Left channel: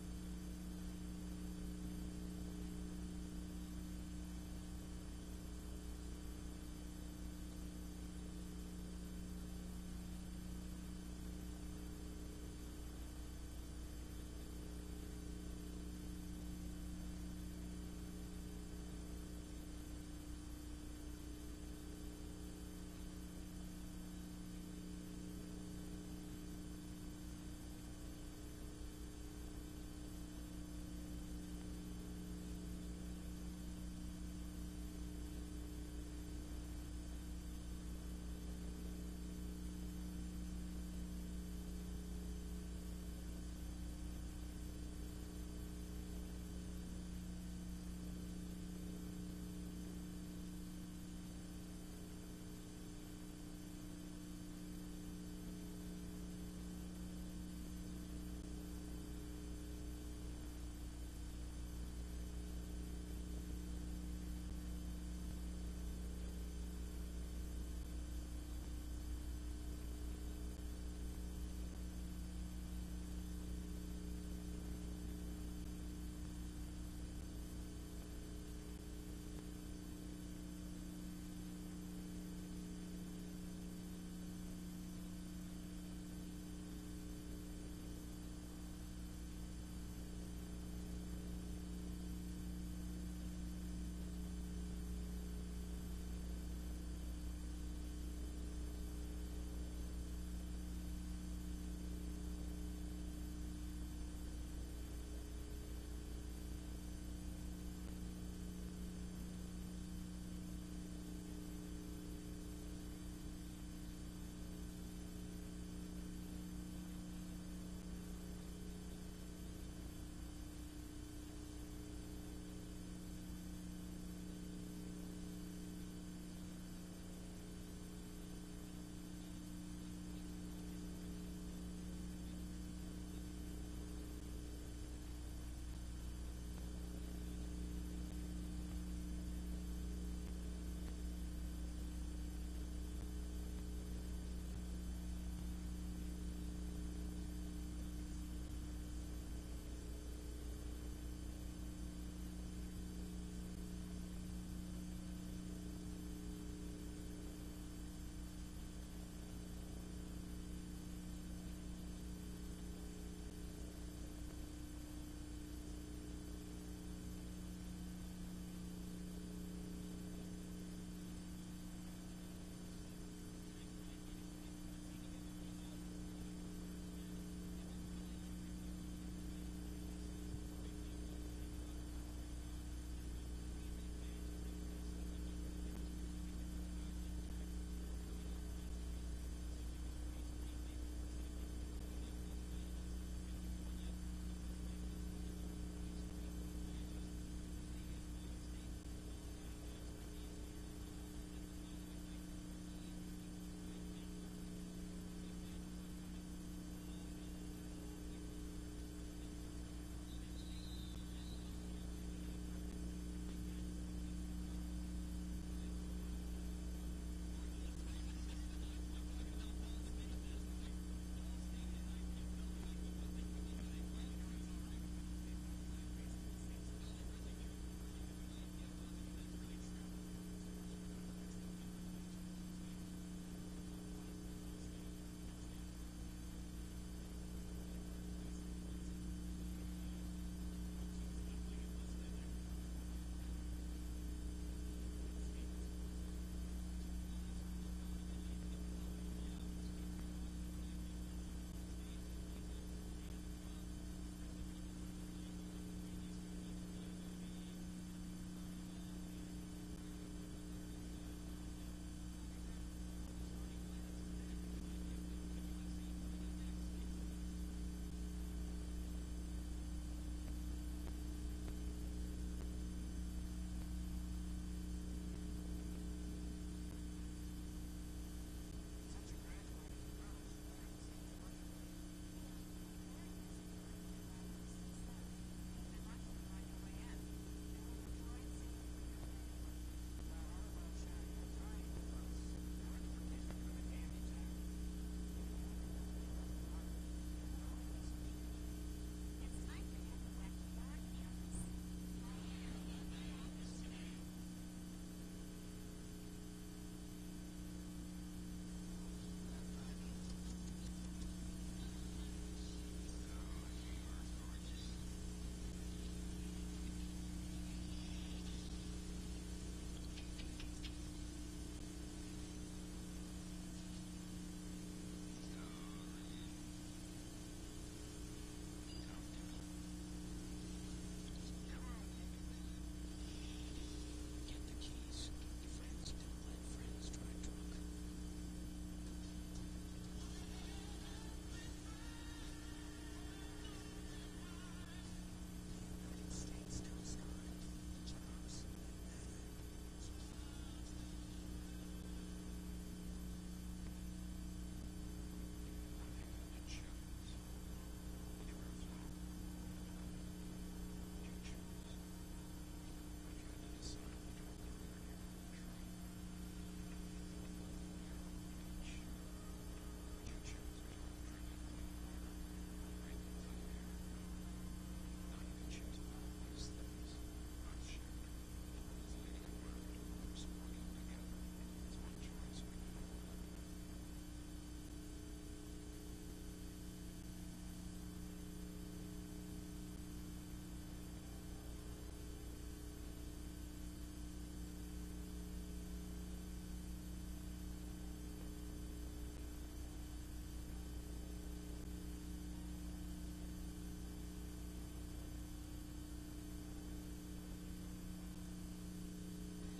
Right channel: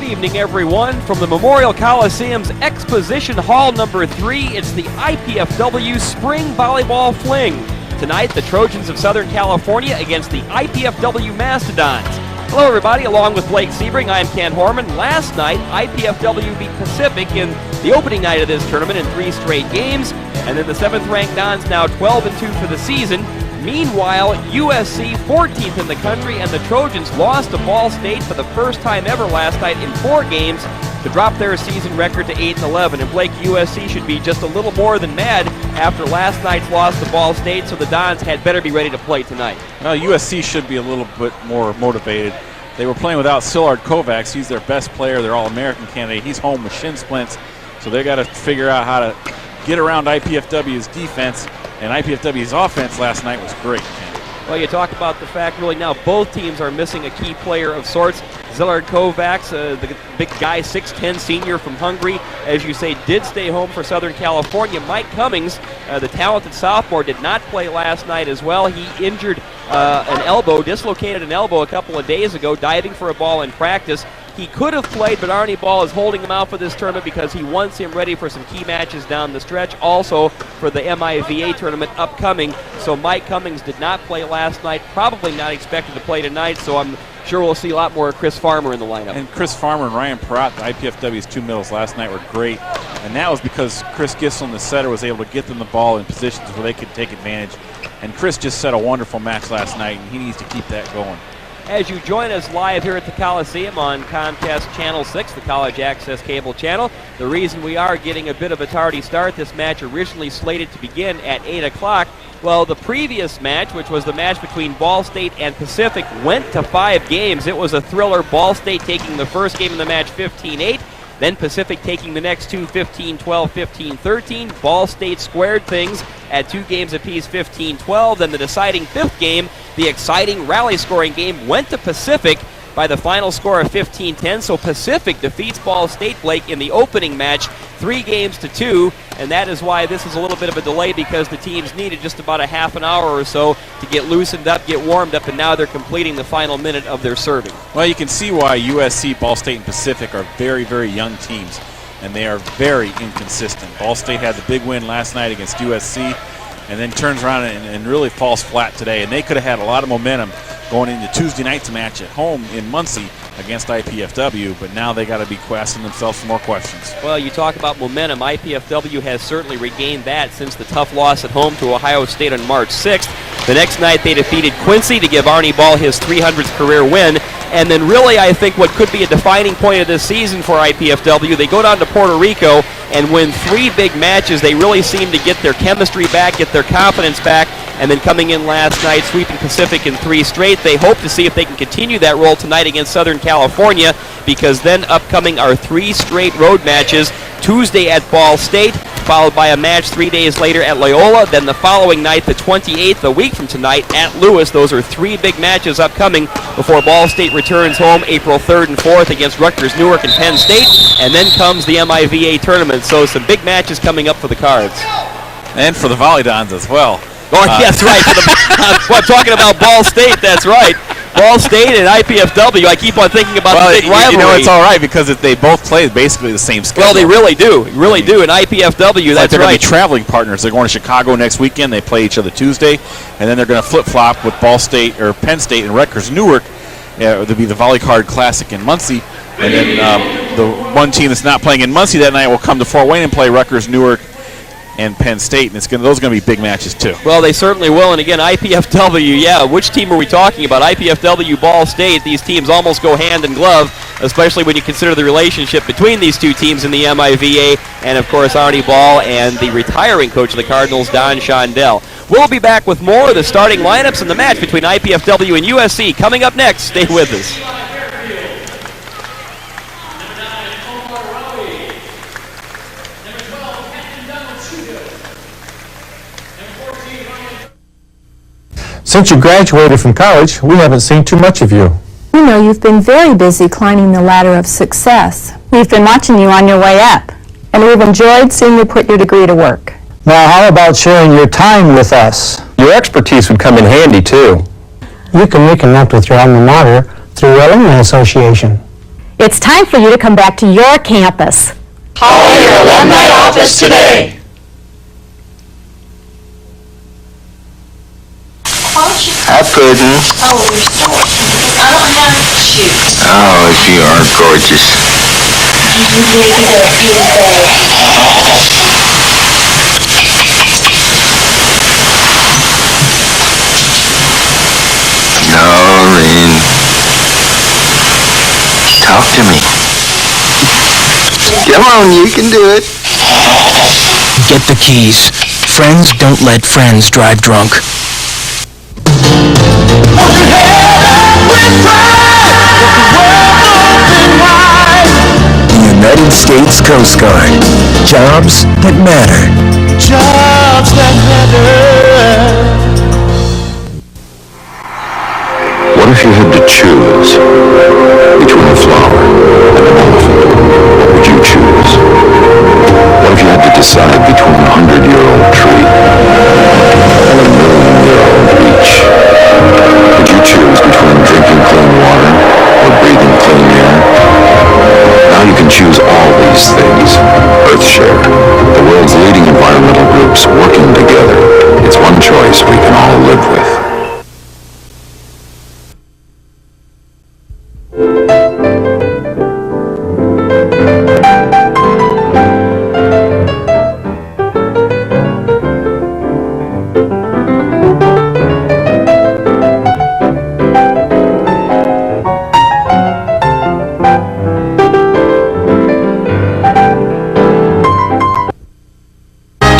Good evening, everyone. From the Memorial Coliseum's Exposition Hall number 3, it's the IPFW Spring Volleyball Fling. Tonight, the Trojans of Southern California against the IPFW Mastodons. Hello, everybody. Along with Blake Sebring, I'm Ken Horman. Last night, IPFW beat Pacific in the opening night of this tournament in 3 straight games. And then the 7th-ranked Dons now 12-2 for the season. Meanwhile, USC 14th in the country, and the Trojans lost to Ball State for the first time ever last night in 4 games to drop their season record to 8-11. And Blake, USC should be just a little more than mad after last night's loss to Ball State, so the Dons had better be ready to play tonight. Well, USC should be a little bit more motivated. They were playing without Szilard Kovacs. He's their best player, their All-American candidate. He's home with shin splints, so they got to figure out how to get around IPFW's defense. And IPFW's offense last night was great. Well, you talk about the fact really now both teams are missing a key player of sorts. Szilard Kovacs, the big guy, 6'10", senior from Hungary, as you say, did stay home for Southern California. Mike Cummings, the talented sophomore, did not play last night as well. He injured an elbow, dislocated an elbow a couple of days ago, diving for a ball in practice. He could have played, but Arnie Ball is holding him out for this tournament because he wants him ready for some key matches down the stretch, also for the MIVA tournament upcoming. So Mike Cummings did not play last night, probably not expected to play tonight, so I'm sure we'll see a lot more of Chris Farmer in the lineup. And Chris Farmer and Ryan Peratt, the IPFW's 2 middles last night, were great. And that was because Chris Gisseln, the setter, was able to get them the ball in positions where they could take advantage. And Chris just set a wonderful match last night, and he needs to keep that going. As you join us live here at the Coliseum on Comcast Channel 6, the College Access Cable Channel, the reason we are getting a bit of a tardy start, this match originally slated to begin at 8 o'clock. Well, the previous match, which was the match between Ball State and Pacific, went to 5 games. It was a thriller, Ball State taking the first game of the match 15-8. Then Pacific taking the next 2, 15-12, 15-13. Ball State squared things at 2 games apiece, 15-12. Then the deciding 5th game, the exciting rally scoring game, went to Pacific by the final score of 15-10. So Pacific defeats Ball State, Blake, in the opening match 3-2, and that is why this is a little bit of a delay, because the teams needed just about a half an hour or so to get loosened up, get warmed up, and now they're completing the final minute of their serving. Well, you can see why USC, Ball State, and Pacific are very, very young teams, and they are very inconsistent. Ball State had the big win last night against USC, and then turns around and really falls flat today, and they could have had a lot of momentum going into Tuesday night's match at home in Muncie against IPFW, but now they got to be asking themselves some more questions. Well, you talk about momentum. IPFW has certainly regained that since the tough loss at home to Ohio State on March 6th. The next night they defeated Quincy to give Arnie Ball his 300th career win. And then really I think what could be a defining point of this season for IPFW, they go down to Puerto Rico and win 3 big matches. They really seem to get their chemistry back, get their confidence back, and then coming in last night, sweeping Pacific in 3 straight. They hope to see if they can continue that role tonight against Southern California, because then upcoming are 3 straight road matches. Tuesday at Ball State, followed by a match 3 days later at Loyola. Then the following night, the 28th, a week from tonight, at Lewis. Those are 3 big matches upcoming before Ball State returns home April 3rd and 4th against Rutgers, Newark, and Penn State. And then comes the MIVA tournament. So some big matches coming up for the Cards. And for the Volleyball as well. Oh, yes, right. I'm talking about Ball State, that's right. Ball State and IPFW, I keep on thinking about the big rivalry. You know, it's all right because they both play basically the same schedule. Well, they really do. Really do. And IPFW, that's they're right. going to be traveling partners. They're going to Chicago next weekend. They play each other Tuesday. And then they're going to flip-flop with Ball State or Penn State and Rutgers Newark. There'll be the Volley Card Classic in Muncie. And then the one team that's not playing in Muncie that night will come to Fort Wayne and play Rutgers Newark and Penn State, and those are going to be big matches too. Well, they certainly will, and again, IPFW, yeah, which team are we talking about? IPFW, Ball State, these teams almost go hand in glove, especially when you consider the relationship between these 2 teams in the MIVA, and of course Arnie Ball and the retiring coach of the Cardinals, Don Shondell. We'll be back with more of the starting lineups in the match between IPFW and USC coming up next. Stay with us. Since you graduated from college, we haven't seen too much of you. We know you've been very busy climbing the ladder of success. We've been watching you on your way up, and we've enjoyed seeing you put your degree to work. Now, how about sharing your time with us? Your expertise would come in handy, too. You can reconnect with your alma mater through your alumni association. It's time for you to come back to your campus. Call your alumni office today. Hi, Puddin'. Oh, you're so I don't have shoes. Oh, you are gorgeous. Maybe they're big. Noreen, talk to me. Come on, you can do it. Get the keys. Friends don't let friends drive drunk. United States Coast Guard. Jobs that matter. Jobs that matter. What if you had to choose between a flower and an elephant? What would you choose? What if you had to decide between a 100-year-old tree and a 1,000,000-year-old beach? Would you choose between drinking clean water or breathing clean air? Now you can choose all these things. Earthshare, the world's leading environmental groups working together. It's one choice we can all live with.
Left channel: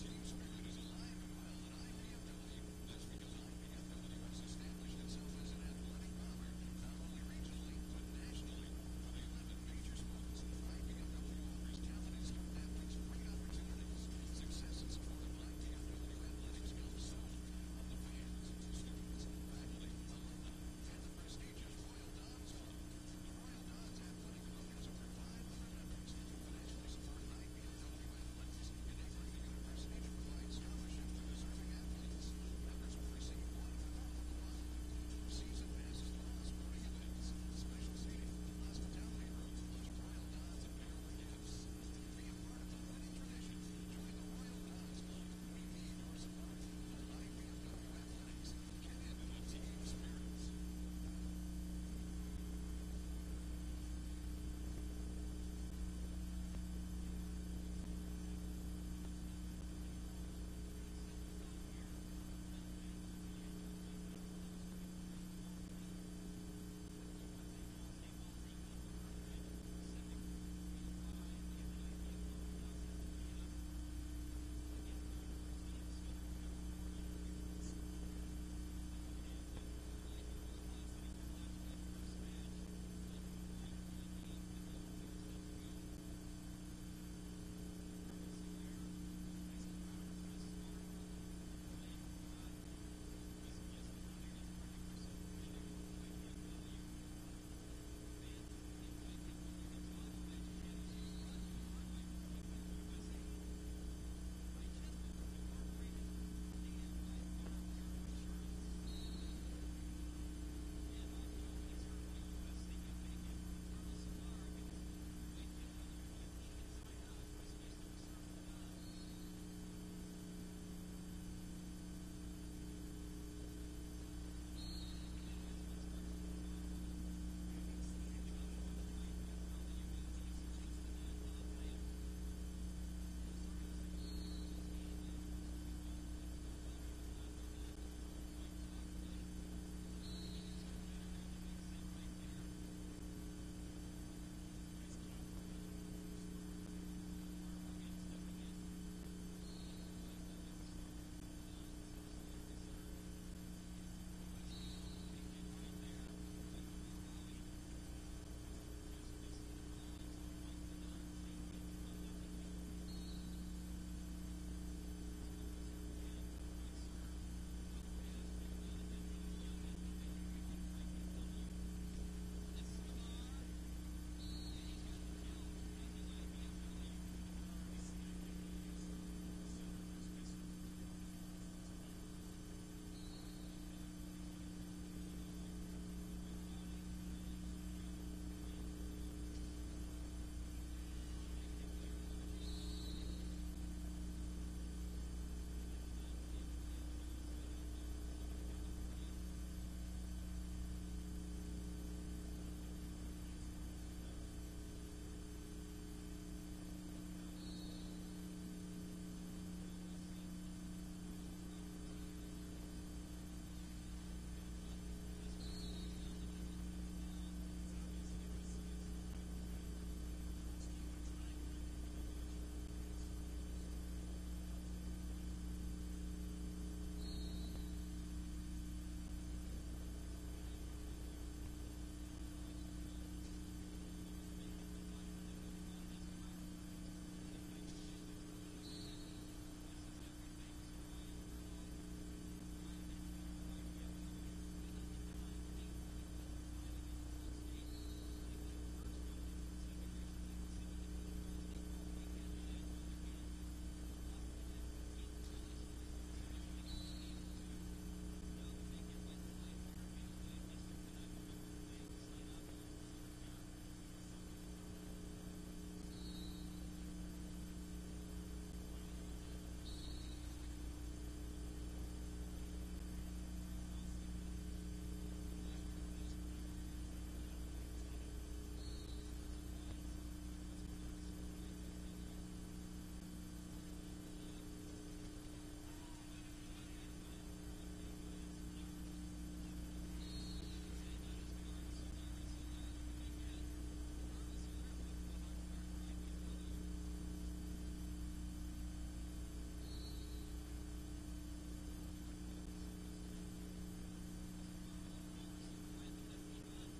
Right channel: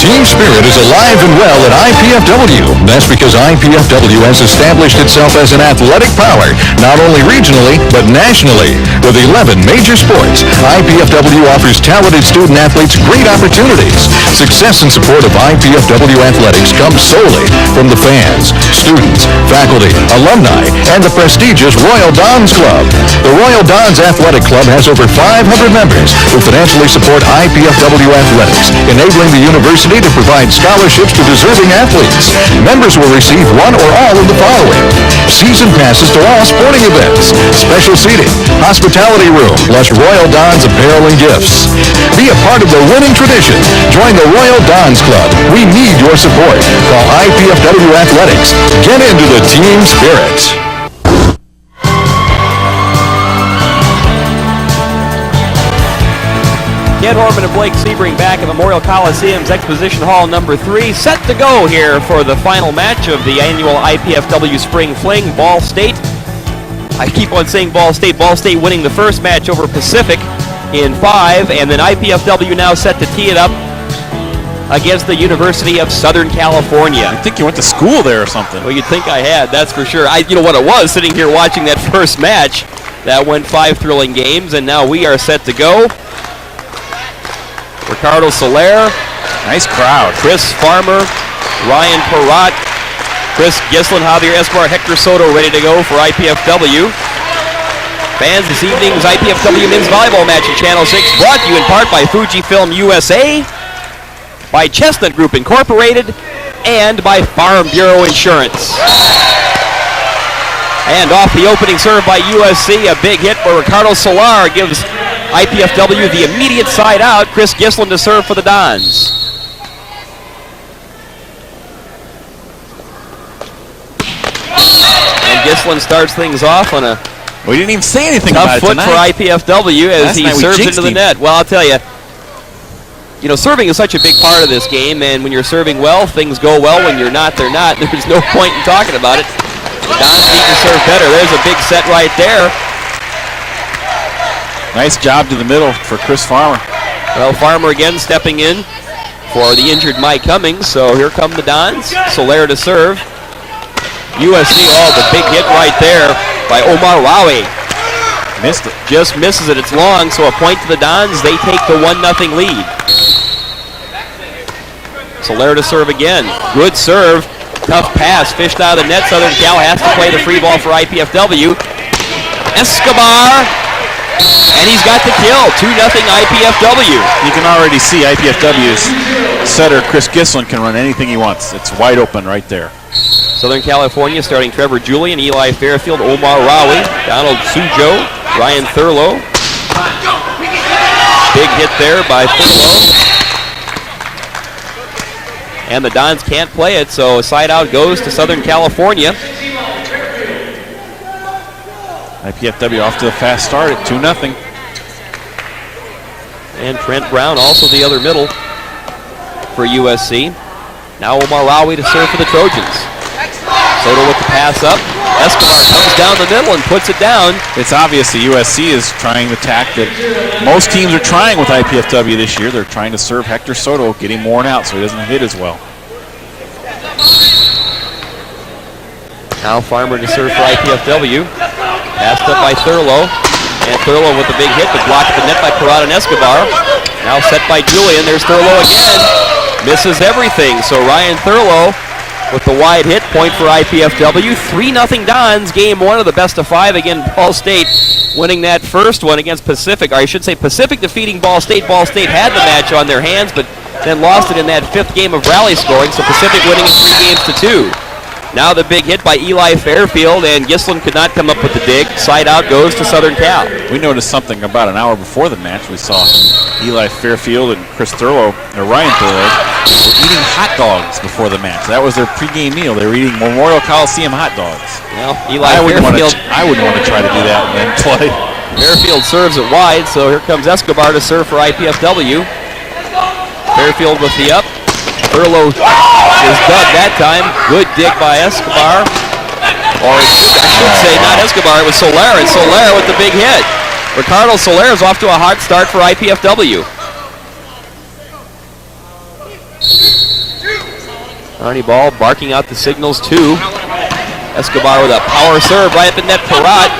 Team spirit is alive and well at IPFW. That's because IPFW has established itself as an athletic power, not only regionally, but nationally. With 11 major sports, IPFW offers talented student athletes great opportunities. Success and support of IPFW athletics comes solely from the fans, students, faculty, alumni, and the prestigious Royal Dons Club. The Royal Dons Athletic Club has over 500 members who financially support IPFW athletics, enabling the university to provide scholarships to deserving athletes. Members will receive one or all of the following: season passes to all sporting events, special seating, hospitality room, plus Royal Dons apparel and gifts. Be a part of the winning tradition. Join the Royal Dons Club. We need your support. Call IPFW Athletics. Get into the team spirit. Ed Horman and Blake Sebring back at Memorial Coliseum's Exposition Hall number 3, set to go here for the final match of the annual IPFW Spring Fling. Ball State, I keep on saying Ball State winning the first match over Pacific in 5, and then IPFW now set to tee it up against the University of Southern California. I think you went to school there or something. Well, you'd think I had, that's for sure. You know what it was, sitting here watching that first match. That went 5 thrilling games, and now we are set to go. Ricardo Soler. Nice crowd. Chris Farmer, Ryan Perrott, Chris Gislin, Javier Escobar, Hector Soto ready to go for IPFW. Fans, this evening's IPFW men's volleyball match in Channel 6 brought to you in part by Fujifilm USA, by Chestnut Group Incorporated, and by Farm Bureau Insurance. And off the opening serve by USC, a big hit where Ricardo Soler gives IPFW the immediate side out. Chris Gislin to serve for the Dons. And Gislin starts things off on a We didn't even say anything tough about it foot tonight. for IPFW as he serves into the net. Well, I'll tell you, serving is such a big part of this game, and when you're serving well, things go well. When you're not, they're not. There's no point in talking about it. The Dons need to serve better. There's a big set right there. Nice job to the middle for Chris Farmer. Well, Farmer again stepping in for the injured Mike Cummings. So here come the Dons. Soler to serve. USC, the big hit right there by Omar Rawi. Missed it. Just misses it. It's long, so a point to the Dons. They take the 1-0 lead. Soler to serve again. Good serve. Tough pass. Fished out of the net. Southern Cal has to play the free ball for IPFW. Escobar. And he's got the kill. 2-0 IPFW. You can already see IPFW's setter, Chris Gislin, can run anything he wants. It's wide open right there. Southern California starting Trevor Julian, Eli Fairfield, Omar Rawi, Donald Sujo, Ryan Thurlow, Big hit there by Thurlow. And the Dons can't play it, so a side out goes to Southern California. IPFW off to a fast start at 2-0. And Trent Brown also the other middle for USC. Now Omar Rawi to serve for the Trojans. Soto with the pass up. Escobar comes down the middle and puts it down. It's obvious that USC is trying the tack that most teams are trying with IPFW this year. They're trying to serve Hector Soto, get him worn out so he doesn't hit as well. Now Farmer to serve for IPFW. Passed up by Thurlow. And Thurlow with the big hit, but blocked at the net by Parada and Escobar. Now set by Julian. There's Thurlow again. Misses everything. So Ryan Thurlow with the wide hit, point for IPFW. 3-0 Dons, game one of the best of five. Again, Ball State winning that first one against Pacific. Or I should say Pacific defeating Ball State. Ball State had the match on their hands, but then lost it in that fifth game of rally scoring. So Pacific winning it 3-2. Now the big hit by Eli Fairfield, and Gislin could not come up with the dig. Side out goes to Southern Cal. We noticed something about an hour before the match. We saw Eli Fairfield and Chris Thurlow, or Ryan Thurlow, were eating hot dogs before the match. That was their pregame meal. They were eating Memorial Coliseum hot dogs. Well, I wouldn't want to try to do that and then play. Fairfield serves it wide, so here comes Escobar to serve for IPFW. Fairfield with the up. Thurlow is dug that time. Good dig by Escobar. Or I should say not Escobar, it was Soler. And Soler with the big hit. Ricardo Soler is off to a hot start for IPFW. Arnie Ball barking out the signals too. Escobar with a power serve right at the net. Parat.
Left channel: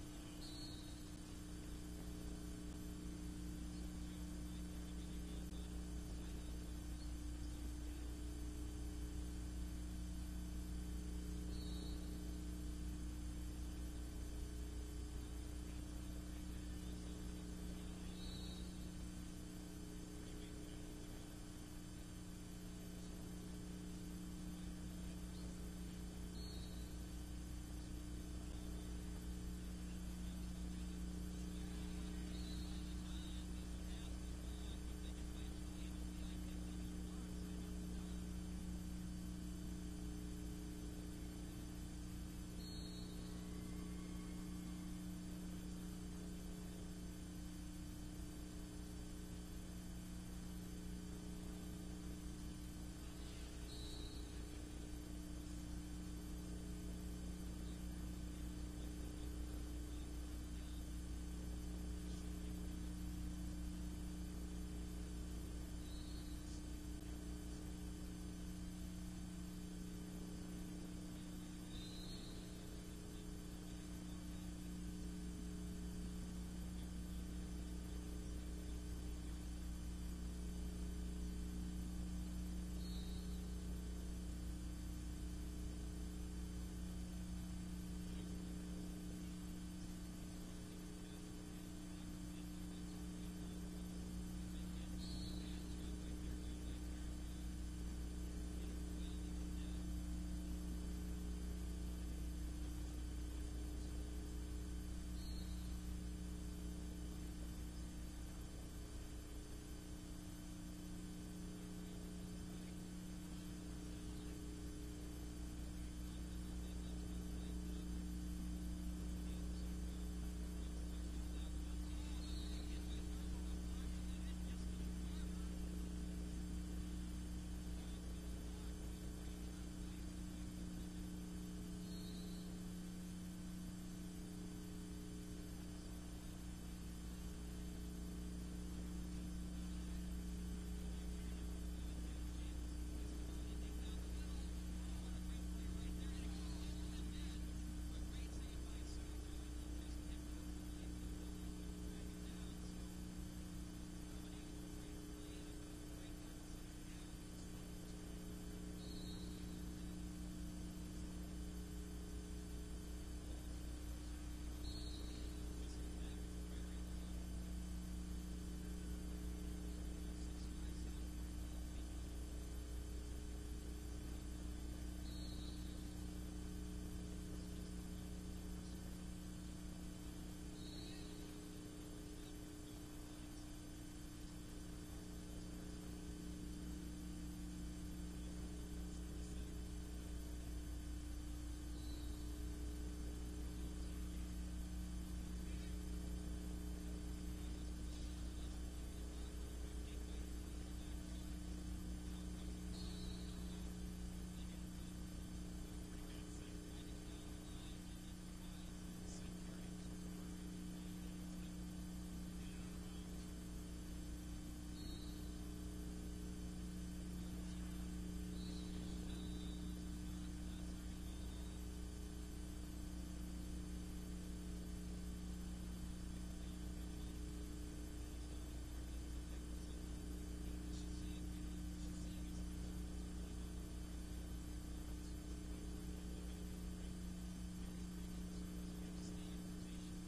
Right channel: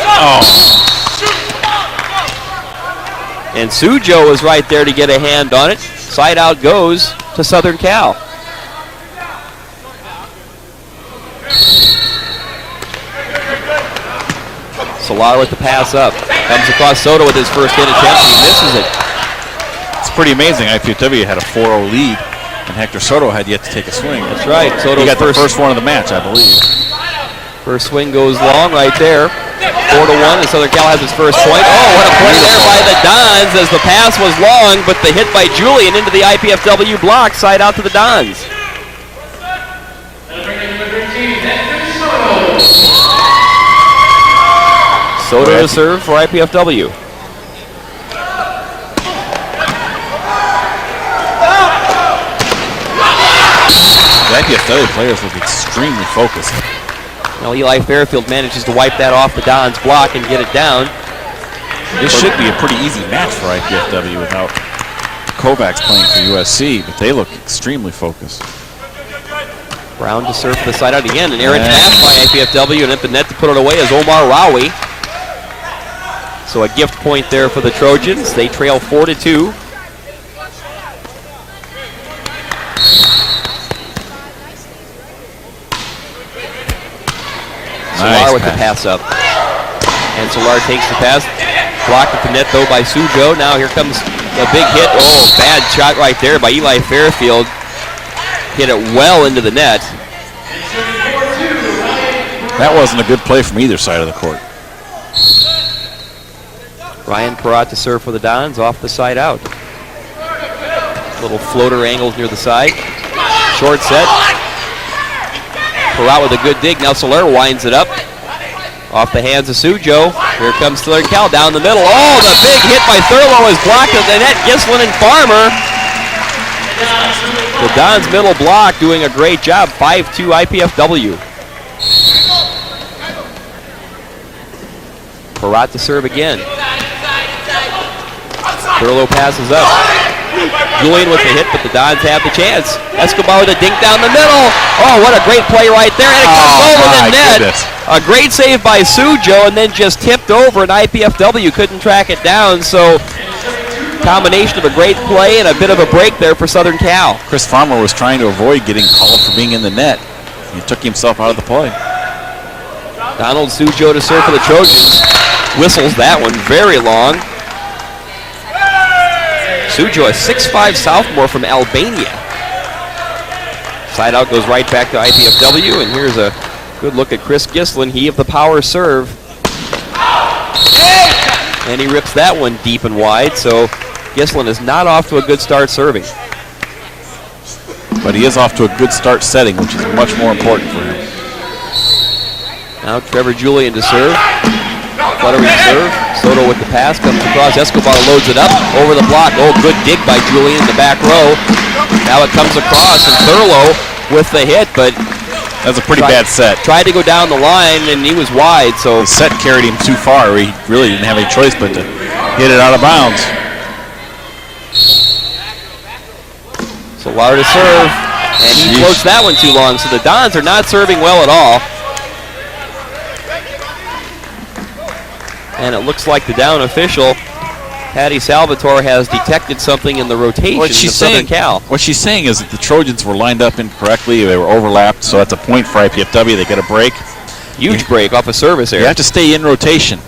And Sujo is right there to get a hand on it. Side out goes to Southern Cal. Solar with the pass up. Comes across Soto with his first hit attempt. He misses it. It's pretty amazing. IPFW had a 4-0 lead, and Hector Soto had yet to take a swing. That's right. Soto got the first one of the match, I believe. First swing goes long right there. 4-1, and Southern Cal has its first point. Oh, what a play there by the Dons as the pass was long, but the hit by Julian into the IPFW block, side out to the Dons. Soto to serve for IPFW. The IPFW players look extremely focused. Now Eli Fairfield manages to wipe that off the Dons block and get it down. This should be a pretty easy match for IPFW without Kovacs playing for USC, but they look extremely focused. Brown to serve for the side out again. An errant pass by IPFW, and at the net to put it away is Omar Rawi. So a gift point there for the Trojans. They trail 4-2. Solar with the pass up. And Solar takes the pass. Blocked at the net, though, by Sujo. Now here comes the big hit. Oh, bad shot right there by Eli Fairfield. Hit it well into the net. That wasn't a good play from either side of the court. Ryan Parat to serve for the Dons off the side out. Little floater angles near the side. Short set. Parat with a good dig. Now Soler winds it up. Off the hands of Sujo. Here comes Southern Cal down the middle. Oh, the big hit by Thurlow is blocked at the net. Gislin and Farmer. The Dons middle block doing a great job. 5-2 IPFW. Parat to serve again. Thurlow passes up. Julian with the hit, but the Dons have the chance. Escobar with a dink down the middle. Oh, what a great play right there. And it comes over the net. Goodness. A great save by Sujo, and then just tipped over, and IPFW couldn't track it down. So, combination of a great play and a bit of a break there for Southern Cal. Chris Farmer was trying to avoid getting called for being in the net. He took himself out of the play. Donald Sujo to serve for the Trojans. Whistles that one very long. Sujo, a 6'5 sophomore from Albania. Side out goes right back to IPFW, and here's a good look at Chris Gislin. He of the power serve. And he rips that one deep and wide, so Gislin is not off to a good start serving. But he is off to a good start setting, which is much more important for him. Now Trevor Julian to serve. Fluttering serve. Soto with the pass, comes across. Escobar loads it up over the block. Oh, good dig by Julian in the back row. Now it comes across, and Thurlow with the hit, but that's a pretty bad set. Tried to go down the line, and he was wide. So the set carried him too far. He really didn't have any choice but to hit it out of bounds. Solar to serve, and he floats that one too long. So the Dons are not serving well at all. And it looks like the down official, Patty Salvatore, has detected something in the rotation of Southern Cal. What she's saying is that the Trojans were lined up incorrectly. They were overlapped, so that's a point for IPFW. They get a break. Huge break off a service error. You have to stay in rotation.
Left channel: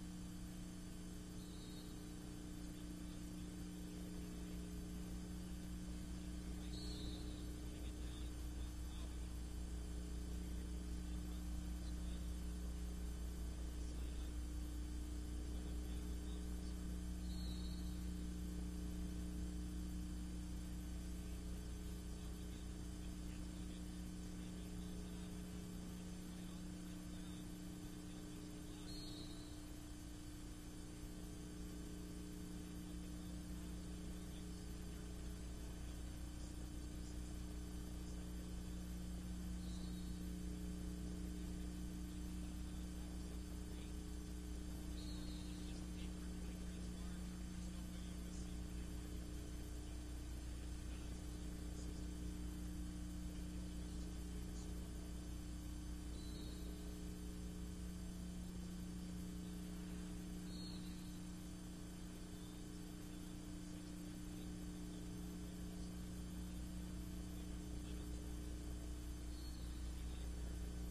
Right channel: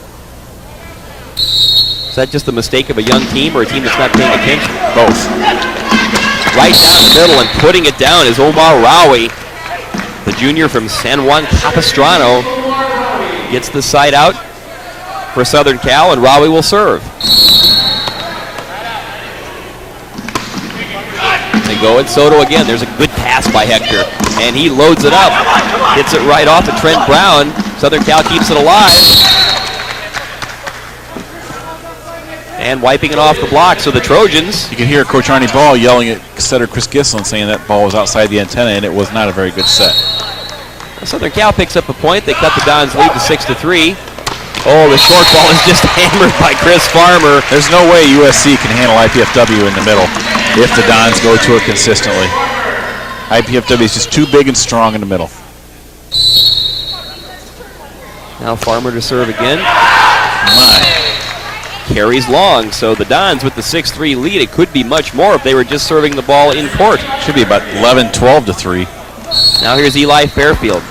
Is that just the mistake of a young team or a team that's not paying attention? Both. Right down the middle and putting it down is Omar Rowie. The junior from San Juan Capistrano gets the side out for Southern Cal, and Rowie will serve. They go at Soto again. There's a good pass by Hector, and he loads it up. Hits it right off to Trent Brown. Southern Cal keeps it alive. And wiping it off the block, so the Trojans. You can hear Coach Arnie Ball yelling at setter Chris Gislin, saying that ball was outside the antenna, and it was not a very good set. Southern Cal picks up a point. They cut the Dons' lead to 6-3. Oh, the short ball is just hammered by Chris Farmer. There's no way USC can handle IPFW in the middle if the Dons go to it consistently. IPFW is just too big and strong in the middle. Now Farmer to serve again. My. Carries long, so the Dons with the 6-3 lead. It could be much more if they were just serving the ball in court. Should be about 11-12-3. Now here's Eli Fairfield.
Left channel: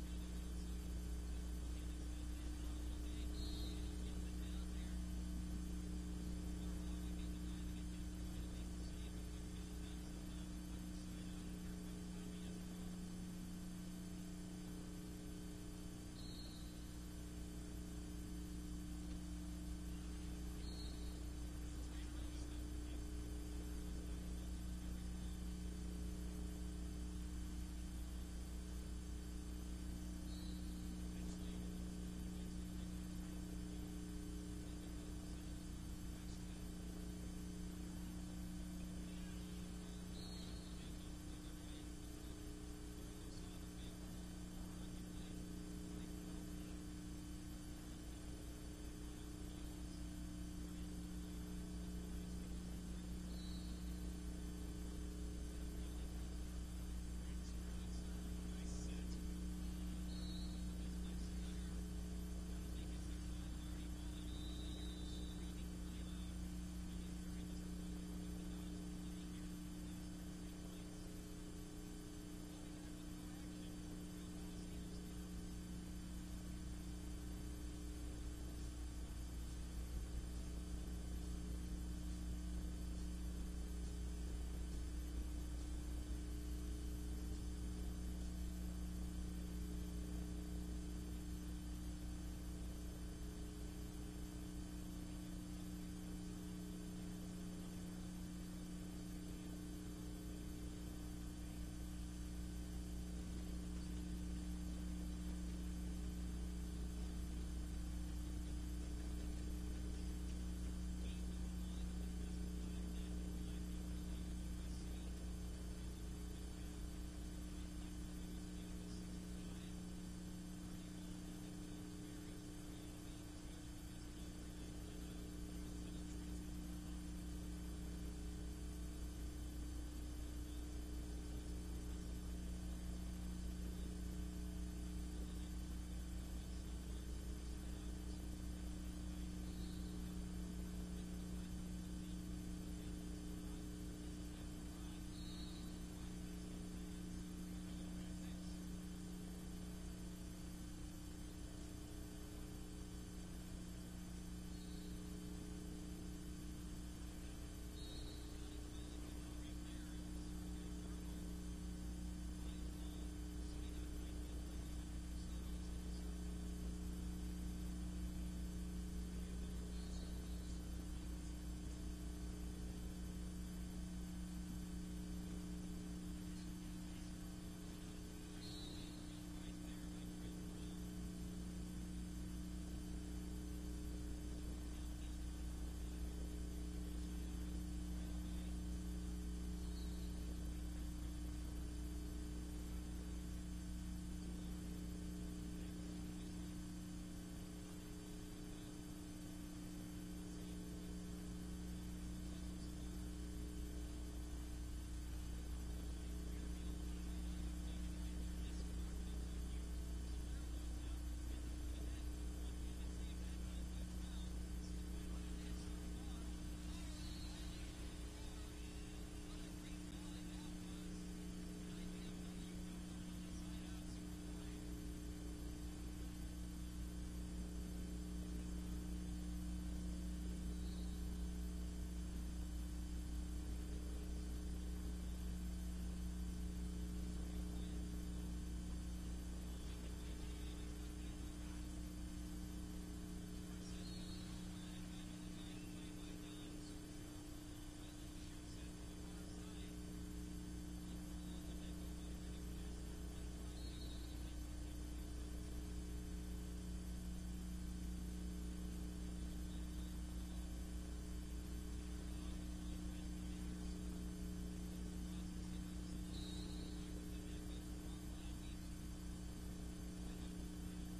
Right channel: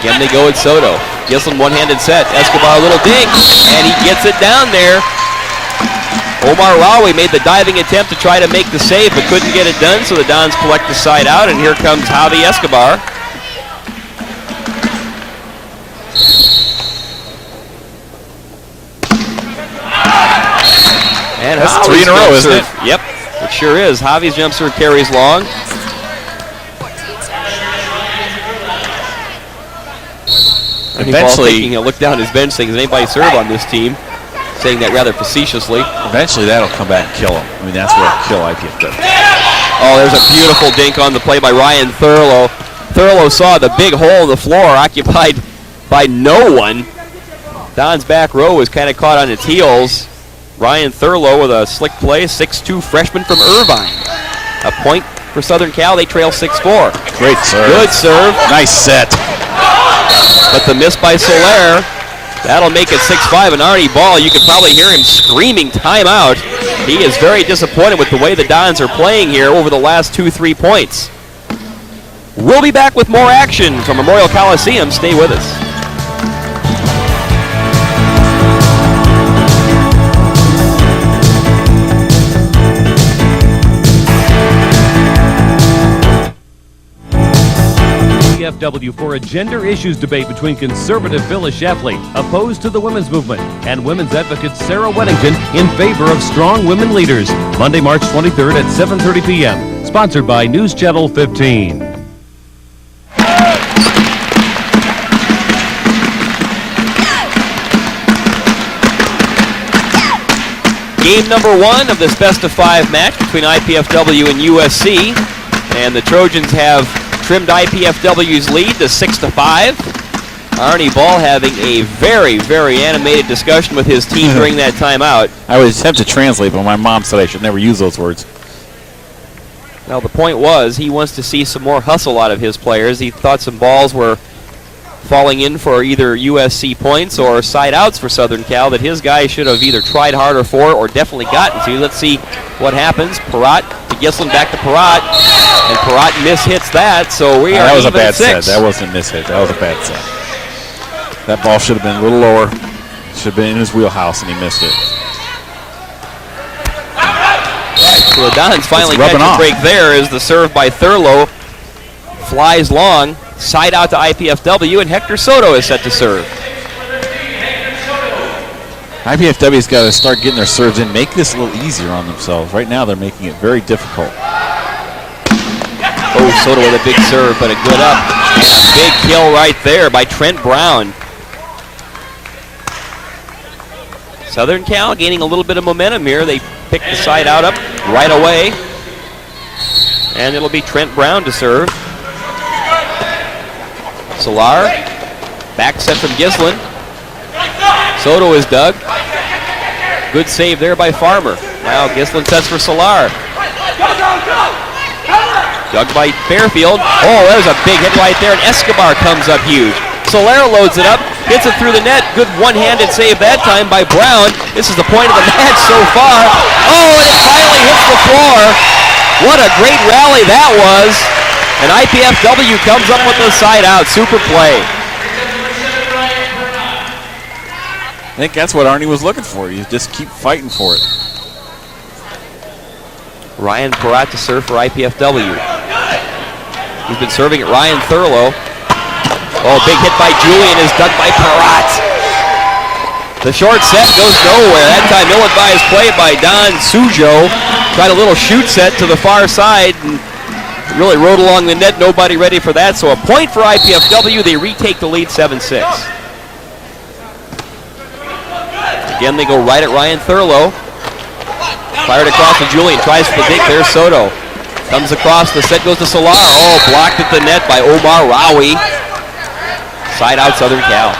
Again they go at Soto. Gislin one-handed set. Escobar a little dig, and he gets it down there. Omar Rowie made the diving attempt to try to make the save, but couldn't get it done, so the Dons collect the side out, and here comes Javi Escobar. And that's Javi's 3 in a row, isn't it? Yep, it sure is. Javi's jump serve carries long. Eventually, he'll look down his bench saying, does anybody serve on this team? Saying that rather facetiously. Eventually that'll come back and kill him. I mean, that's what'll kill IPFW. Oh, there's a beautiful dink on the play by Ryan Thurlow. Thurlow saw the big hole in the floor occupied by no one. Don's back row was kind of caught on its heels. Ryan Thurlow with a slick play, 6'2" freshman from Irvine. A point for Southern Cal. They trail 6-4. Great serve. Good serve. Nice set. But the miss by Soler, that'll make it 6-5. And Arnie Ball, you could probably hear him screaming timeout. He is very disappointed with the way the Dons are playing here over the last 2-3 points. We'll be back with more action from Memorial Coliseum. Stay with us. IPFW for a gender issues debate between conservative Phyllis Schlafly, opposed to the women's movement, and women's advocate Sarah Weddington in favor of strong women leaders. Monday, March 23rd at 7:30 p.m. Sponsored by News Channel 15. Game number 1 of this best-of-5 match between IPFW and USC. And the Trojans have trimmed IPFW's lead to 6-5. Arnie Ball having a very, very animated discussion with his team during that timeout. I would attempt to translate, but my mom said I should never use those words. Now the point was he wants to see some more hustle out of his players. He thought some balls were falling in for either USC points or side outs for Southern Cal that his guys should have either tried harder for or definitely gotten to. Let's see what happens. Perrott to Gislin, back to Perrott, and Perrott mishits that, so we are that was even a bad 6. set. That wasn't a mishit. That was a bad set. That ball should have been a little lower. Should have been in his wheelhouse, and he missed it. So the Dons finally catch a break there as the serve by Thurlow flies long. Side out to IPFW, and Hector Soto is set to serve. IPFW's got to start getting their serves in, make this a little easier on themselves. Right now they're making it very difficult. Oh, Soto with a big serve, but a good up. And a big kill right there by Trent Brown. Southern Cal gaining a little bit of momentum here. They pick the side out up right away. And it'll be Trent Brown to serve. Solar, back set from Gislin. Soto is dug. Good save there by Farmer. Now Gislin sets for Solar. Dug by Fairfield. Oh, there's a big hit right there, and Escobar comes up huge. Soler loads it up, hits it through the net. Good one-handed save that time by Brown. This is the point of the match so far. Oh, and it finally hits the floor. What a great rally that was. And IPFW comes up with the side out. Super play. I think that's what Arnie was looking for. You just keep fighting for it. Ryan Peratt to serve for IPFW. He's been serving at Ryan Thurlow. Oh, big hit by Julian is dug by Peratt. The short set goes nowhere. That time ill-advised play by Don Sujo. Tried a little shoot set to the far side and really rode along the net. Nobody ready for that. So a point for IPFW. They retake the lead 7-6. Again, they go right at Ryan Thurlow. Fired across to Julian. Tries for the dig. There's Soto. Comes across. The set goes to Solar. Oh, blocked at the net by Omar Rawi. Side out Southern Cal.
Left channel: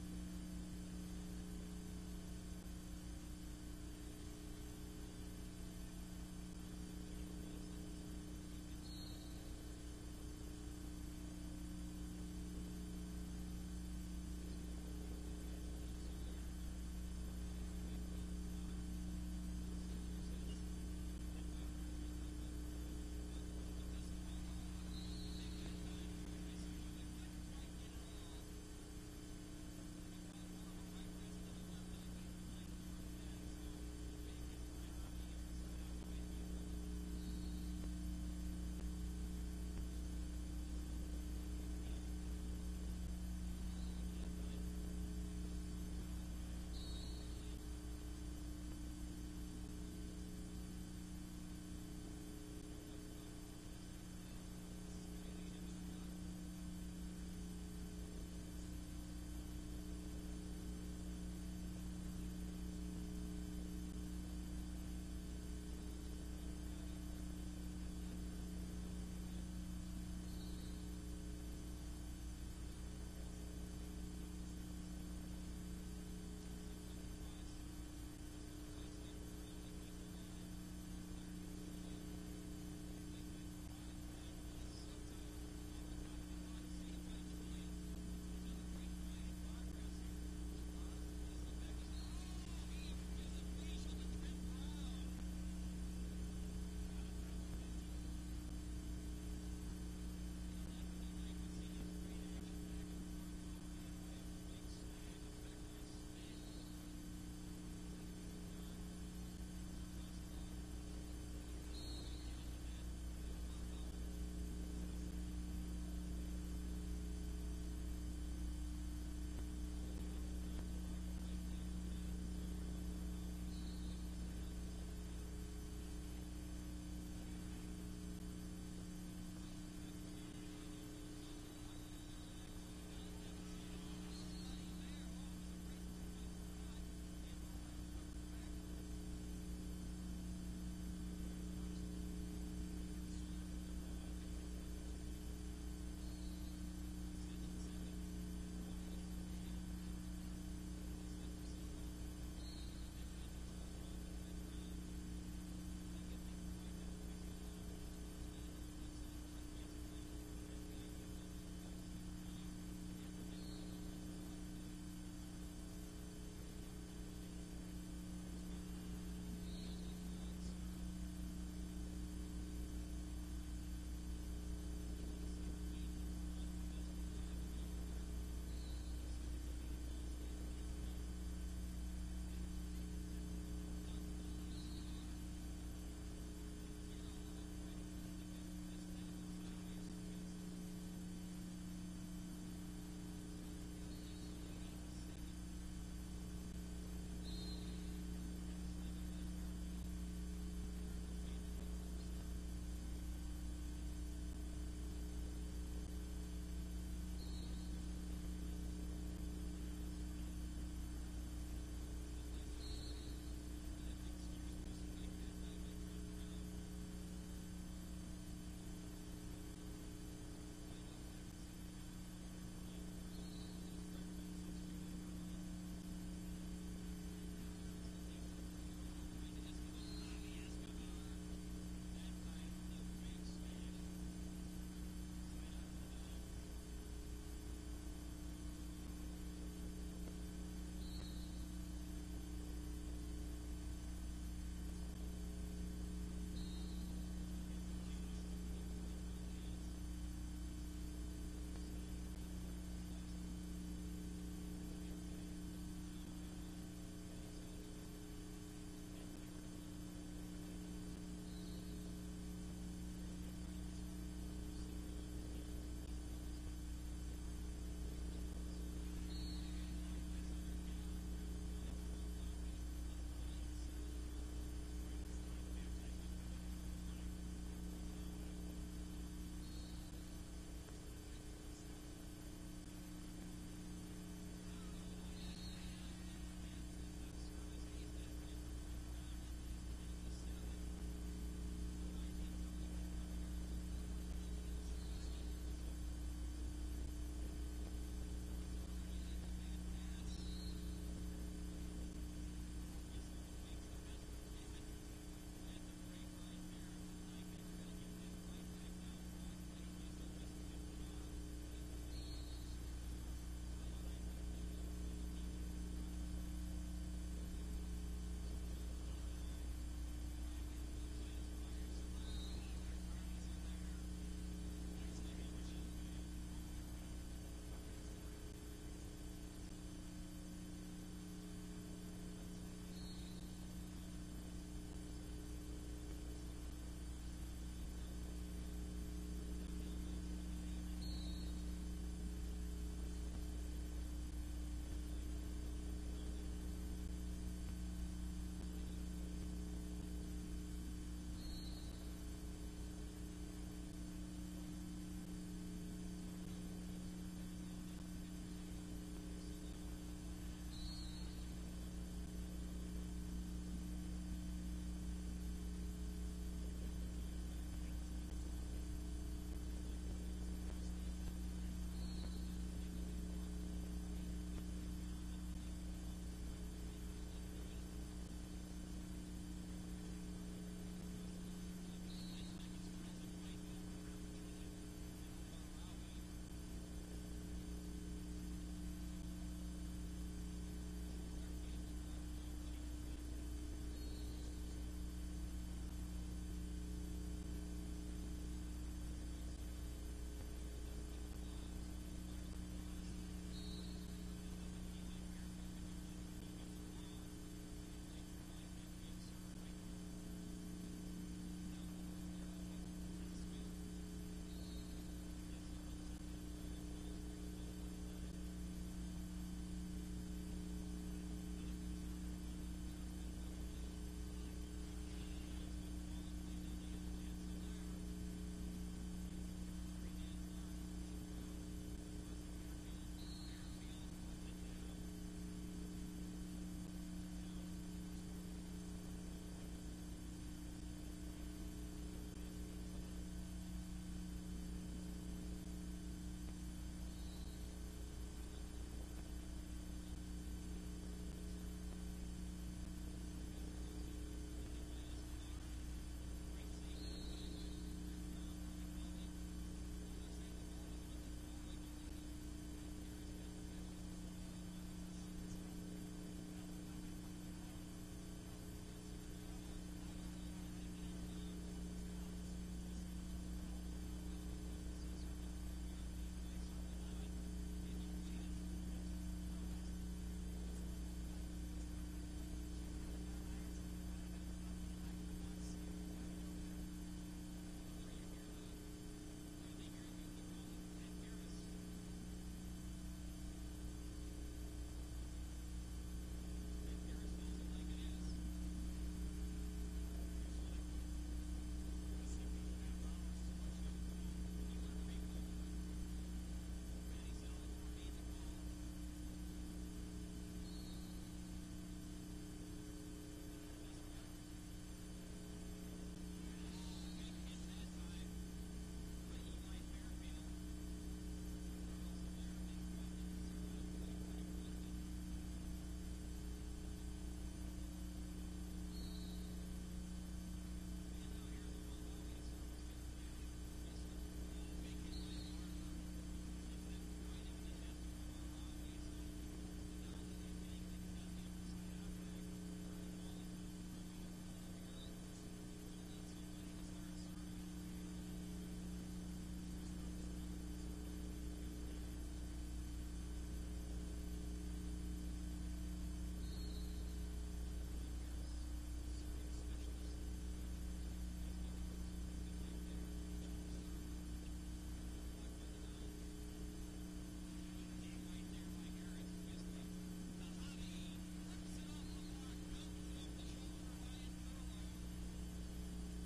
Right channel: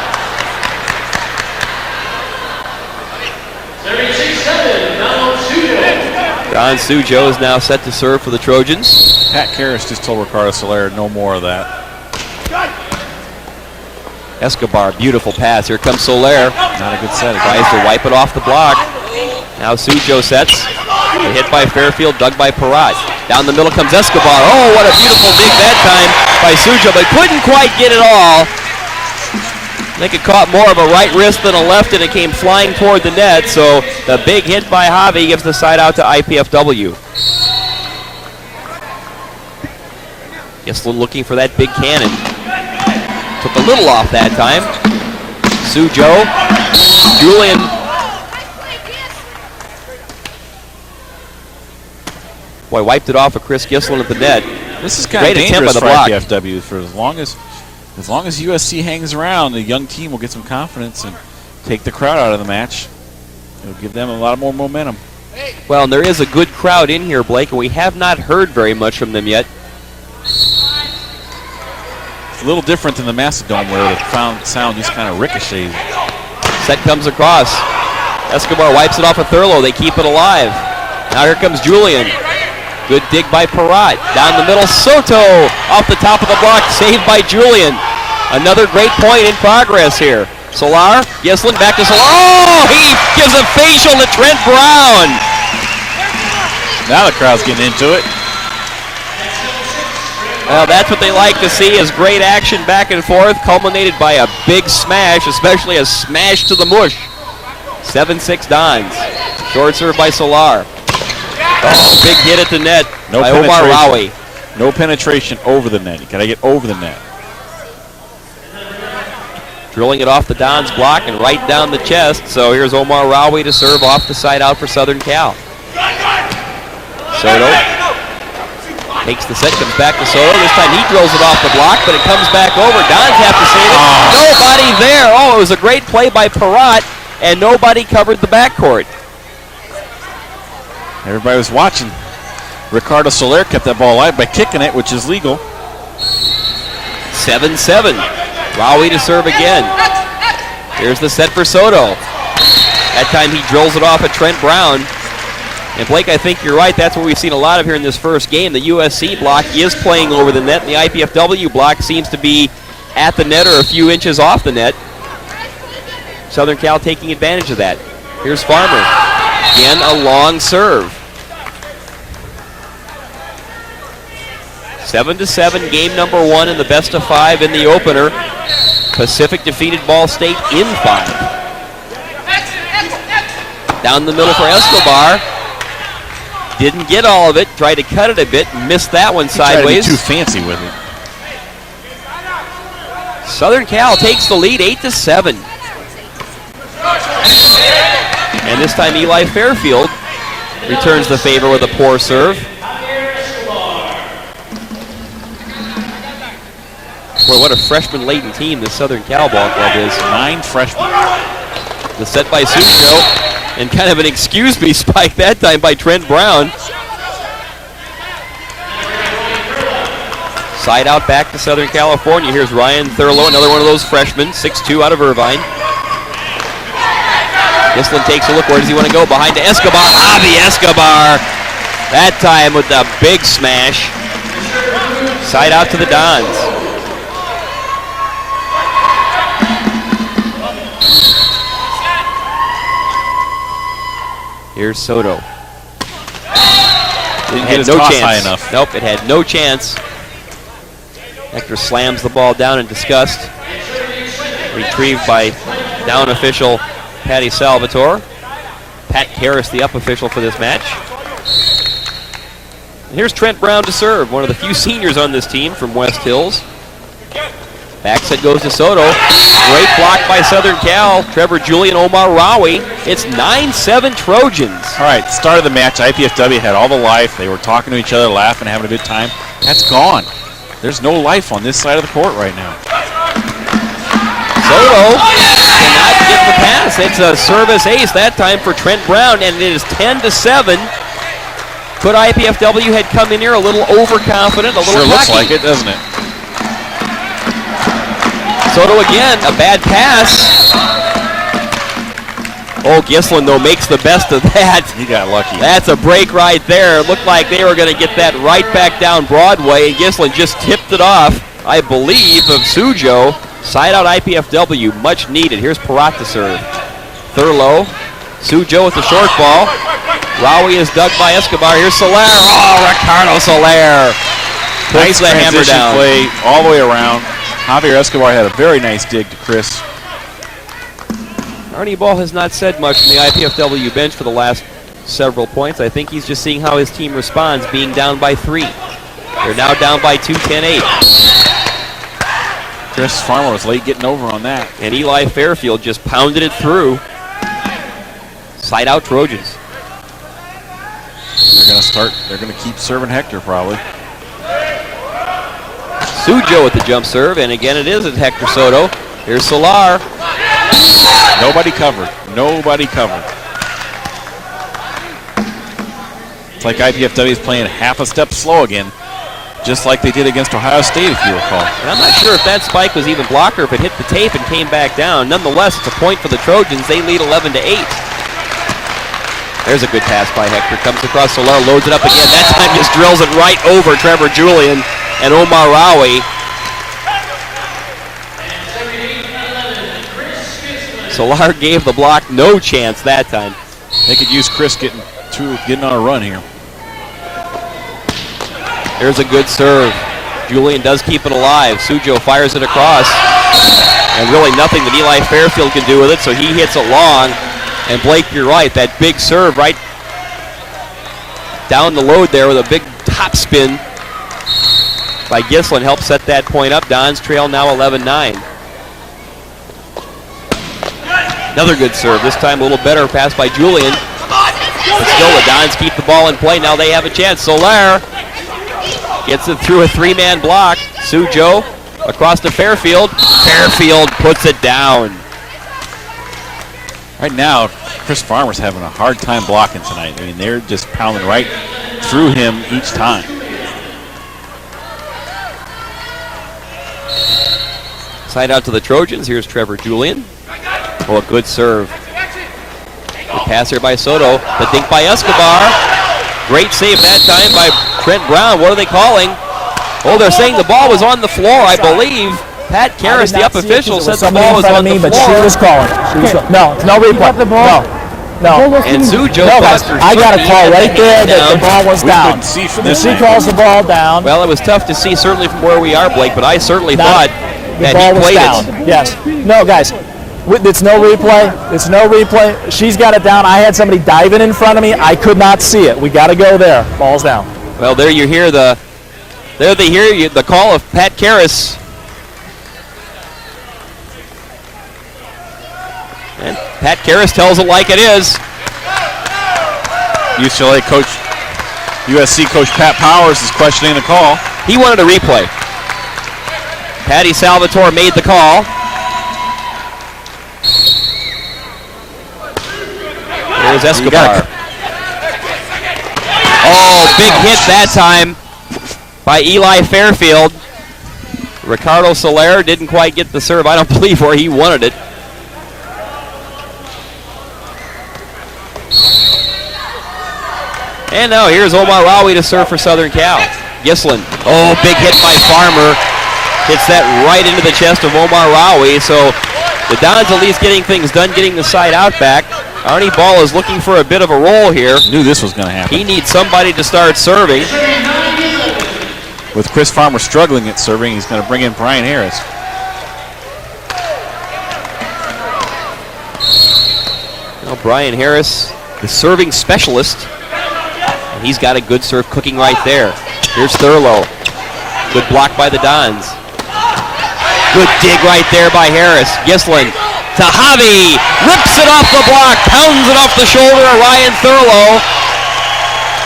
Don Sujo is now set to serve for the Trojans. Pat Karras just told Ricardo Soler no more of that. Escobar, beautiful pass. Here comes Soler. Not a good set. Tries to wipe it off the block. Now Sujo sets. A hit by Fairfield, dug by Peratt. Down the middle comes Escobar. Oh, what a beautiful dig that time by Sujo, but couldn't quite get it all. I think it caught more of a right wrist than a left, and it came flying toward the net, so the big hit by Javi gives the side out to IPFW. Gislin looking for that big cannon. Took a little off that time. Sujo. Julian. Boy, wiped it off of Chris Gislin at the net. This is kind of dangerous for IPFW. For as long as USC hangs around, the young team will get some confidence and take the crowd out of the match. It'll give them a lot more momentum. Well, and there is a good crowd in here, Blake, and we have not heard very much from them yet. It's a little different than the Mastodon where the sound just kind of ricochets. Set comes across. Escobar wipes it off of Thurlow. They keep it alive. Now here comes Julian. Good dig by Peratt. Down the middle, Soto off the top of the block, saved by Julian. Another great point in progress here. Solar, Gislin back to Solar. Oh, he gives a facial to Trent Brown. Now the crowd's getting into it. Well, that's what they like to see, is great action back and forth, culminated by a big smash, especially a smash to the mush. 7-6 Dons. Short serve by Solar. Oh, big hit at the net by Omar Rawi. No penetration over the net. You got to get over the net. Drilling it off the Dons block and right down the chest. So here's Omar Rawi to serve off the side out for Southern Cal. Soto takes the set, comes back to Soto. This time he drills it off the block, but it comes back over. Dons have to save it. Nobody there. Oh, it was a great play by Peratt, and nobody covered the backcourt. Everybody was watching. Ricardo Soler kept that ball alive by kicking it, which is legal. 7-7. Rawi to serve again. Here's the set for Soto. That time he drills it off at Trent Brown. And Blake, I think you're right. That's what we've seen a lot of here in this first game. The USC block is playing over the net, and the IPFW block seems to be at the net or a few inches off the net. Southern Cal taking advantage of that. Here's Farmer. Again, a long serve. 7-7, game number 1 in the best of 5 in the opener. Pacific defeated Ball State in 5. Down the middle for Escobar. Didn't get all of it. Tried to cut it a bit. Missed that one sideways. Tried to be too fancy with it. Southern Cal takes the lead 8-7. And this time Eli Fairfield returns the favor with a poor serve. Boy, what a freshman-laden team this Southern Cal ball club is. 9 freshmen. The set by Sucho, and kind of an excuse me spike that time by Trent Brown. Side out back to Southern California. Here's Ryan Thurlow, another one of those freshmen, 6'2" out of Irvine. Gislin takes a look. Where does he want to go? Behind to Escobar. Javi Escobar. That time with a big smash. Side out to the Dons. Here's Soto. Didn't get his toss high enough. Nope, it had no chance. Hector slams the ball down in disgust. Retrieved by down official Patty Salvatore. Pat Karras, the up official for this match. And here's Trent Brown to serve, one of the few seniors on this team from West Hills. Back set goes to Soto. Great block by Southern Cal. Trevor Julian, Omar Rawi. It's 9-7 Trojans. All right, start of the match, IPFW had all the life. They were talking to each other, laughing, having a good time. That's gone. There's no life on this side of the court right now. Soto cannot get the pass. It's a service ace that time for Trent Brown, and it is 10-7. Could IPFW had come in here a little overconfident, a little Sure looks cocky. like it, doesn't it? Soto again, a bad pass. Oh, Gislin, though, makes the best of that. He got lucky. That's a break right there. It looked like they were going to get that right back down Broadway, and Gislin just tipped it off, I believe, of Sujo. Side out IPFW, much needed. Here's Parat to serve. Thurlow, Sujo with the short ball. Rawi is dug by Escobar. Here's Soler. Oh, Ricardo Soler. Puts the hammer transition down. play all the way around. Javier Escobar had a very nice dig to Chris. Arnie Ball has not said much from the IPFW bench for the last several points. I think he's just seeing how his team responds, being down by 3. They're now down by 2, 10-8. Chris Farmer was late getting over on that. And Eli Fairfield just pounded it through. Side out Trojans. They're going to keep serving Hector probably. Sujo with the jump serve, and again it is at Hector Soto. Here's Solar. Nobody covered. Nobody covered. It's like IPFW is playing half a step slow again, just like they did against Ohio State, if you recall. And I'm not sure if that spike was even blocked or if it hit the tape and came back down. Nonetheless, it's a point for the Trojans. They lead 11-8. There's a good pass by Hector. Comes across Solar, loads it up again. That time just drills it right over Trevor Julian and Omar Rawi. Solar gave the block no chance that time. They could use Chris getting on a run here. There's a good serve. Julian does keep it alive. Sujo fires it across. And really nothing that Eli Fairfield can do with it, so he hits it long. And Blake, you're right, that big serve right down the load there with a big top spin by Gislin helps set that point up. Dons trail now 11-9. Another good serve, this time a little better pass by Julian. But still the Dons keep the ball in play. Now they have a chance. Soler gets it through a 3-man block. Sujo across to Fairfield. Fairfield puts it down. Right now, Chris Farmer's having a hard time blocking tonight. I mean, they're just pounding right through him each time. Side out to the Trojans. Here's Trevor Julian. Oh, a good serve. The pass here by Soto. The dink by Escobar. Great save that time by Trent Brown. What are they calling? Oh, they're saying the ball was on the floor, I believe. Pat Karras, the up official, said the ball was on the floor. But she was calling. No replay. No. And Sujo I got a call right there that the ball was down. See from this She calls the ball down. Well, it was tough to see, certainly from where we are, Blake, but I certainly thought that ball he was played down. it. Yes. No, guys. It's no replay. It's no replay. She's got it down. I had somebody diving in front of me. I could not see it. We got to go there. Ball's down. Well, there you hear the call of Pat Karras. And Pat Karras tells it like it is. UCLA coach, USC coach Pat Powers is questioning the call. He wanted a replay. Patty Salvatore made the call. Here's Escobar. Oh, big hit that time by Eli Fairfield. Ricardo Soler didn't quite get the serve, I don't believe, where he wanted it. And now here's Omar Rawi to serve for Southern Cal. Gislin. Oh, big hit by Farmer. Hits that right into the chest of Omar Rawi. So the Dons at least getting things done, getting the side out back. Arnie Ball is looking for a bit of a roll here. Knew this was going to happen. He needs somebody to start serving. With Chris Farmer struggling at serving, he's going to bring in Brian Harris. Well, Brian Harris, the serving specialist. And he's got a good serve cooking right there. Here's Thurlow. Good block by the Dons. Good dig right there by Harris. Gislin to Javi. Rips it off the block. Pounds it off the shoulder of Ryan Thurlow.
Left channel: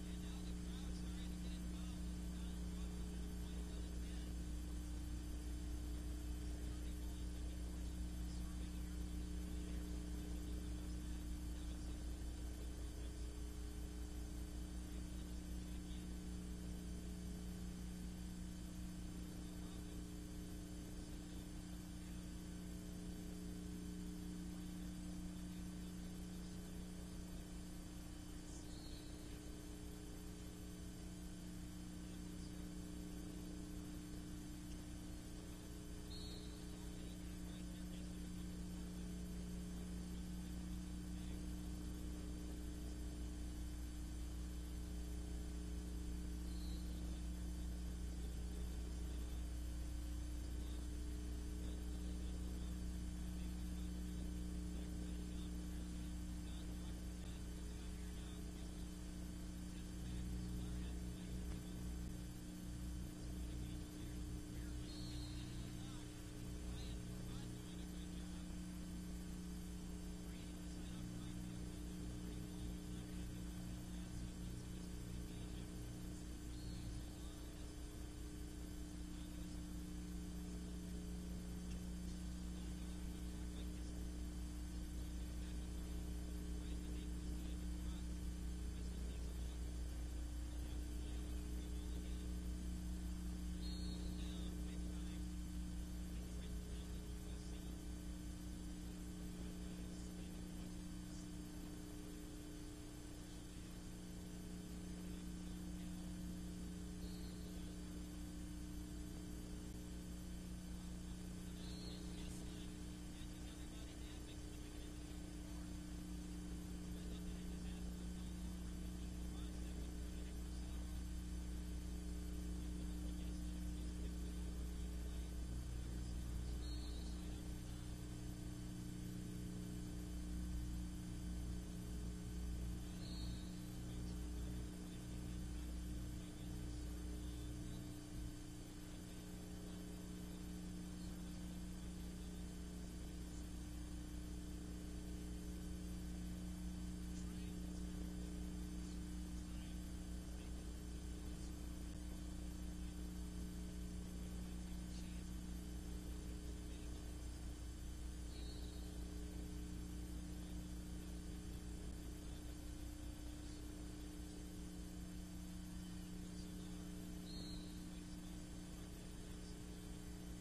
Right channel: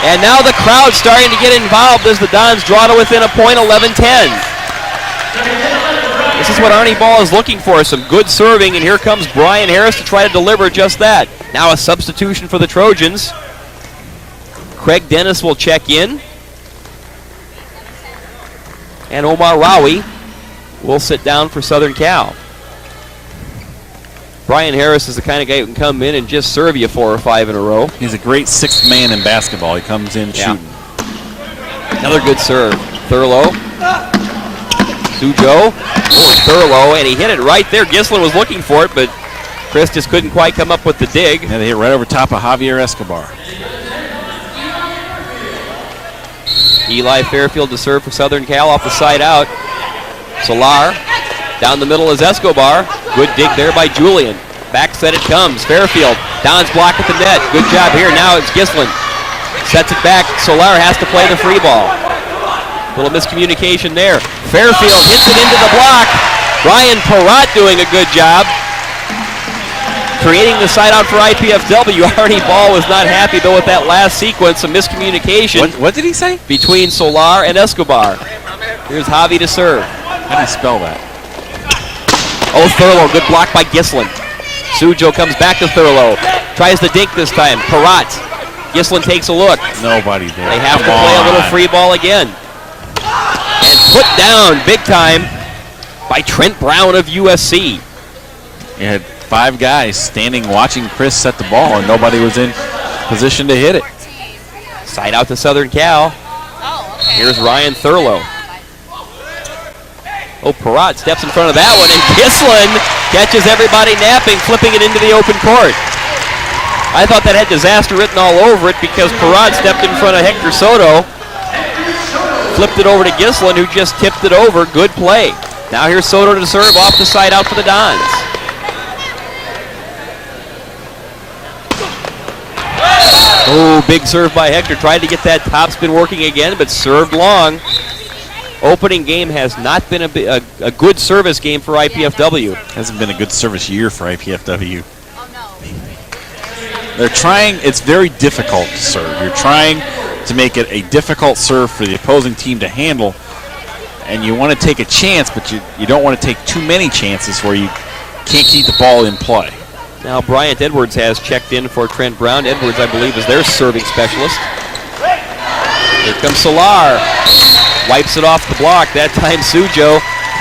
And now the crowd's starting to get involved as the Dons draw to within a point, 11-10. This is what Arnie Ball is looking for, some good serving, and here comes Brian Harris to try to deliver just that. Now a substitution for the Trojans. Craig Dennis will check in. And Omar Rawi will sit down for Southern Cal. Brian Harris is the kind of guy who can come in and just serve you 4 or 5 in a row. He's a great sixth man in basketball. He comes in shooting. Another good serve. Thurlow. Sujo. Oh, Thurlow, and he hit it right there. Gislin was looking for it, but Chris just couldn't quite come up with the dig. And they hit right over top of Javier Escobar. Eli Fairfield to serve for Southern Cal off the side out. Solar. Down the middle is Escobar. Good dig there by Julian. Back set it comes. Fairfield. Don's block at the net. Good job here. Now it's Gislin. Sets it back. Solar has to play the free ball. Little miscommunication there. Fairfield hits it into the block. Brian Perrott doing a good job. Creating the side out for IPFW. Arnie Ball was not happy though with that last sequence of miscommunication. What did he say? Between Solar and Escobar. Here's Javi to serve. How do you spell that? Oh, Thurlow, good block by Gislin. Sujo comes back to Thurlow. Tries to dink this time. Perrott. Gislin takes a look. Nobody there. They have to play a little free ball again. And put down big time by Trent Brown of USC. You had 5 guys standing watching Chris set the ball, and nobody was in position to hit it. Side out to Southern Cal. Here's Ryan Thurlow. Oh, Perrott steps in front of that one, and Gislin catches everybody napping, flipping it into the open court. I thought that had disaster written all over it because Perrott stepped in front of Hector Soto, flipped it over to Gislin, who just tipped it over. Good play. Now here's Soto to serve off the side out for the Dons. Oh, big serve by Hector. Tried to get that topspin working again, but served long. Opening game has not been a good service game for IPFW. Hasn't been a good service year for IPFW. They're trying, it's very difficult to serve. You're trying to make it a difficult serve for the opposing team to handle, and you want to take a chance, but you don't want to take too many chances where you can't keep the ball in play. Now Bryant Edwards has checked in for Trent Brown. Edwards, I believe, is their serving specialist. Here comes Solar. Wipes it off the block. That time Sujo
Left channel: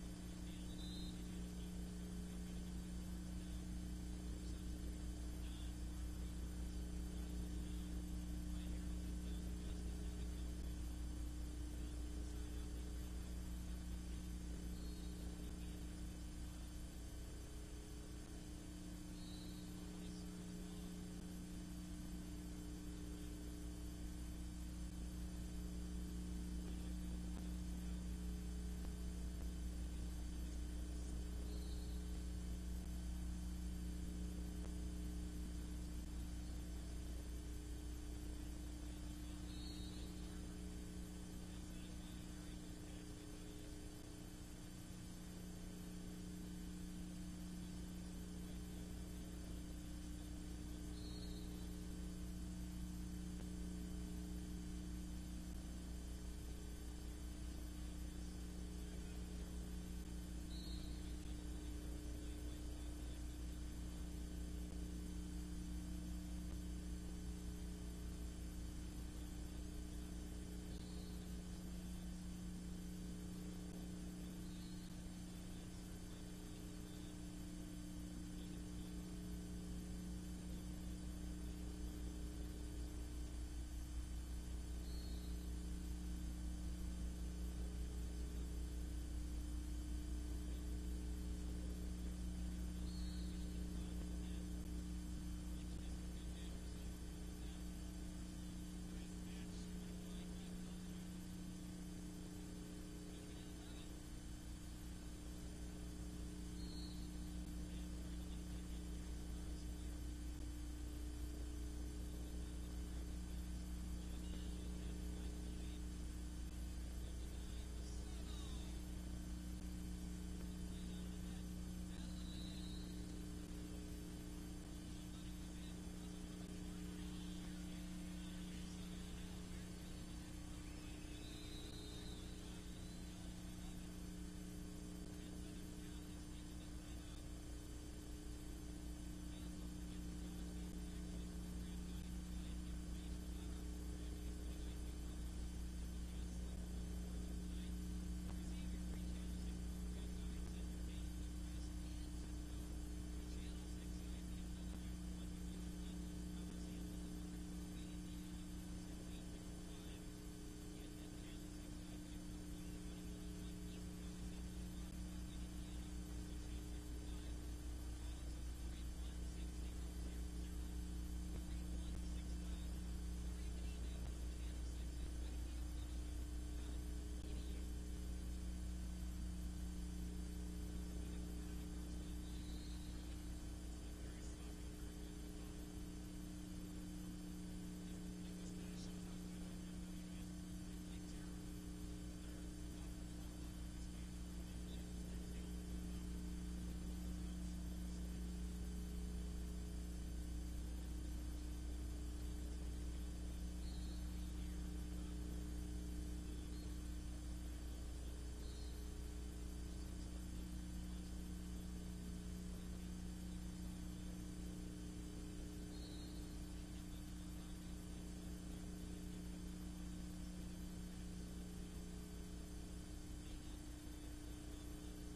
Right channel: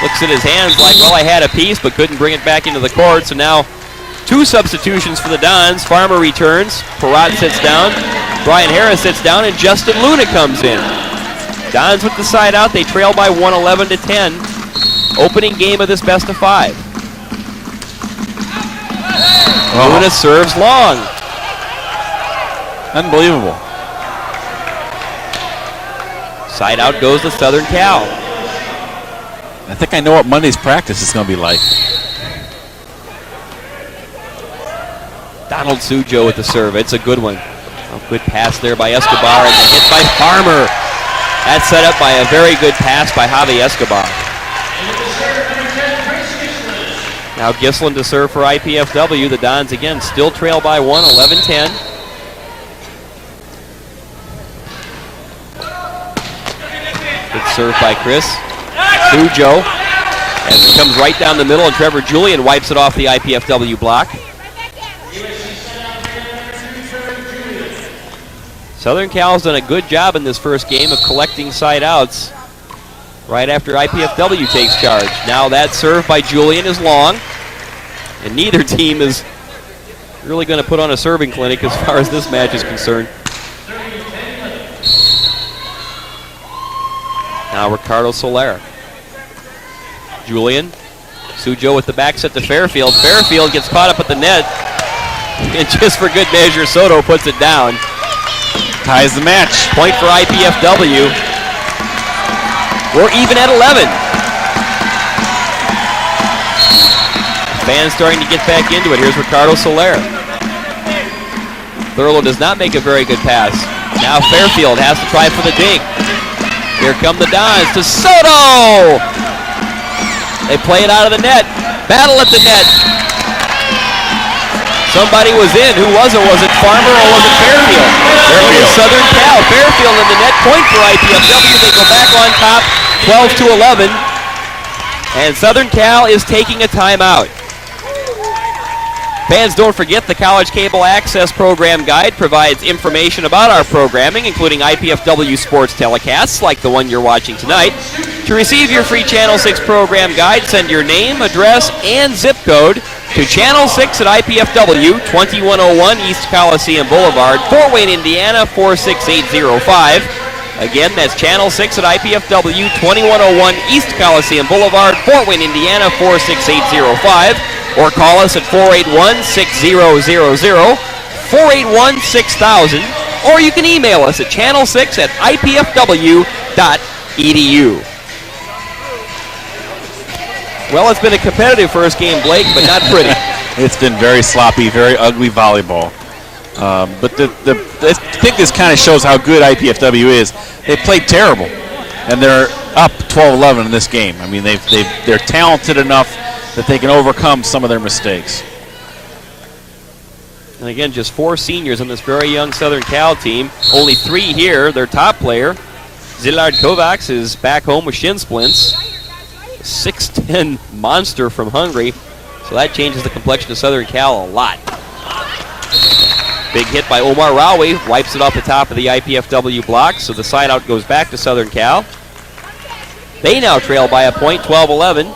looks at his hands like, well, I had a piece, but couldn't bring it back into the court. So now 2 substitutions for the Dons. Farmer returns. Perrott sits down. Brian Harris sits down, and Justin Luna comes in. Dons with the side out. They trail by 11-10. Opening game of this best of 5. Luna serves long. Unbelievable. Side out goes to Southern Cal. I think I know what Monday's practice is going to be like. Donald Sujo with the serve. It's a good one. A good pass there by Escobar, and the hit by Farmer. That's set up by a very good pass by Javi Escobar. Now Gislin to serve for IPFW. The Dons again still trail by 1, 11-10. serve by Chris. Sujo, as it comes right down the middle, and Trevor Julian wipes it off the IPFW block. Southern Cal's done a good job in this first game of collecting side outs right after IPFW takes charge. Now that serve by Julian is long, and neither team is really going to put on a serving clinic as far as this match is concerned. Now Ricardo Soler. Julian. Sujo with the back set to Fairfield. Fairfield gets caught up at the net. And just for good measure, Soto puts it down. Ties the match. Point for IPFW. We're even at 11. Fans starting to get back into it. Here's Ricardo Soler. Thurlow does not make a very good pass. Now Fairfield has to try for the dig. Here come the Dons to Soto! They play it out of the net. Battle at the net. Somebody was in. Who was it? Was it Farmer or was it Fairfield? Fairfield. Southern Cal. Fairfield in the net. Point for IPFW. They go back on top, 12-11. And Southern Cal is taking a timeout. Fans, don't forget the College Cable Access Program Guide provides information about our programming, including IPFW sports telecasts like the one you're watching tonight. To receive your free Channel 6 program guide, send your name, address, and zip code to Channel 6 at IPFW, 2101 East Coliseum Boulevard, Fort Wayne, Indiana, 46805. Again, that's Channel 6 at IPFW, 2101 East Coliseum Boulevard, Fort Wayne, Indiana, 46805. Or call us at 481-6000, 481-6000, or you can email us at channel6 at ipfw.edu. Well, it's been a competitive first game, Blake, but not pretty. It's been very sloppy, very ugly volleyball. But I think this kind of shows how good IPFW is. They played terrible, and they're up 12-11 in this game. I mean, they're talented enough that they can overcome some of their mistakes. And again, just 4 seniors on this very young Southern Cal team. Only 3 here. Their top player, Zilard Kovacs, is back home with shin splints. 6'10" monster from Hungary. So that changes the complexion of Southern Cal a lot. Big hit by Omar Rawi. Wipes it off the top of the IPFW block. So the side out goes back to Southern Cal. They now trail by a point, 12-11.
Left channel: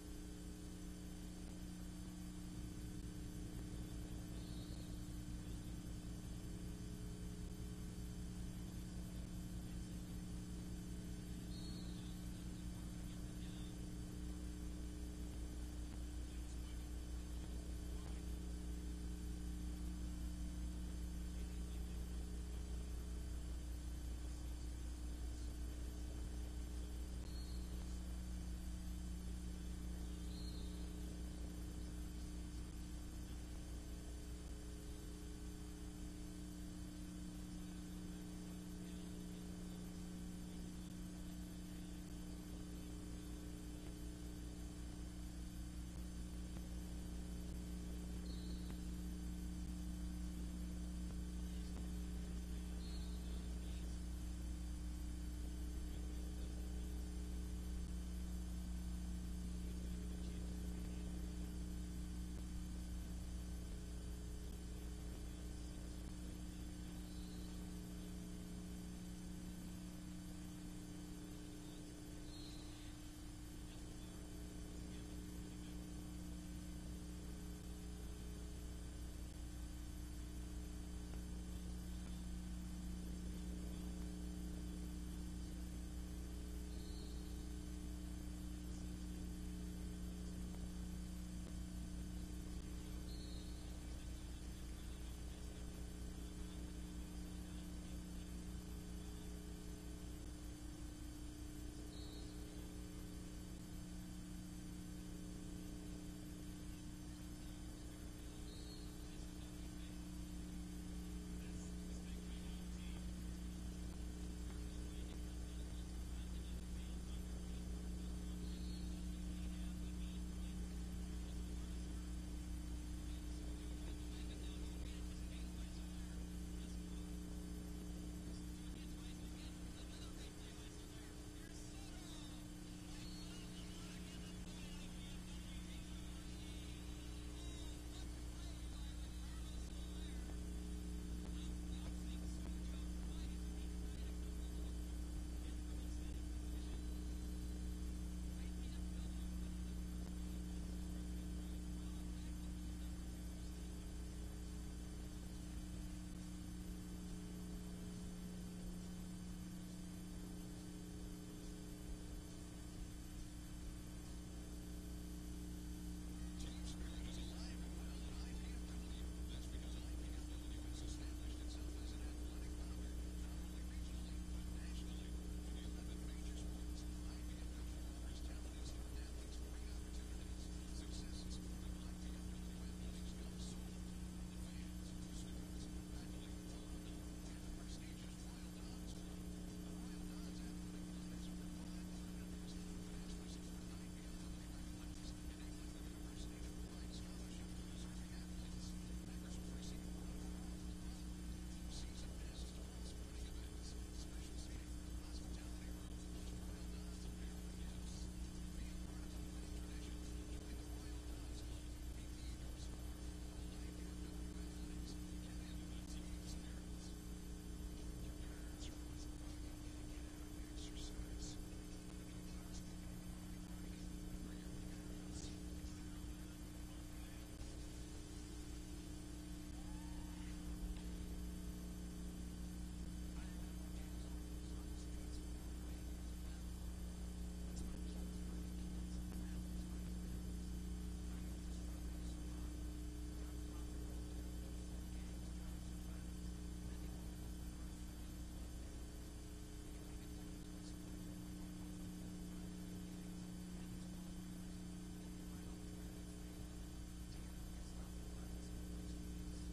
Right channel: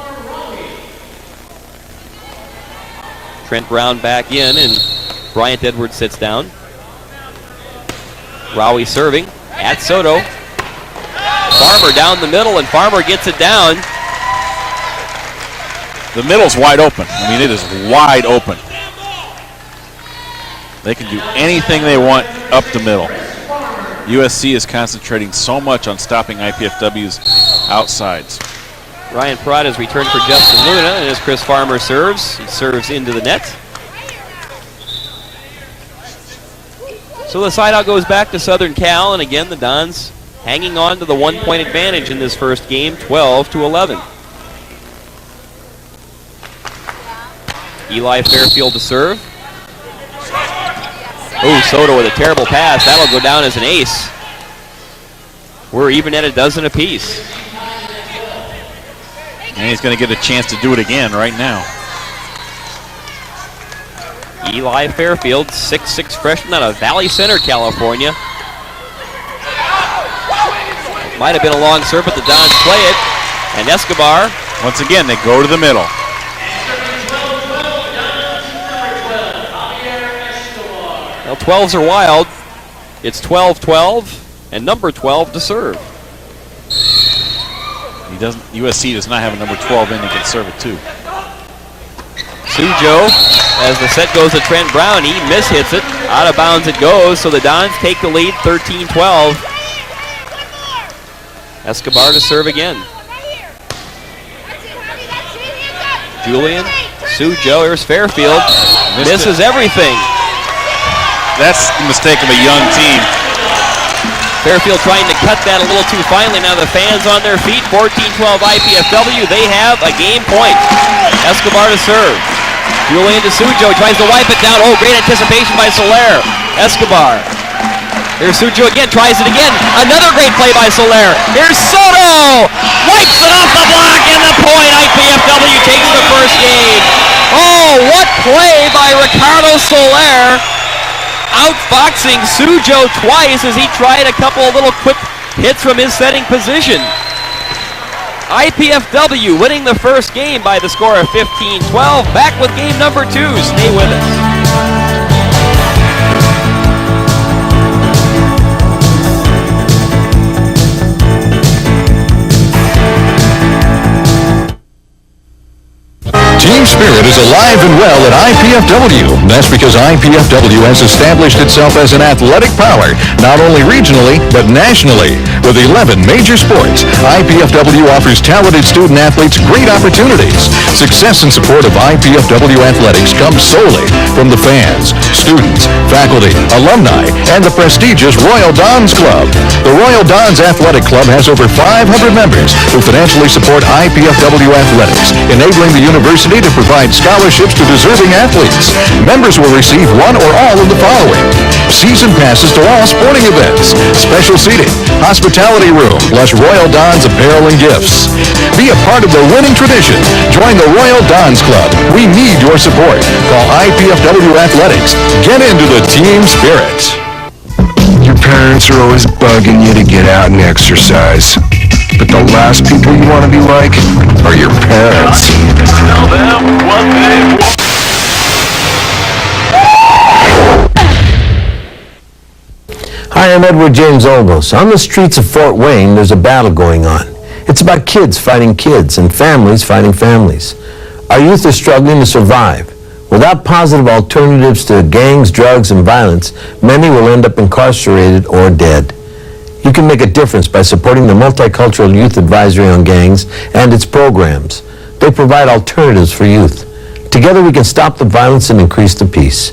Trent Brown back in, and Bryant Edwards sits down. Rawi serving at Soto. Farmer down the middle, and Farmer gets it down. The middle's wide open. I mean, it is wide open. They can do anything they want up the middle. USC is concentrating so much on stopping IPFW's outsides. Ryan Pratt has returned for Justin Luna, and as Chris Farmer serves, he serves into the net. So the side out goes back to Southern Cal, and again the Dons hanging on to the 1-point advantage in this first game, 12-11. Eli Fairfield to serve. Oh, Soto with a terrible pass. That'll go down as an ace. We're even at a dozen apiece. And he's going to get a chance to do it again right now. Eli Fairfield, 6'6" freshman out of Valley Center, California. Might have been a long serve, but the Dons play it. And Escobar. Once again, they go to the middle. Well, 12s are wild. It's 12-12, and number 12 to serve. USC does not have a number 12 in. He can serve it too. Sujo, as the set goes to Trent Brown, he mishits it. Out of bounds it goes, so the Dons take the lead 13-12. Escobar to serve again. Julian, Sujo, here's Fairfield. Misses everything. That's the mistake of a young team. Fairfield trying to cut that a little too finely. Now the fans on their feet, 14-12 IPFW. They have a game point. Escobar to serve. Julian to Sujo, tries to wipe it down. Oh, great anticipation by Soler. Escobar Here's Sujo again, tries it again. Another great play by Soler. Here's Soto! Wipes it off the block, and the point. IPFW takes the first game. Oh, what play by Ricardo Soler. Outboxing Sujo twice as he tried a couple of little quick hits from his setting position. IPFW winning the first game by the score of 15-12. Back with game number 2. Stay with us. Team spirit is alive and well at IPFW. That's because IPFW has established itself as an athletic power, not only regionally, but nationally. With 11 major sports, IPFW offers talented student athletes great opportunities. Success and support of IPFW athletics comes solely from the fans, students, faculty, alumni, and the prestigious Royal Dons Club. The Royal Dons Athletic Club has over 500 members who financially support IPFW athletics, enabling the university to provide scholarships to deserving athletes. Members will receive one or all of the following: season passes to all sporting events, special seating, hospitality room, plus Royal Dons apparel and gifts. Be a part of the winning tradition. Join the Royal Dons Club. We need your support. Call IPFW Athletics. Get into the team spirit. Your parents are always bugging you to get out and exercise. But the last people you want to be like are your parents. Tell them what they want. Hi, I'm Edward James Olmos. On the streets of Fort Wayne, there's a battle going on. It's about kids fighting kids and families fighting families. Our youth are struggling to survive. Without positive alternatives to gangs, drugs, and violence, many will end up incarcerated or dead. You can make a difference by supporting the Multicultural Youth Advisory on Gangs and its programs. They provide alternatives for youth. Together we can stop the violence and increase the peace.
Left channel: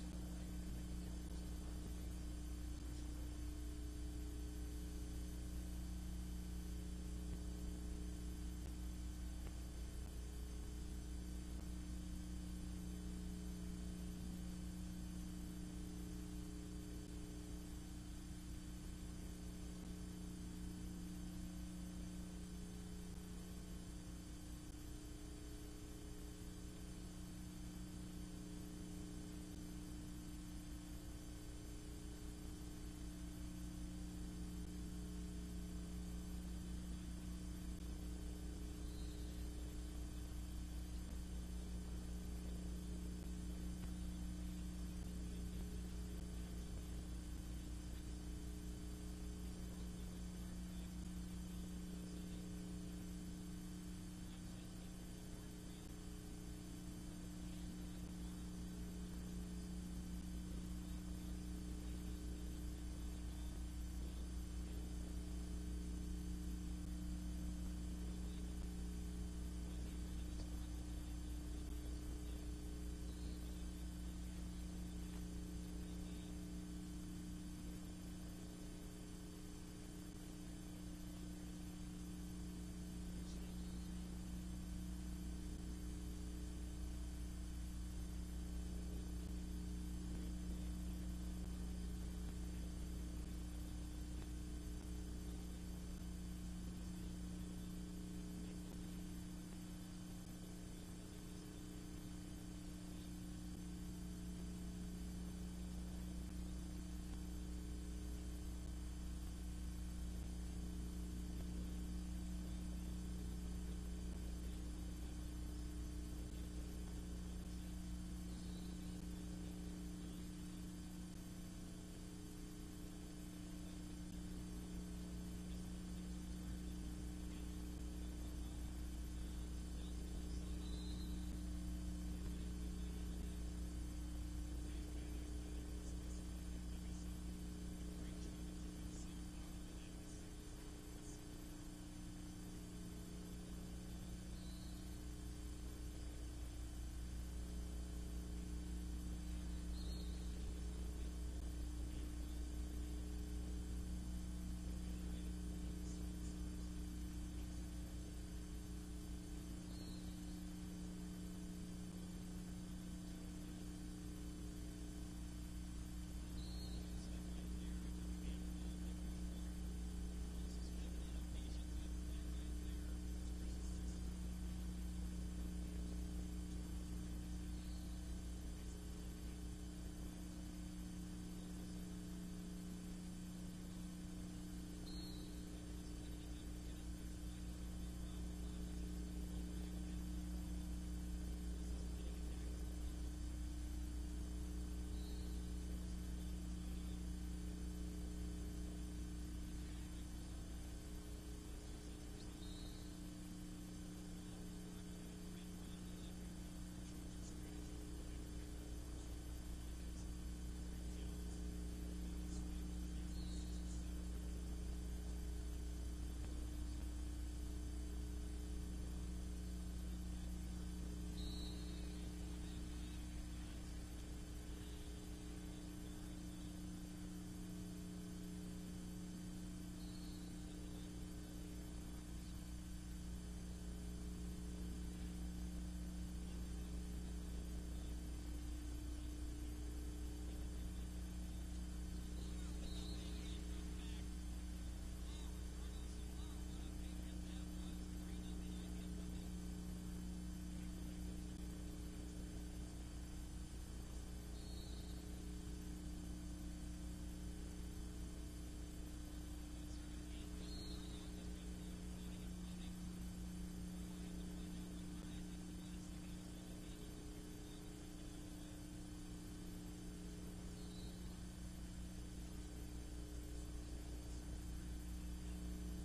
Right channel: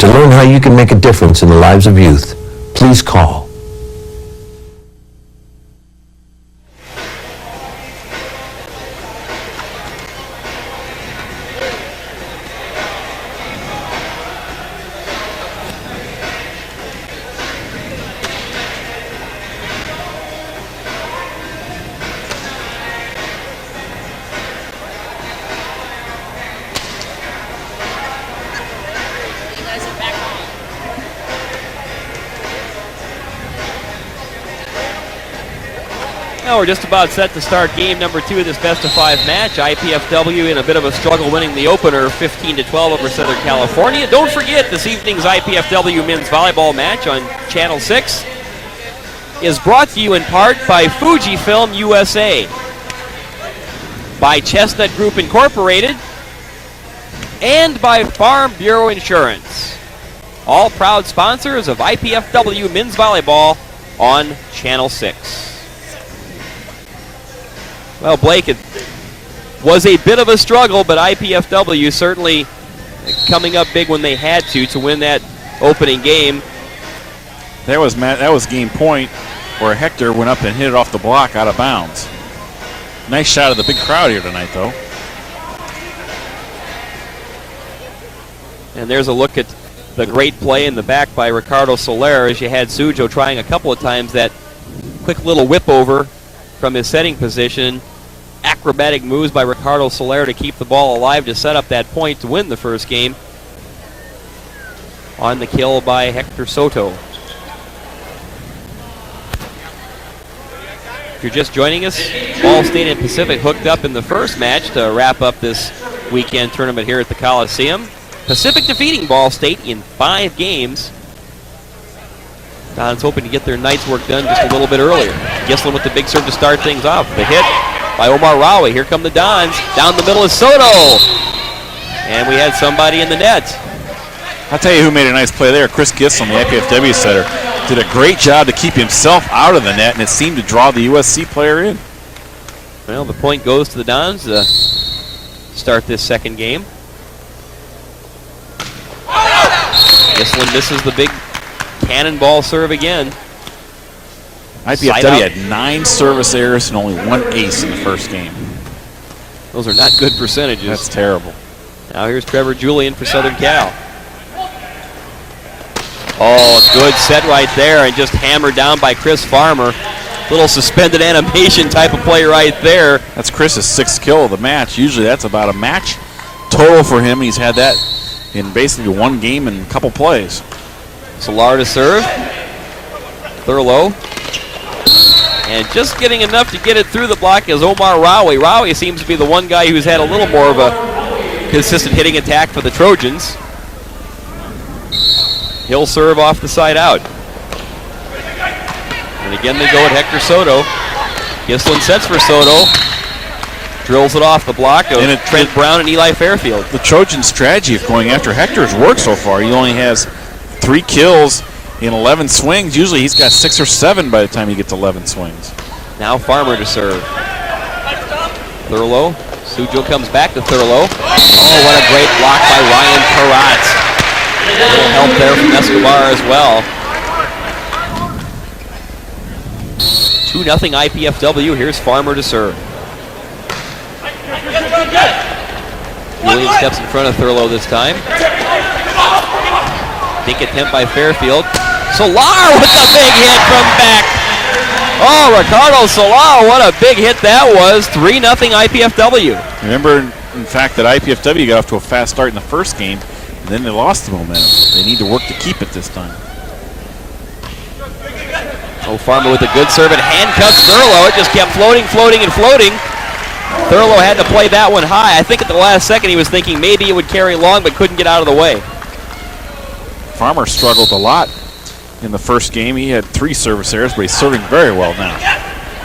To learn how you can make a difference in the lives of youth, please call. Now we're just about set to start game number 2 of this best-of-5 match. IPFW in a bit of a struggle winning the opener 15-12 over Southern California. Don't forget, this evening's IPFW men's volleyball match on Channel 6 is brought to you in part by Fujifilm USA, by Chestnut Group Incorporated, and by Farm Bureau Insurance. All proud sponsors of IPFW men's volleyball on Channel 6. Well, Blake, it was a bit of a struggle, but IPFW certainly coming up big when they had to win that opening game. That was game point where Hector went up and hit it off the block out of bounds. Nice shot of the big crowd here tonight, though. And there's a look at the great play in the back by Ricardo Soler as you had Sujo trying a couple of times that quick little whip over from his setting position. Acrobatic moves by Ricardo Soler to keep the ball alive to set up that point to win the first game. On the kill by Hector Soto. If you're just joining us, Ball State and Pacific hooked up in the first match to wrap up this weekend tournament here at the Coliseum. Pacific defeating Ball State in 5 games. Don's hoping to get their night's work done just a little bit earlier. Gislin with the big serve to start things off. The hit by Omar Rawi. Here come the Dons. Down the middle is Soto. And we had somebody in the net. I'll tell you who made a nice play there. Chris Gislin, the IPFW setter, did a great job to keep himself out of the net, and it seemed to draw the USC player in. Well, the point goes to the Dons to start this second game. Gislin misses the big cannonball serve again. IPFW had 9 service errors and only 1 ace in the first game. Those are not good percentages. That's terrible. Now here's Trevor Julian for Southern Cal. Oh, good set right there, and just hammered down by Chris Farmer. Little suspended animation type of play right there. That's Chris's 6th kill of the match. Usually that's about a match total for him. He's had that in basically one game and a couple plays. Solar to serve. Thurlow. And just getting enough to get it through the block is Omar Rowie. Rowie seems to be the one guy who's had a little more of a consistent hitting attack for the Trojans. He'll serve off the side out. And again they go at Hector Soto. Gislin sets for Soto. Drills it off the block of Trent Brown and Eli Fairfield. The Trojan strategy of going after Hector's worked so far. He only has 3 kills in 11 swings. Usually he's got 6 or 7 by the time he gets 11 swings. Now Farmer to serve. Thurlow. Sujo comes back to Thurlow. Oh, what a great block by Ryan Karatz. A little help there from Escobar as well. 2-0 IPFW. Here's Farmer to serve. Julian steps in front of Thurlow this time. Dink attempt by Fairfield. Solar with a big hit from back. Oh, Ricardo Solar, what a big hit that was. 3-0 IPFW. Remember, in fact, that IPFW got off to a fast start in the first game, and then they lost the momentum. They need to work to keep it this time. Oh, Farmer with a good serve and handcuffs Thurlow. It just kept floating, floating, and floating. Thurlow had to play that one high. I think at the last second he was thinking maybe it would carry long, but couldn't get out of the way. Farmer struggled a lot in the first game. He had 3 service errors, but he's serving very well now.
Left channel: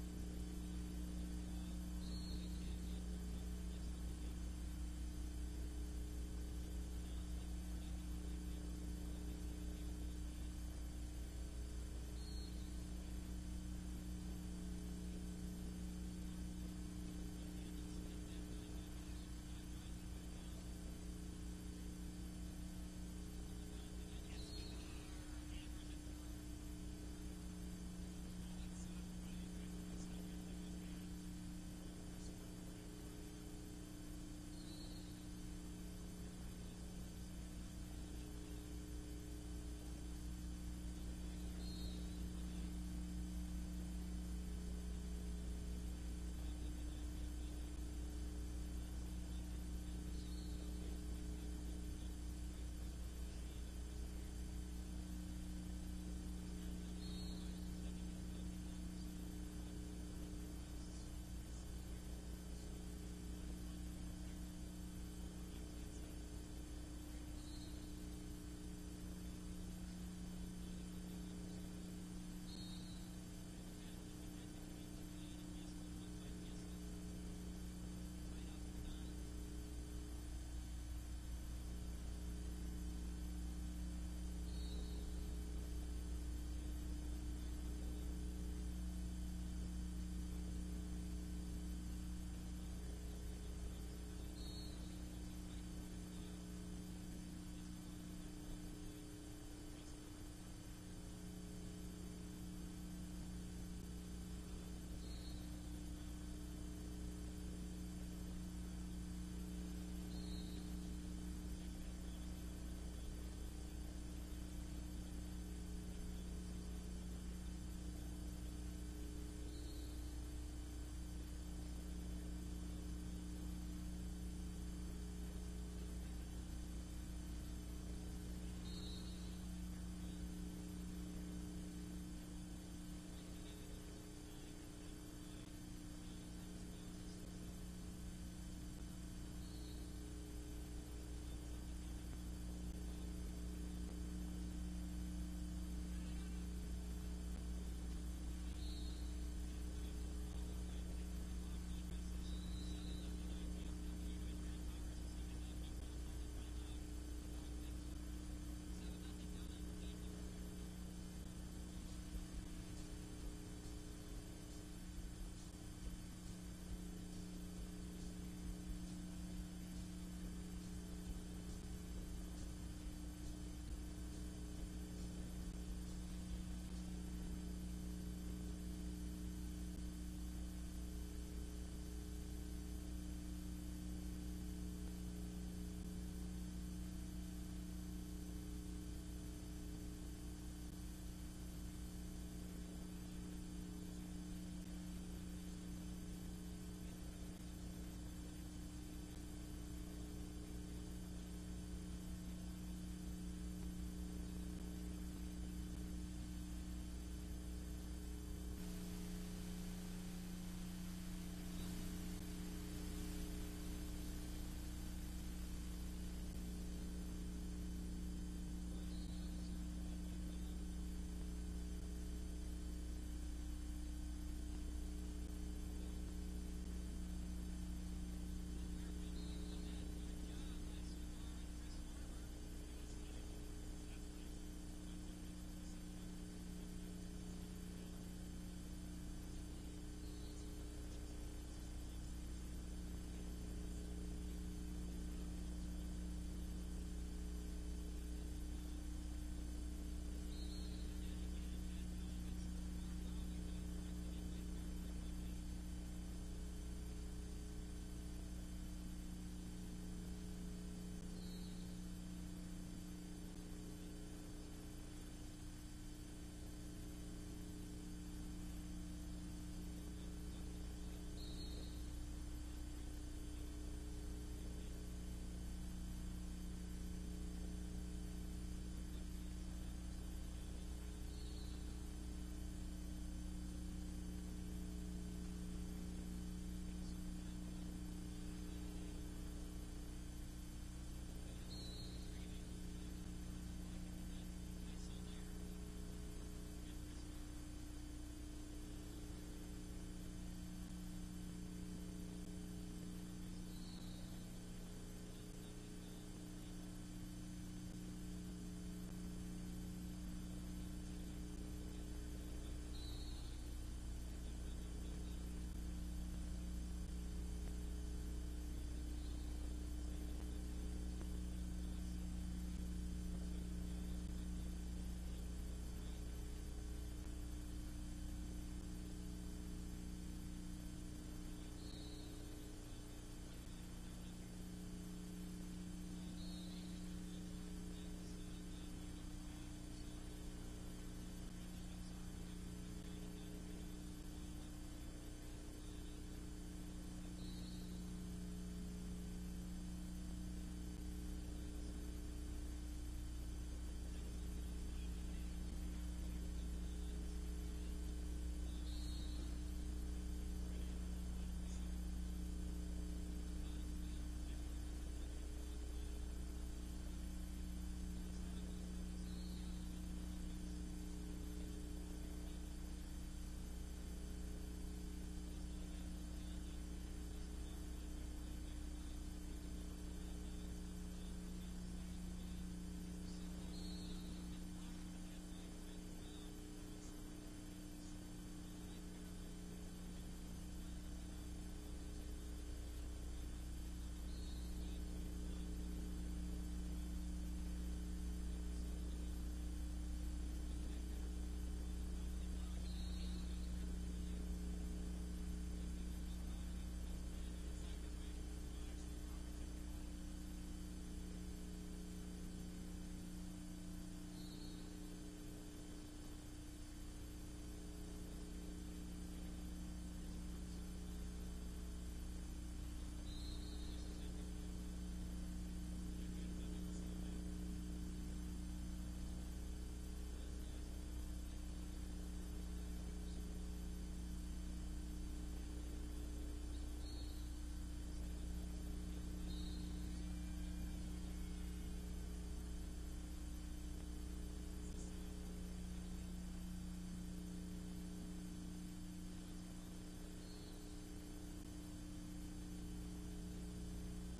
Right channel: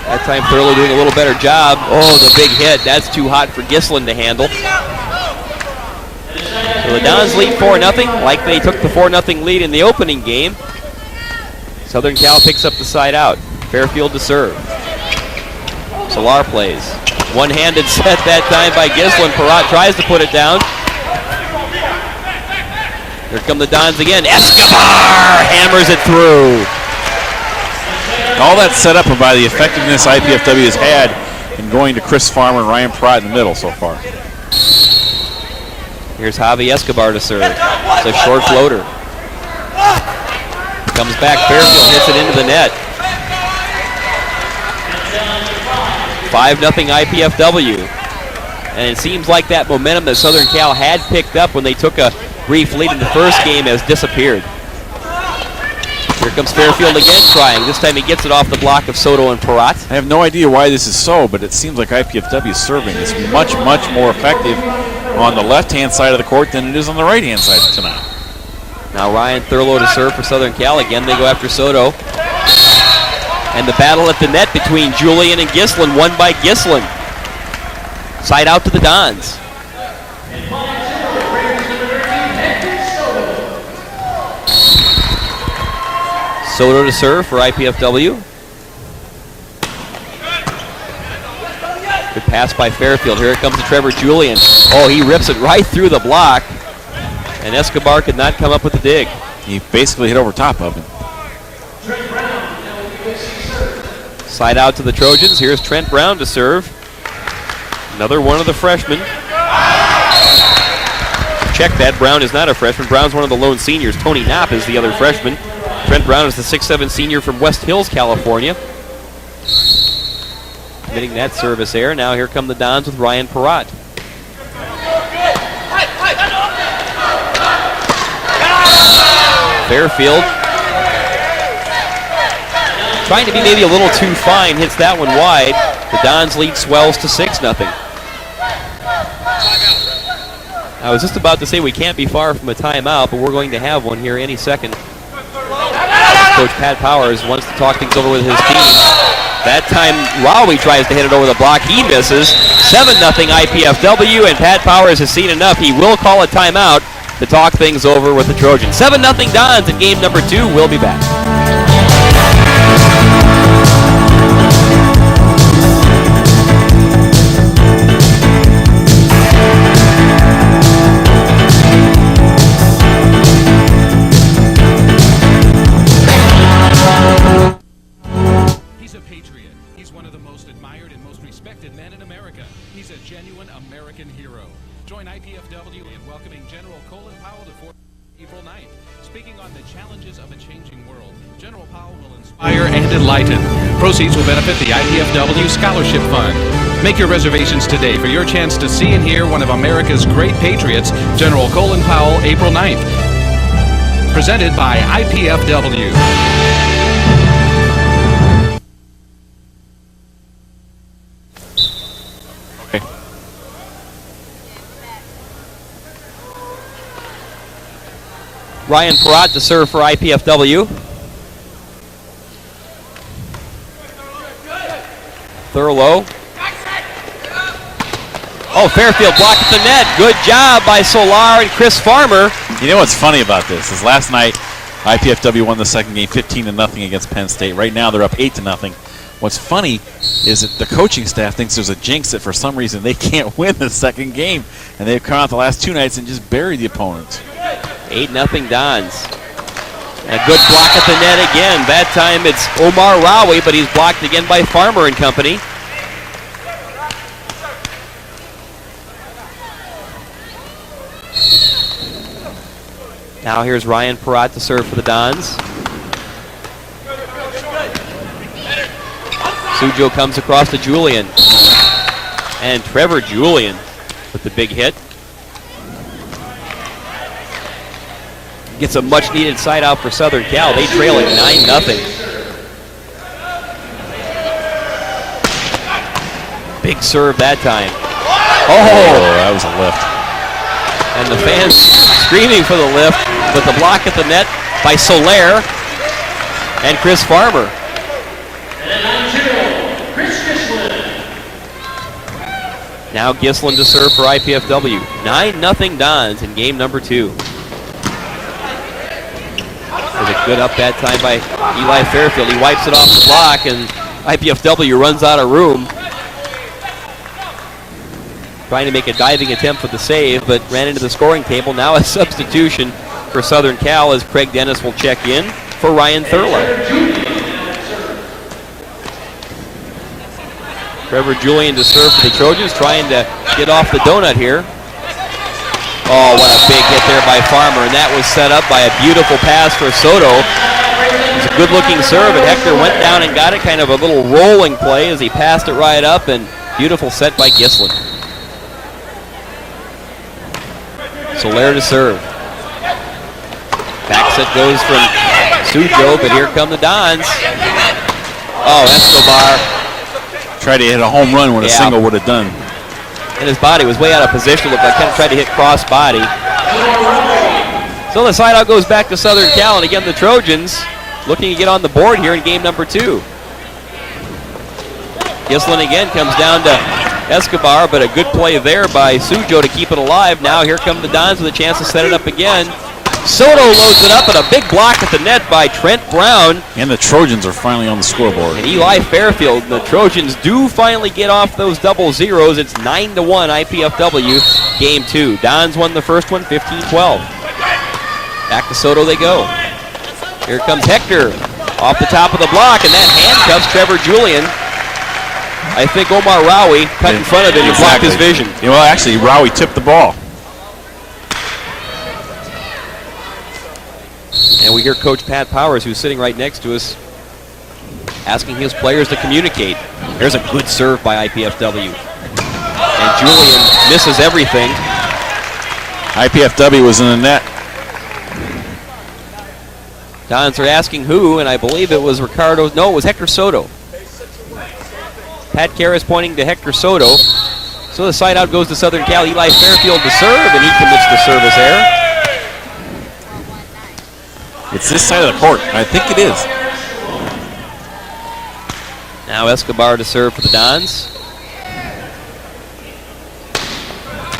That time Thurlow doing a little better job. Oh, the big hit. That's too hot for Gislin to handle. So the Dons lead 4-0, like they took the 4-0 lead in the opening game. Southern Cal picks up the side out. Fairfield to serve. Solar plays. One-handed set that time by Gislin. Perrott tries to put it down. Here come the Dons again. Escobar hammers it through. All that set up by the effectiveness IPFW has had in going to Chris Farmer and Ryan Perrott in the middle so far. Here's Javi Escobar to serve. It's a short floater. Comes back, Fairfield hits it into the net. 5-0 IPFW. And it seems like that momentum that Southern Cal had picked up when they took a brief lead in the first game has disappeared. Here comes Fairfield again trying. This time he gets it off the block of Soto and Perrott. I have no idea why this is so, but it seems like IPFW serving is much, much more effective on the left-hand side of the court than it is on the right-hand side tonight. Now Ryan Thurlow to serve for Southern Cal. Again, they go after Soto. And the battle at the net between Julian and Gislin, won by Gislin. Side out to the Dons. Soto to serve for IPFW. Good pass by Fairfield. Here it comes to Trevor Julian. Oh, he rips it right through the block. And Escobar could not come up with the dig. He basically hit over top of him. Side out to the Trojans. Here's Trent Brown to serve. Another one of the freshmen. Check that. Brown is not a freshman. Brown's one of the lone seniors. Tony Knopp is the other freshman. Trent Brown is the 6'7" senior from West Hills, California. Committing that service error. Now here come the Dons with Ryan Perrott. Fairfield trying to be maybe a little too fine, hits that one wide. The Dons lead swells to 6-0. I was just about to say we can't be far from a timeout, but we're going to have one here any second. Coach Pat Powers wants to talk things over with his team. That time Rowie tries to hit it over the block. He misses. 7-0 IPFW, and Pat Powers has seen enough. He will call a timeout to talk things over with the Trojans. 7-0 Dons in game number 2. We'll be back. He's a patriot. He's one of the most admired and most respected men in America. He's a genuine American hero. Join IPFW in welcoming General Colin Powell to Fort April 9th. Speaking on the challenges of a changing world, General Powell will inspire and enlighten. Proceeds will benefit the IPFW Scholarship Fund. Make your reservations today for your chance to see and hear one of America's great patriots, General Colin Powell, April 9th. Presented by IPFW. Okay. Ryan Perrott to serve for IPFW. Thurlow. Oh, Fairfield blocked at the net. Good job by Solar and Chris Farmer. You know what's funny about this is last night IPFW won the second game 15-0 against Penn State. Right now they're up 8-0. What's funny is that the coaching staff thinks there's a jinx that for some reason they can't win the second game, and they've come out the last two nights and just buried the opponents. 8-0 Dons. A good block at the net again. That time it's Omar Rawi, but he's blocked again by Farmer and company. Now here's Ryan Perrott to serve for the Dons. Sujo comes across to Julian. And Trevor Julian with the big hit. Gets a much needed side out for Southern Cal. They trail it 9-0. Big serve that time. Oh, that was a lift. And the fans screaming for the lift, but the block at the net by Soler and Chris Farmer. Now Gislin to serve for IPFW. 9-0 Dons in game number 2. There's a good up that time by Eli Fairfield. He wipes it off the block, and IPFW runs out of room. Trying to make a diving attempt for the save, but ran into the scoring table. Now a substitution for Southern Cal as Craig Dennis will check in for Ryan Thurlow. Trevor Julian to serve for the Trojans, trying to get off the donut here. Oh, what a big hit there by Farmer, and that was set up by a beautiful pass for Soto. It was a good-looking serve, and Hector went down and got it, kind of a little rolling play as he passed it right up, and beautiful set by Gislin. Soler to serve. Back set goes from Sujo, but here come the Dons. Oh, Escobar. Tried to hit a home run when a single would have done. And his body was way out of position. Looked like kind of tried to hit cross body. So the side out goes back to Southern Cal, and again the Trojans looking to get on the board here in game number 2. Gislin again comes down to Escobar, but a good play there by Sujo to keep it alive. Now here come the Dons with a chance to set it up again. Soto loads it up, and a big block at the net by Trent Brown. And the Trojans are finally on the scoreboard. And Eli Fairfield, and the Trojans do finally get off those double zeros. It's 9-1 IPFW, game 2. Dons won the first one, 15-12. Back to Soto they go. Here comes Hector off the top of the block, and that handcuffs Trevor Julian. I think Omar Rawi cut in front of him and blocked his vision. Yeah, well, actually, Rawi tipped the ball. And we hear Coach Pat Powers, who's sitting right next to us, asking his players to communicate. There's a good serve by IPFW. And Julian misses everything. IPFW was in the net. Dons are asking who, and I believe it was Ricardo. No, it was Hector Soto. Pat Karras pointing to Hector Soto. So the side out goes to Southern Cal. Eli Fairfield to serve, and he commits the service error. It's this side of the court. I think it is. Now Escobar to serve for the Dons.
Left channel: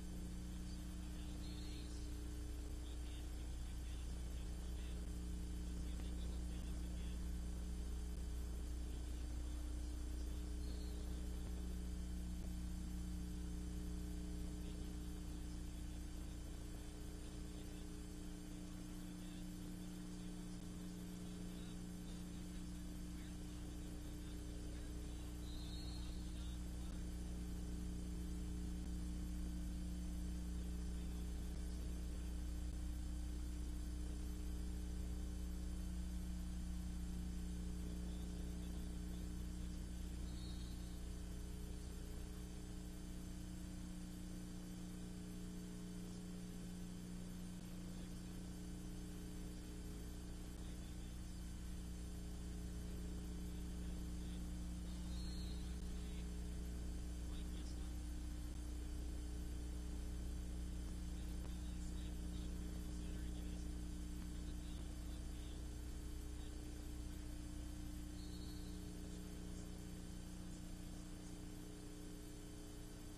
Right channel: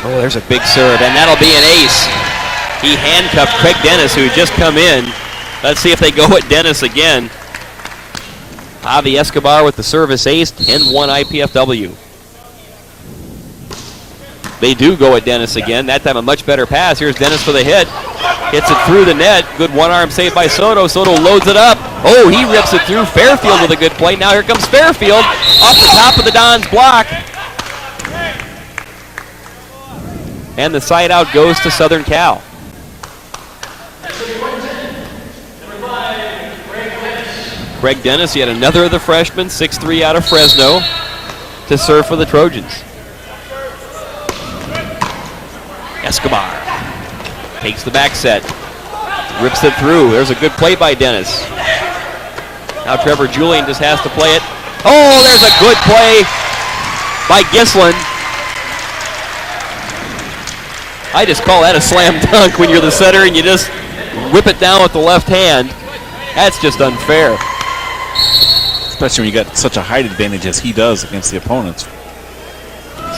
Oh, there's a big serve, and that'll be an ace. He handcuffed Craig Dennis, who had just come in. Let's see if they go at Dennis again. Javi Escobar with the service ace, 10-1 IPFW. They do go at Dennis again. That time a much better pass. Here's Dennis for the hit. Hits it through the net. Good one-arm save by Soto. Soto loads it up. Oh, he rips it through. Fairfield with a good play. Now here comes Fairfield off the top of the Dons block. And the side out goes to Southern Cal. Greg Dennis, yet another of the freshmen, 6'3" out of Fresno, to serve for the Trojans. Escobar takes the back set, rips it through. There's a good play by Dennis. Now Trevor Julian just has to play it. Oh, there's a good play by Gislin. I just call that a slam dunk when you're the setter and you just whip it down with the left hand. That's just unfair. Especially when you got such a height advantage as he does against the opponents.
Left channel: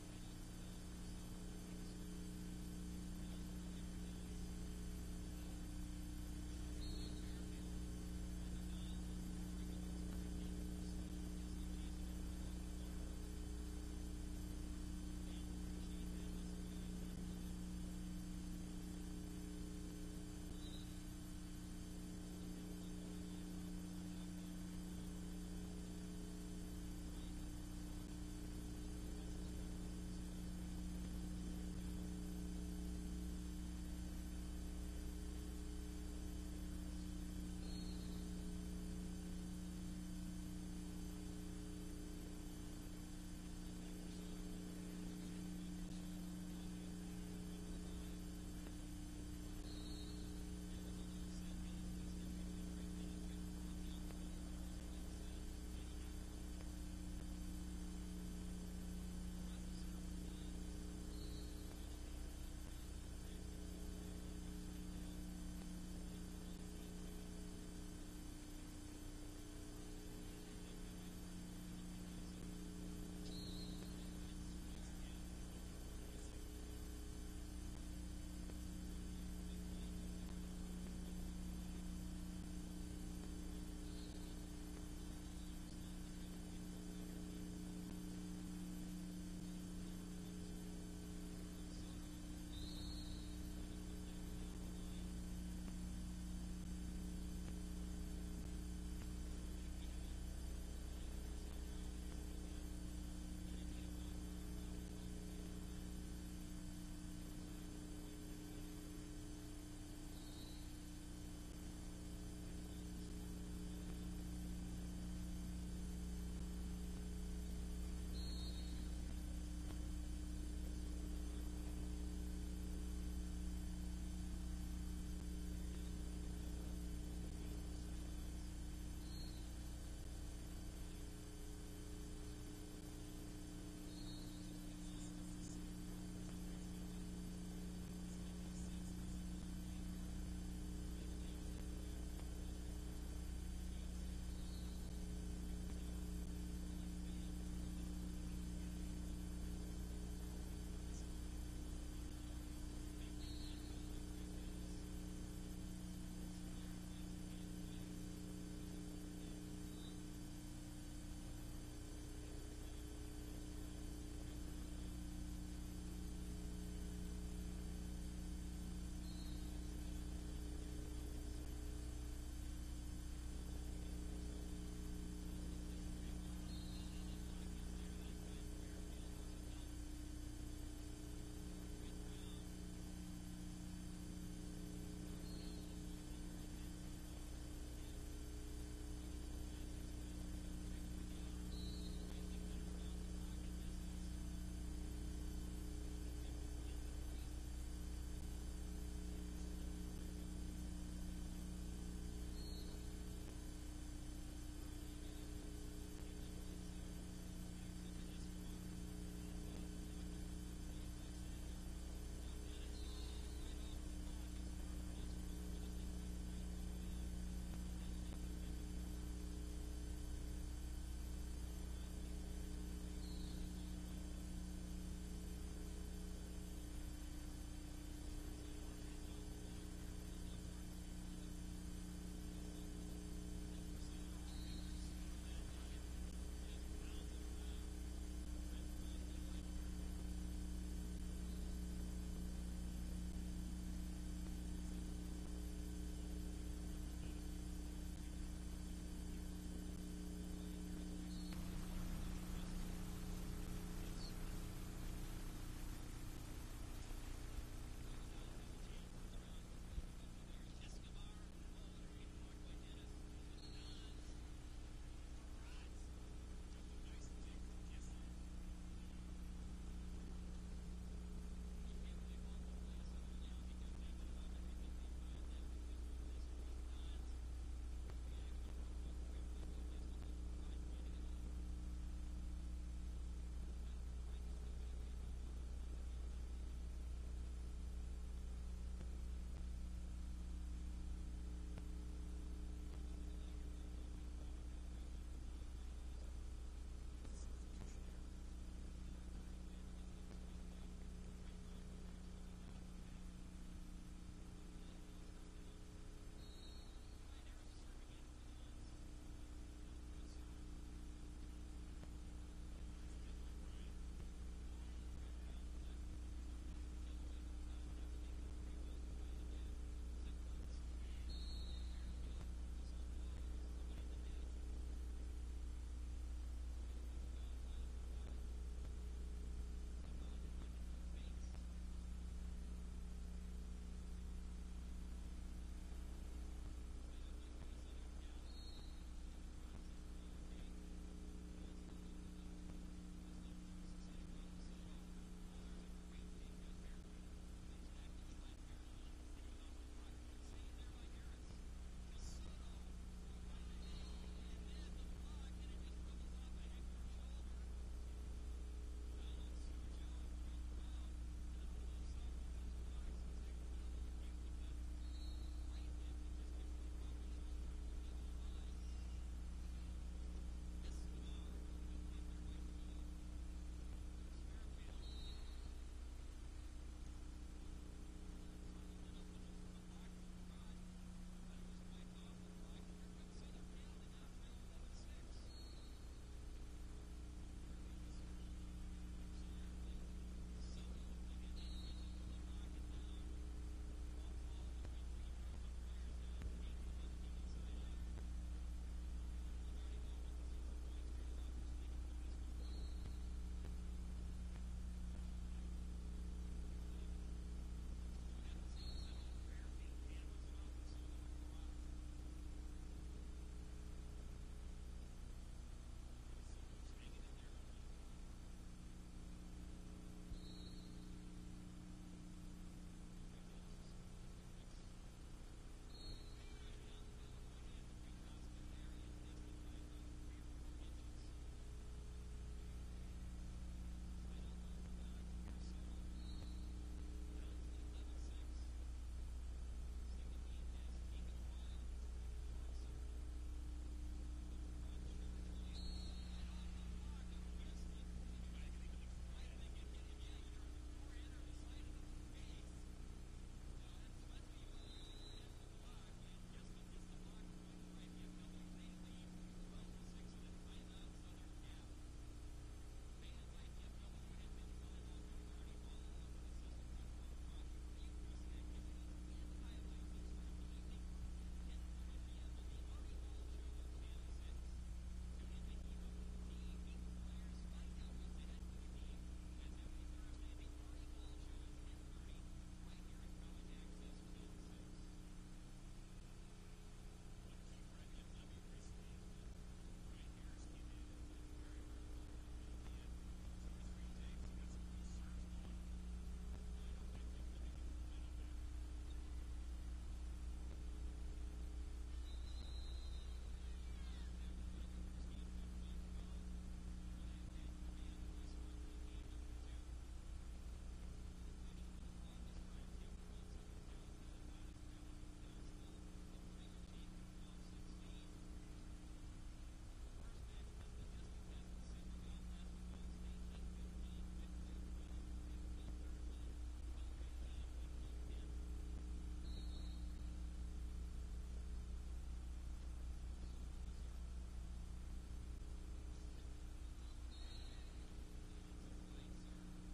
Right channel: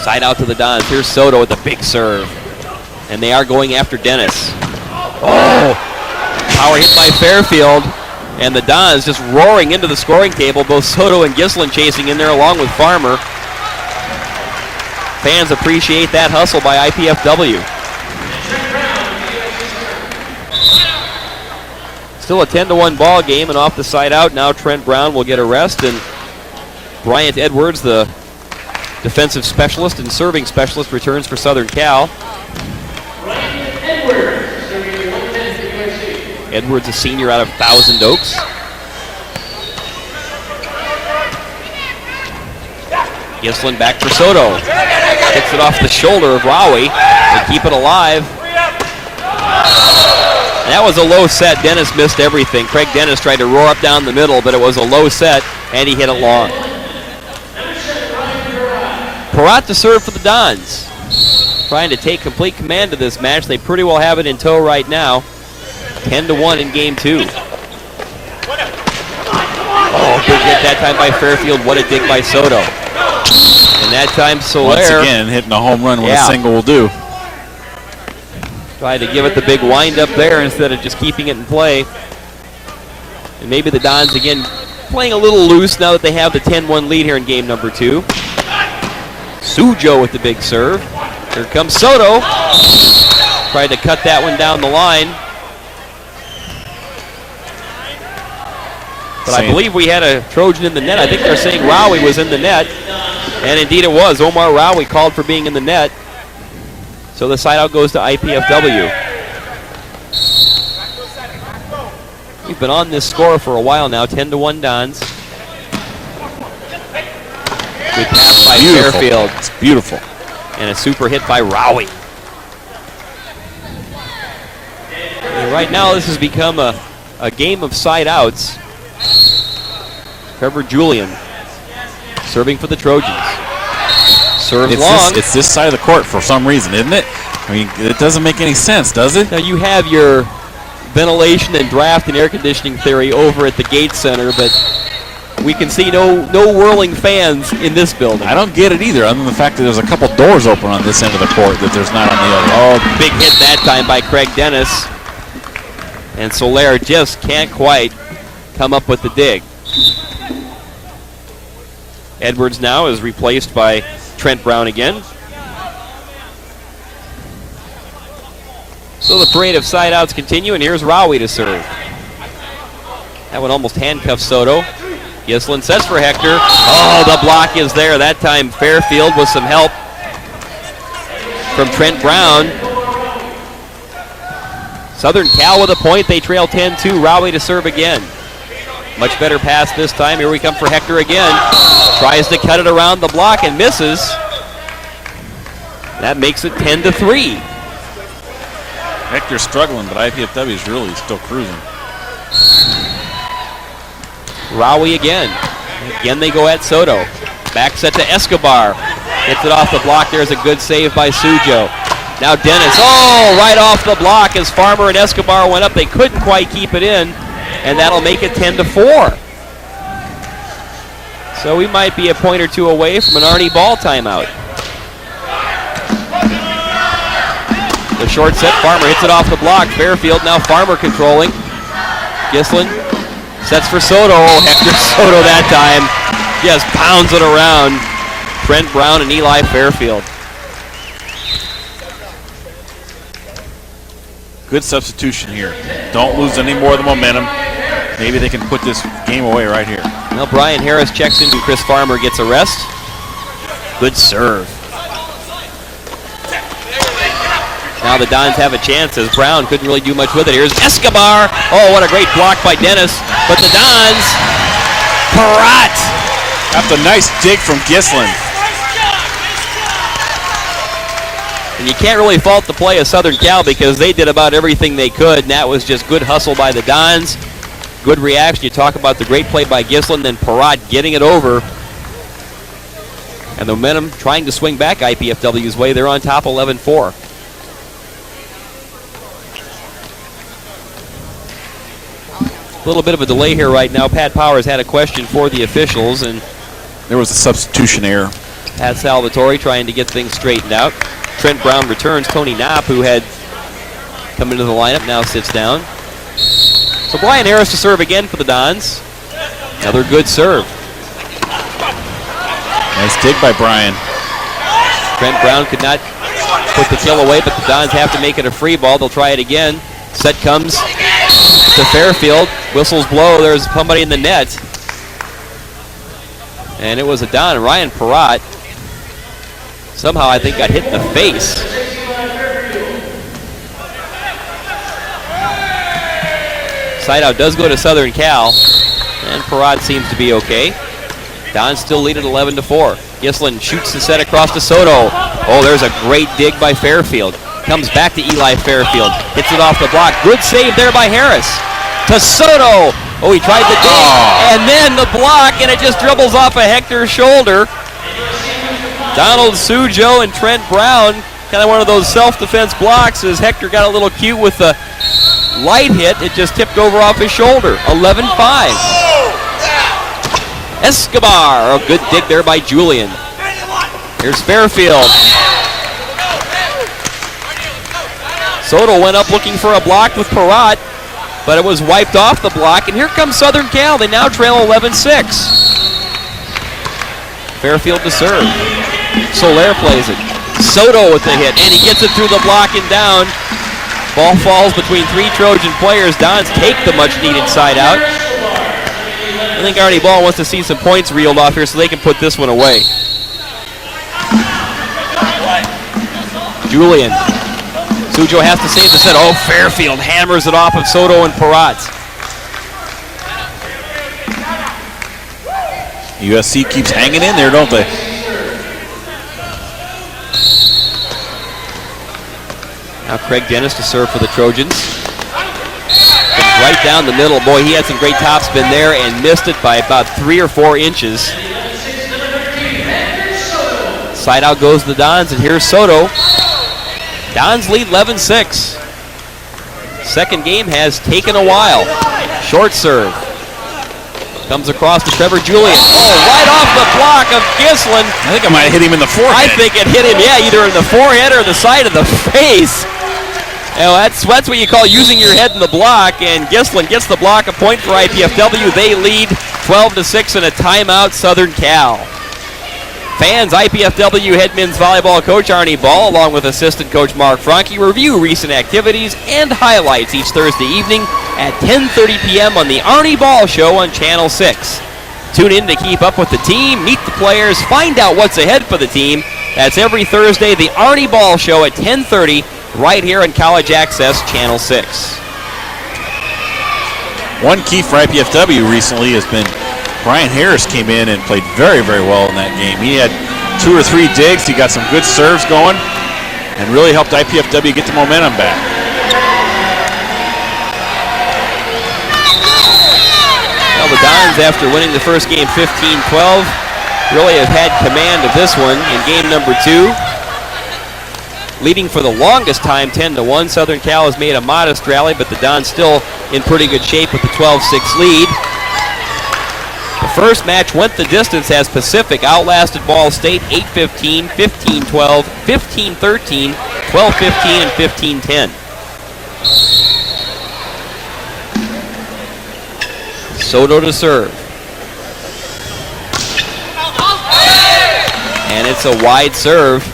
Side out to the Dons. Here's Soto with a big serve. And they are going after Dennis. Oh! Power hit by Fairfield. And the Dons just roaring into the scoring table. Both Soto and Gislin chasing in there along with Farmer. Fans appreciate that hustle by IPFW. Still a 10-1 ball game, and off the side out now Trent Brown will get a rest, and Bryant Edwards, the defensive specialist and serving specialist, returns for Southern Cal. Edwards, a senior out of Thousand Oaks. Gislin back for Soto. Hits it off the shoulder of Rowie. They keep it alive. That was a low set. Dennis missed everything. Craig Dennis tried to roar up down the middle, but it was a low set, and he hit it long. Peratt to serve for the Dons. Trying to take complete command of this match. They pretty well have it in tow right now. 10-1 in game 2. Oh, good hit that time by Fairfield. What a dig by Soto. And that time Soler. Once again, hitting a home run when a single will do. Tried to give it the big wind up there instead of just keeping it in play. And maybe the Dons again playing a little loose now that they have the 10-1 lead here in game number 2. Sujo with the big serve. Here comes Soto. Tried to cut that one down the line. But I believe we had a Trojan in the net. I think they're saying Rowie was in the net. And indeed it was. Omar Rowie called for being in the net. So the side out goes to IPFW. We've been on this score for a while now, 10-1 Dons. Good pass by Fairfield. It's beautiful. And a super hit by Rowie. And right now this has become a game of side outs. Trevor Julian serving for the Trojans. Serves long. It's this side of the court for some reason, isn't it? I mean, it doesn't make any sense, does it? Now you have your ventilation and draft and air conditioning theory over at the Gates Center, but we can see no whirling fans in this building. I don't get it either, other than the fact that there's a couple doors open on this end of the court that there's not on the other. Oh, big hit that time by Craig Dennis. And Soler just can't quite come up with the dig. Edwards now is replaced by Trent Brown again. So the parade of side outs continue, and here's Rowie to serve. That one almost handcuffs Soto. Gislin sets for Hector. Oh, the block is there. That time Fairfield with some help from Trent Brown. Southern Cal with a point. They trail 10-2. Rowie to serve again. Much better pass this time. Here we come for Hector again. Tries to cut it around the block and misses. That makes it 10-3. Hector's struggling, but IPFW is really still cruising. Rowie again. Again they go at Soto. Back set to Escobar. Hits it off the block. There's a good save by Sujo. Now Dennis. Oh, right off the block as Farmer and Escobar went up. They couldn't quite keep it in, and that'll make it 10-4. So we might be a point or two away from an Arnie Ball timeout. The short set, Farmer hits it off the block. Fairfield, now Farmer controlling. Gislin sets for Soto. Oh, Hector Soto that time just pounds it around Trent Brown and Eli Fairfield. Good substitution here. Don't lose any more of the momentum. Maybe they can put this game away right here. Well, Brian Harris checks in and Chris Farmer gets a rest. Good serve. Now the Dons have a chance as Brown couldn't really do much with it. Here's Escobar. Oh, what a great block by Dennis. But the Dons Parat! Got the nice dig from Gislin. And you can't really fault the play of Southern Cal because they did about everything they could, and that was just good hustle by the Dons. Good reaction. You talk about the great play by Gislin, then Parat getting it over. And the momentum trying to swing back IPFW's way. They're on top 11-4. A little bit of a delay here right now. Pat Powers had a question for the officials, and there was a substitution error. Pat Salvatore trying to get things straightened out. Trent Brown returns. Tony Knopp, who had come into the lineup, now sits down. So Brian Harris to serve again for the Dons. Another good serve. Nice dig by Brian. Trent Brown could not put the kill away, but the Dons have to make it a free ball. They'll try it again. Set comes to Fairfield. Whistles blow. There's somebody in the net. And it was a Don. Ryan Parat somehow, I think, got hit in the face. Side out does go to Southern Cal, and Parat seems to be okay. Don still lead at 11-4. Gislin shoots the set across to Soto. Oh, there's a great dig by Fairfield. Comes back to Eli Fairfield. Hits it off the block. Good save there by Harris. To Soto. Oh, he tried the dig, and then the block, and it just dribbles off of Hector's shoulder. Donald Sujo and Trent Brown, kind of one of those self-defense blocks as Hector got a little cute with the light hit. It just tipped over off his shoulder. 11-5. Escobar, a good dig there by Julian. Here's Fairfield. Soto went up looking for a block with Parat, but it was wiped off the block, and here comes Southern Cal. They now trail 11-6. Fairfield to serve. Soler plays it. Soto with the hit, and he gets it through the block and down. Ball falls between three Trojan players. Dons take the much-needed side out. I think Arnie Ball wants to see some points reeled off here so they can put this one away. Julian. Sujo has to save the set. Oh, Fairfield hammers it off of Soto and Parat. USC keeps hanging in there, don't they? Now Craig Dennis to serve for the Trojans. Comes right down the middle. Boy, he had some great topspin there and missed it by about 3 or 4 inches. Side out goes the Dons, and here's Soto. Dons lead 11-6. Second game has taken a while. Short serve. Comes across to Trevor Julian. Oh, right off the block of Gislin. I think I might have hit him in the forehead. I think it hit him, yeah, either in the forehead or the side of the face. You know, that's what you call using your head in the block, and Gislin gets the block, a point for IPFW. They lead 12-6 in a timeout, Southern Cal. Fans, IPFW head men's volleyball coach Arnie Ball, along with assistant coach Mark Franke, review recent activities and highlights each Thursday evening at 10:30 p.m. on the Arnie Ball Show on Channel 6. Tune in to keep up with the team, meet the players, find out what's ahead for the team. That's every Thursday, the Arnie Ball Show at 10:30, right here on College Access Channel 6. One key for IPFW recently has been Brian Harris came in and played very, very well in that game. He had 2 or 3 digs. He got some good serves going and really helped IPFW get the momentum back. Well, the Dons, after winning the first game 15-12, really have had command of this one in game number 2. Leading for the longest time, 10-1. Southern Cal has made a modest rally, but the Dons still in pretty good shape with the 12-6 lead. The first match went the distance as Pacific outlasted Ball State 8-15, 15-12, 15-13, 12-15, and 15-10. Soto to serve. And it's a wide serve.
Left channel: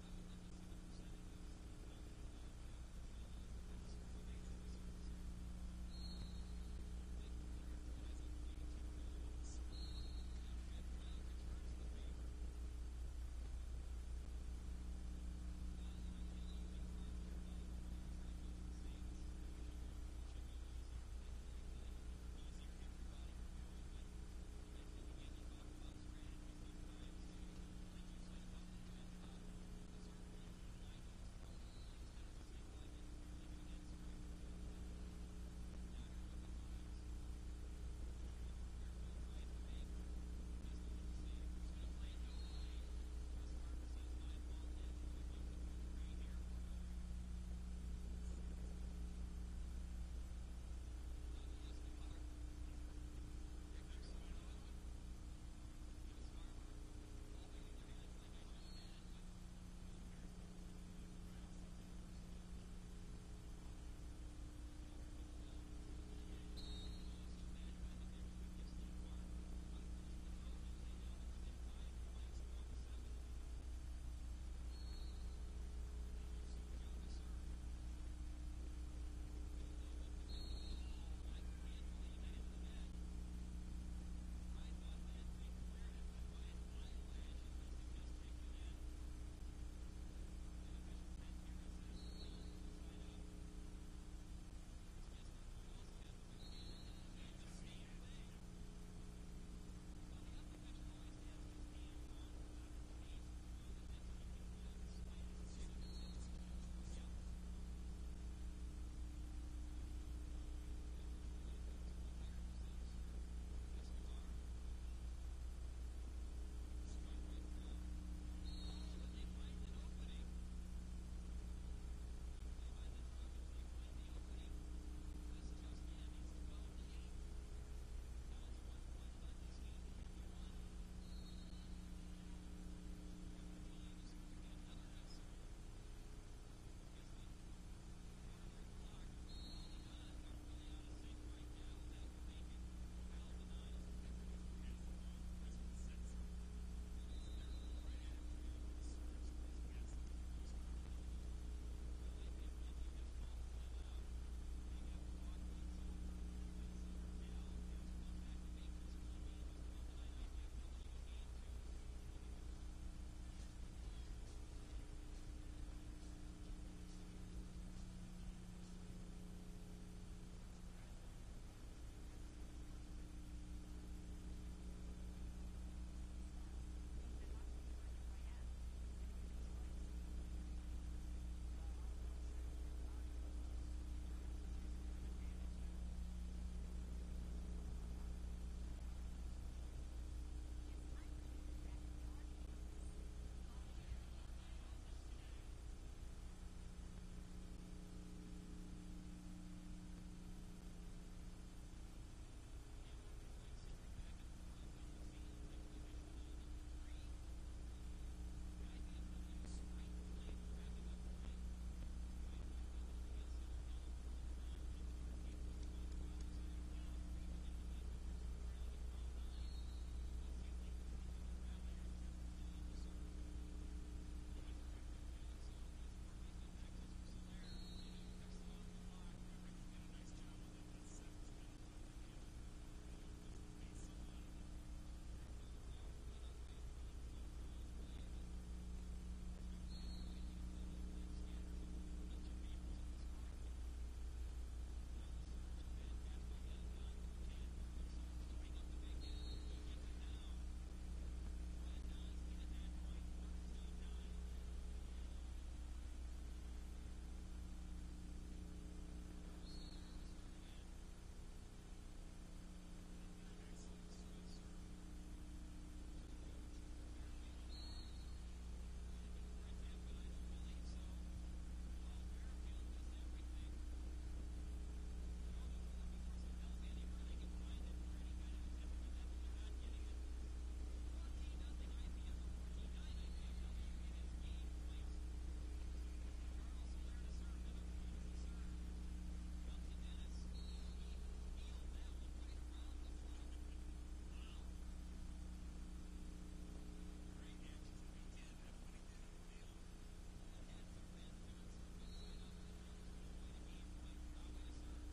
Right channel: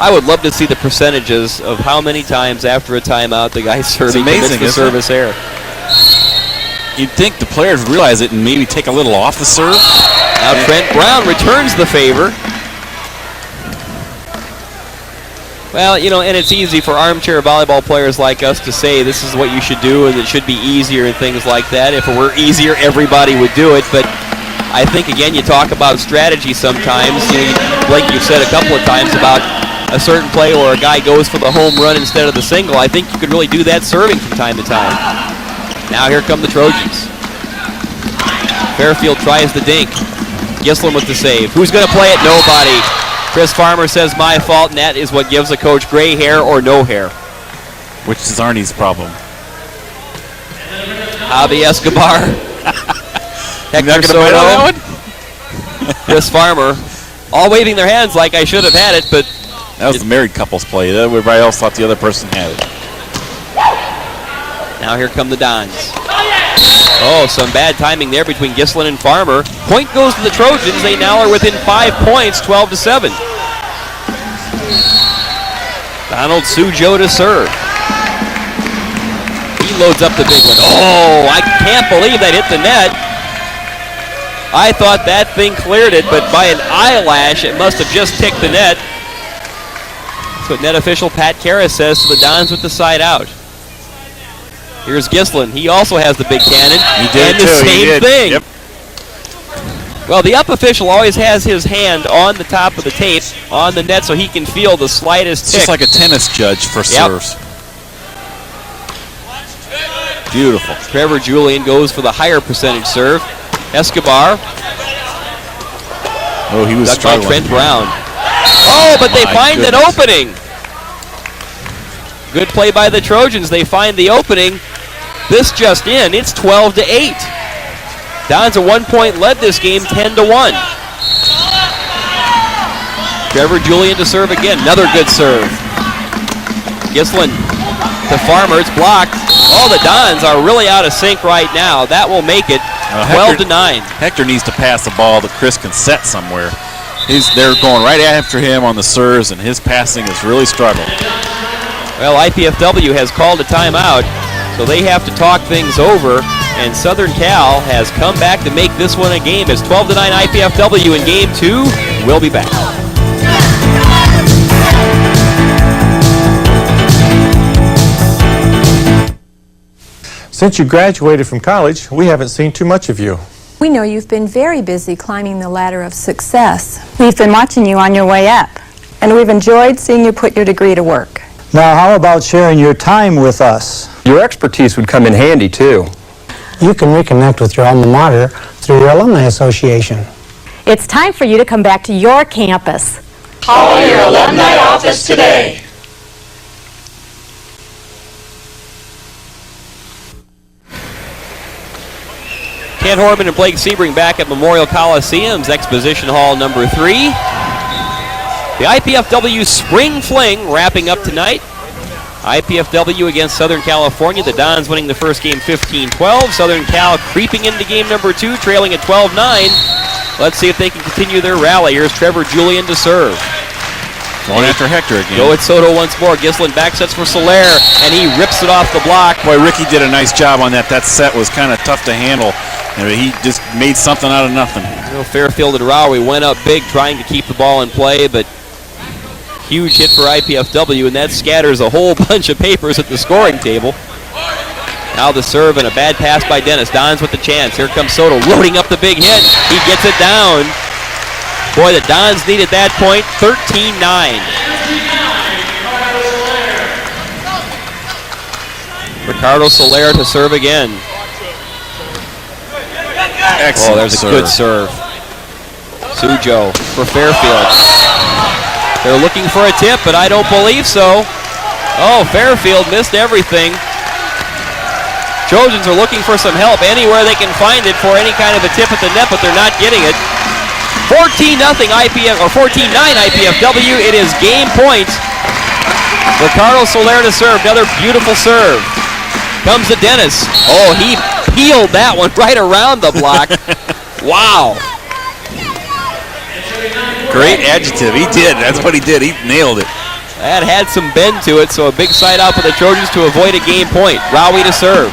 I would love to see the percentages of how many times after a timeout the guy serving commits the service error. You'd think the players realize it and maybe take a little off the serve. Now Trent Brown returns the favor. Well, and it's easy for armchair volleyball players like us to say this is what you should do and it should be easier and things like that. If it were easier, everybody would do it. But I think, again, you talk about strategy sometimes. Like you've said a couple of times about a certain play where a guy goes for the home run instead of the single. I think you could really do that serving from time to time. Now here come the Trojans. Fairfield tries the dink. Gislin with the save. Who's going to play it? Nobody. Chris Farmer says my fault, and that is what gives a coach gray hair or no hair. Which is Arnie's problem. Javi Escobar. Hector Soto. Chris Farmer. All waving their hands like I should have had it, but... That was the married couple's play. Everybody else thought the other person had it. Now here come the Dons. Oh, some bad timing there between Gislin and Farmer. Point goes to the Trojans. They now are within 5 points, 12-7. Donald Sujo to serve. He loads up the big one. Oh, I can't believe that hit the net. I thought that thing cleared it, but by an eyelash, it must have just ticked the net. That's what net official Pat Karras says to the Dons with the side out. Here's Gislin. He also has the big cannon. He did and the too. same thing. Yep. Well, the up official always has his hand on the top of the tape on the net so he can feel the slightest It's tick. just like a tennis judge for serves. Beautiful. Trevor Julian goes for the higher percentage serve. Escobar. Oh, he was struggling. By Trent Brown. Oh, but they find an opening. Good play by the Trojans. They find the opening. This just in. It's 12-8. Dons a 1-point led this game, 10-1. Trevor Julian to serve again. Another good serve. Gislin to Farmer. It's blocked. Oh, the Dons are really out of sync right now. That will make it 12-9. Hector needs to pass the ball that Chris can set somewhere. They're going right after him on the serves, and his passing is really struggling. Well, IPFW has called a timeout, so they have to talk things over, and Southern Cal has come back to make this one a game. It's 12-9 IPFW in Game 2. We'll be back. Since you graduated from college, we haven't seen too much of you. We know you've been very busy climbing the ladder of success. We've been watching you on your way up, and we've enjoyed seeing you put your degree to work. Now, how about sharing your time with us? Your expertise would come in handy, too. You can reconnect with your alma mater through your alumni association. It's time for you to come back to your campus. Call your alumni office today. Ken Horman and Blake Sebring back at Memorial Coliseum's Exposition Hall number 3. The IPFW Spring Fling wrapping up tonight. IPFW against Southern California. The Dons winning the first game 15-12. Southern Cal creeping into game number 2, trailing at 12-9. Let's see if they can continue their rally. Here's Trevor Julian to serve. Going after Hector again. Go at Soto once more. Gislin back sets for Soler, and he rips it off the block. Boy, Ricky did a nice job on that. That set was kind of tough to handle. And he just made something out of nothing. Fairfield and Rowery went up big trying to keep the ball in play, but huge hit for IPFW, and that scatters a whole bunch of papers at the scoring table. Now the serve and a bad pass by Dennis. Dons with the chance. Here comes Soto loading up the big hit. He gets it down. Boy, the Dons needed that point. 13-9. Ricardo Soler to serve again. Excellent. Oh, there's a good serve. Sujo for Fairfield. They're looking for a tip, but I don't believe so. Oh, Fairfield missed everything. Trojans are looking for some help anywhere they can find it for any kind of a tip at the net, but they're not getting it. 14-0 IPF, or 14-9 IPFW. It is game point. Ricardo Soler to serve. Another beautiful serve. Comes to Dennis. Oh, he peeled that one right around the block. Wow. Great adjective. He did. That's what he did. He nailed it. That had some bend to it, so a big side out for the Trojans to avoid a game point. Rowie to serve.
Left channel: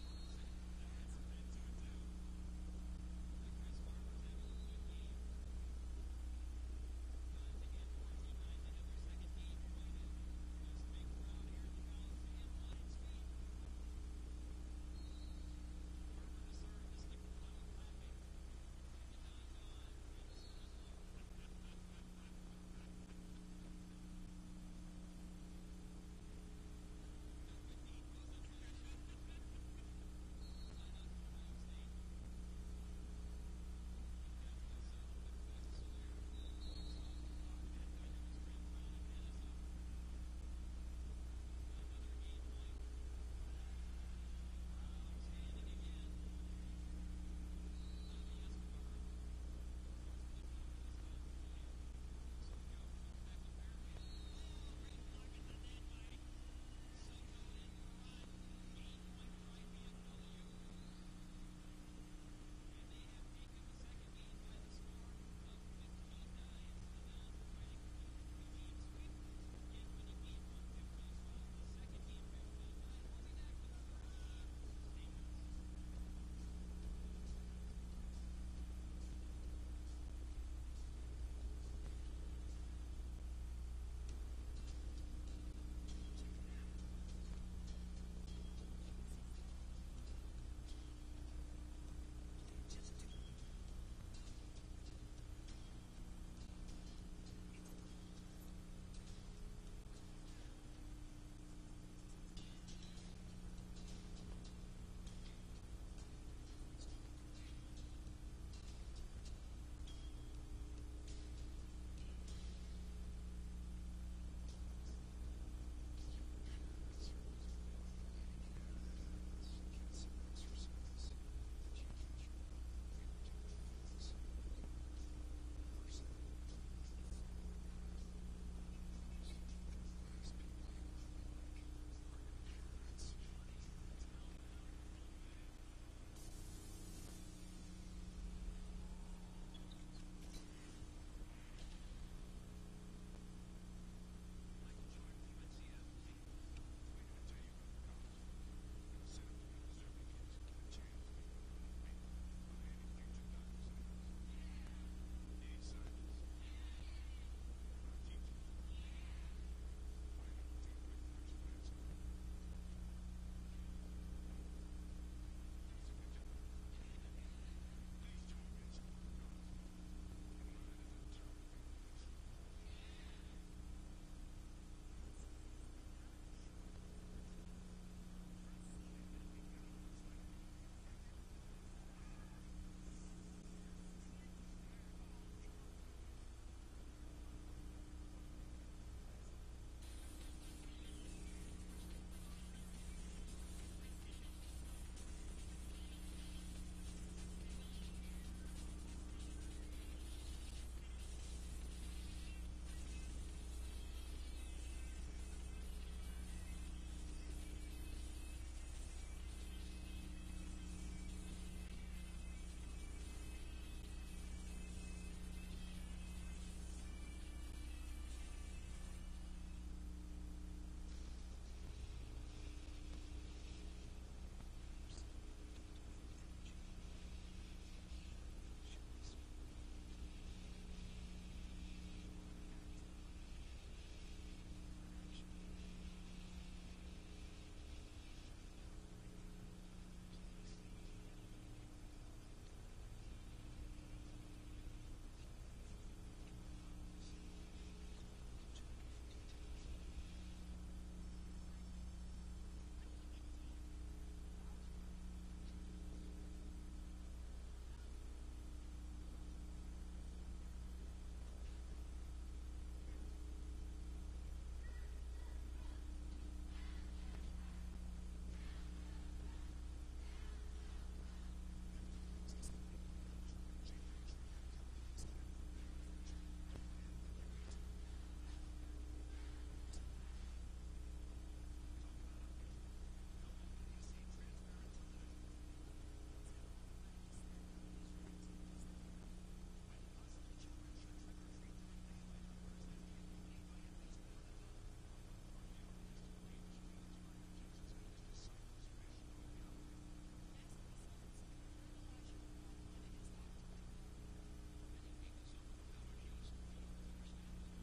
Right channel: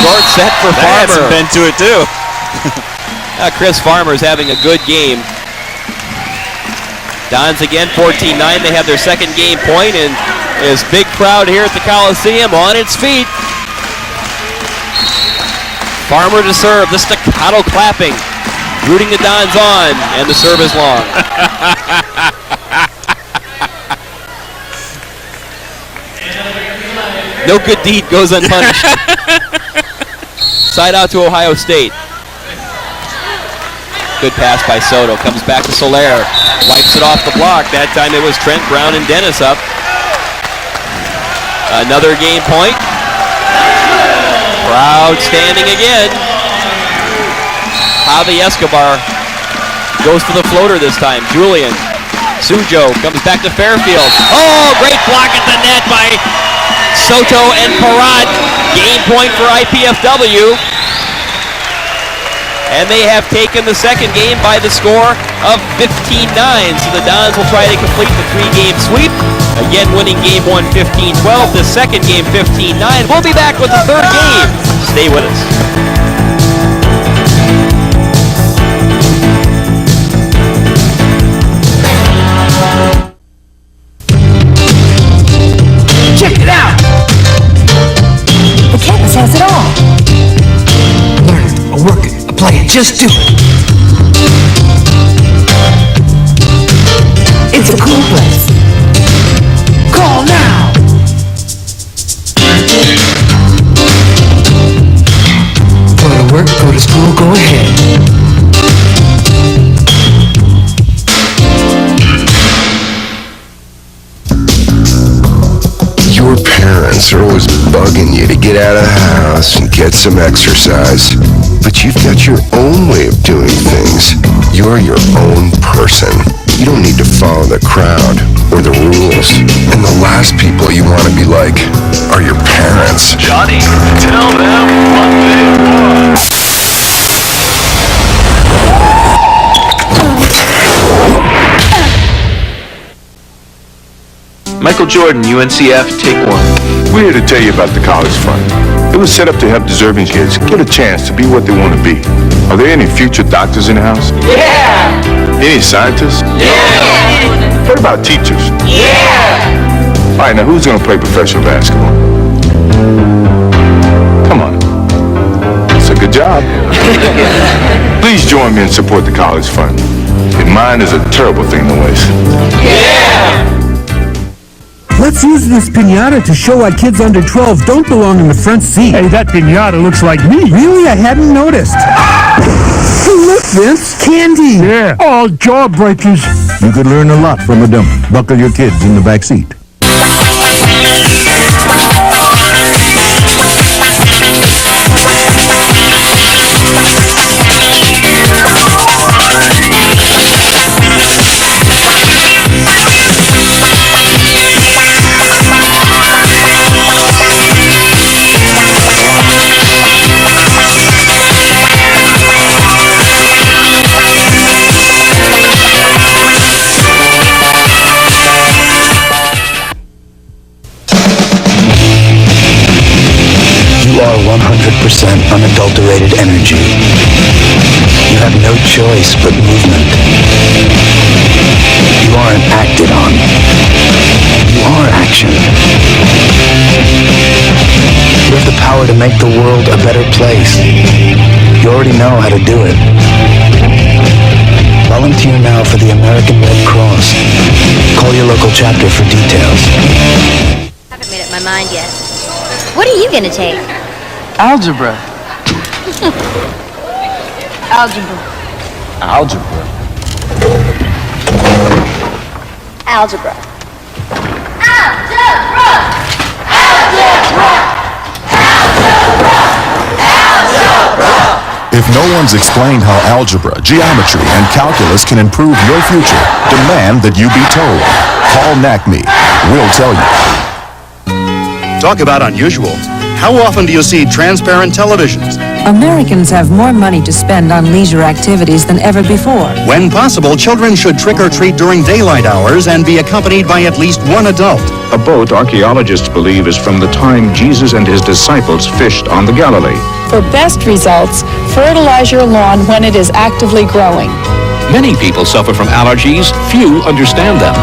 Short set for Farmer. That had some bend to it, too. Chris Farmer's having a good game. Dons again, 14-9. They have their second game point, and this big crowd here at the Coliseum on its feet. Farmer to serve, the staccato clapping, rooting the Dons on, and the serve is long. No good deed goes unpunished. Side out to Ohio State. Good pass by Soto. Comes back to Soler. Wipes it off the block. That time it was Trent Brown and Dennis up. Another game point. Crowd standing again. Javi Escobar goes for the floater this time. Julian. Sujo comes back to Fairfield. Oh, great block at the net by Soto and Parat. Game point for IPFW. And they have taken the second game by the score of 15-9. So the Dons will try to complete the three-game sweep. Again, winning game one 15-12. The second game 15-9. We'll be back with the third game. Stay with us. Check it out! The campus has it all. Learn it, or work it, or play it, just do it. It's a cool place. Call now! Go to work, go to school, go ahead. Your parents are always bugging you to get out of the house and get some exercise. But you've got your own way of doing things. You're your own person. You don't need to follow the crowd or the rules. And the last people you want to be like are your parents. Johnny, tell them what they want. Michael Jordan, UNCF, take one. We're here to tell you about the College Fund. It was set up to help deserving kids get a chance to be what they want to be. Are there any future doctors in the house? Yeah! Any scientists? Yeah! What about teachers? Yeah! All right, now who's going to play professional basketball? Come on. It's a good job. Please join me and support the College Fund. And mine is a terrible thing to waste. Yeah! Let's use this piñata to show why kids under 12 don't belong in the front seat. Hey, that piñata looks like me. Really? I hadn't noticed. Hey, look, Vince. Candy. Yeah, all jawbreakers. You could learn a lot from a dummy. Buckle your kids in the back seat. You are 100% unadulterated energy. You have no choice but movement. You aren't acted on. You are action. You have the power to make the world a better place. You already know how to do it. Volunteer now for the American Red Cross. Call your local chapter for details. I haven't made up my mind yet. What are you gonna take? Algebra. Algebra. Algebra. Algebra. If no one's explained how algebra, geometry, and calculus can improve your future, demand that you be told. Call NACME. We'll tell you. Talk about unusual. How often do you see transparent televisions? Americans have more money to spend on leisure activities than ever before. When possible, children should trick or treat during daylight hours and be accompanied by at least one adult. A boat, archaeologists believe, is from the time Jesus and his disciples fished on the Galilee. For best results, fertilize your lawn when it is actively growing. Many people suffer from allergies. Few understand them.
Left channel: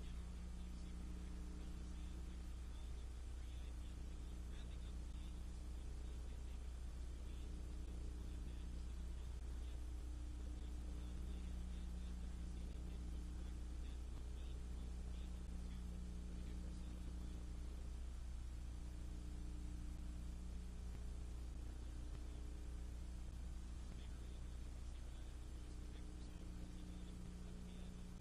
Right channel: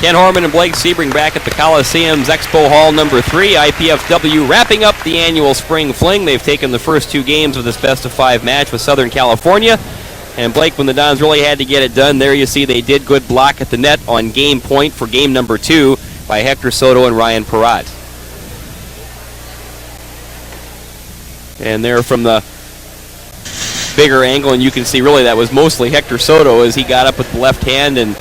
Ken Horman and Blake Sebring back at the Coliseum's Expo Hall number 3. IPFW wrapping up the annual spring fling. They've taken the first 2 games of this best-of-5 match with Southern California. And Blake, when the Dons really had to get it done, there you see they did good block at the net on game point for game number 2 by Hector Soto and Ryan Perrott. And there from the bigger angle, and you can see really that was mostly Hector Soto as he got up with the left hand and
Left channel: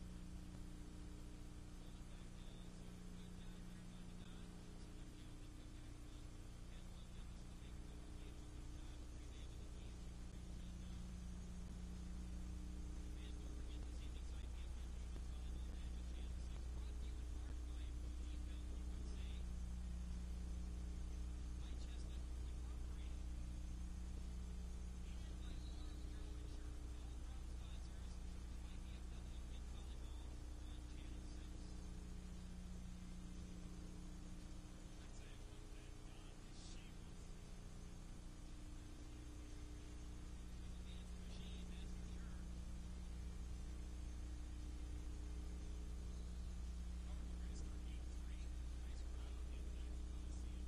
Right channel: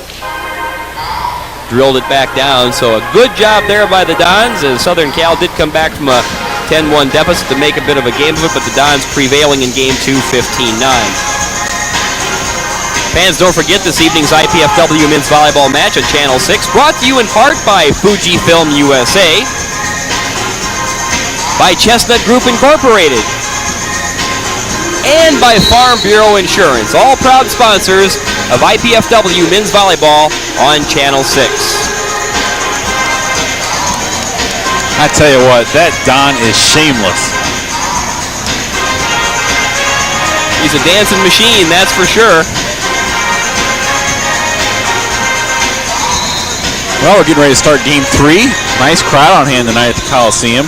drilled it back down. So a good job there by the Dons, as Southern Cal did come back from a 10-1 deficit to make a bit of a game of it, but the Dons prevailing in game 2, 15-9. Fans, don't forget this evening's IPFW men's volleyball match on Channel 6, brought to you in part by Fujifilm USA, by Chestnut Group Incorporated, and by Farm Bureau Insurance, all proud sponsors of IPFW men's volleyball on Channel 6. I tell you what, that Don is shameless. He's a dancing machine, that's for sure. Well, we're getting ready to start game 3. Nice crowd on hand tonight at the Coliseum.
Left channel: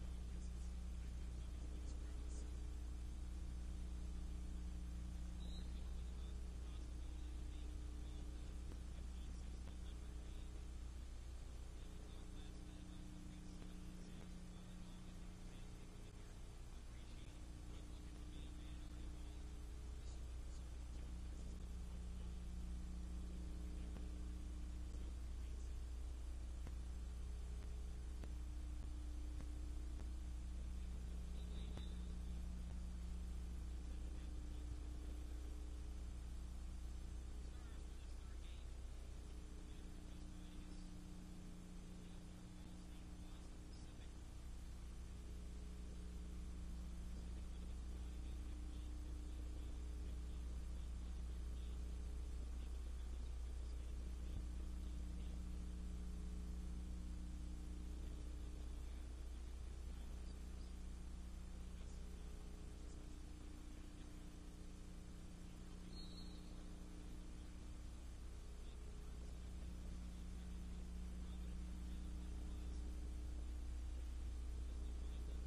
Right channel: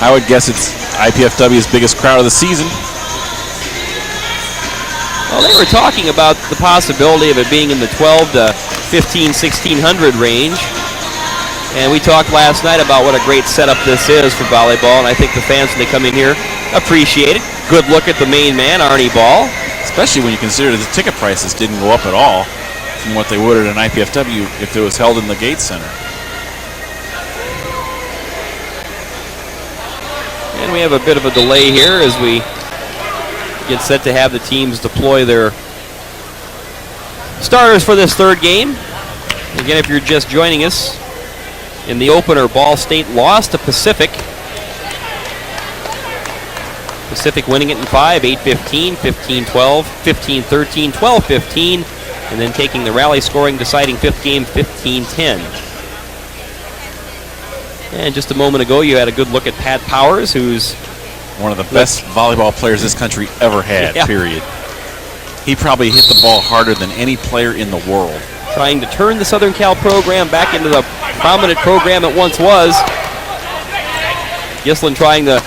I would guess it's IPFW's biggest crowd of the season. Well, they were talking about the possibility of it being in the 12 to 15, 1600 range. And we talked last night about what a great setup this is for volleyball, and I think the fans, when they come in here, appreciate it. Good look at the main man, Arnie Ball. Especially when you consider the ticket prices didn't go up at all from what they would at an IPFW if it was held in the Gates Center. And we have a bit of a delay here as we get set to have the teams deploy their starters for this third game. Again, if you're just joining us, in the opener, Ball State lost to Pacific. Pacific winning it in 5, 8-15, 15-12, 15-13, 12-15, and then taking the rally scoring deciding 5th game, 15-10. And just a moment ago, you had a good look at Pat Powers, who's one of the best volleyball players this country ever had, period. He probably hit the ball harder than any player in the world. Trying to turn the Southern Cal program back into the prominent program it once was. Gislin trying the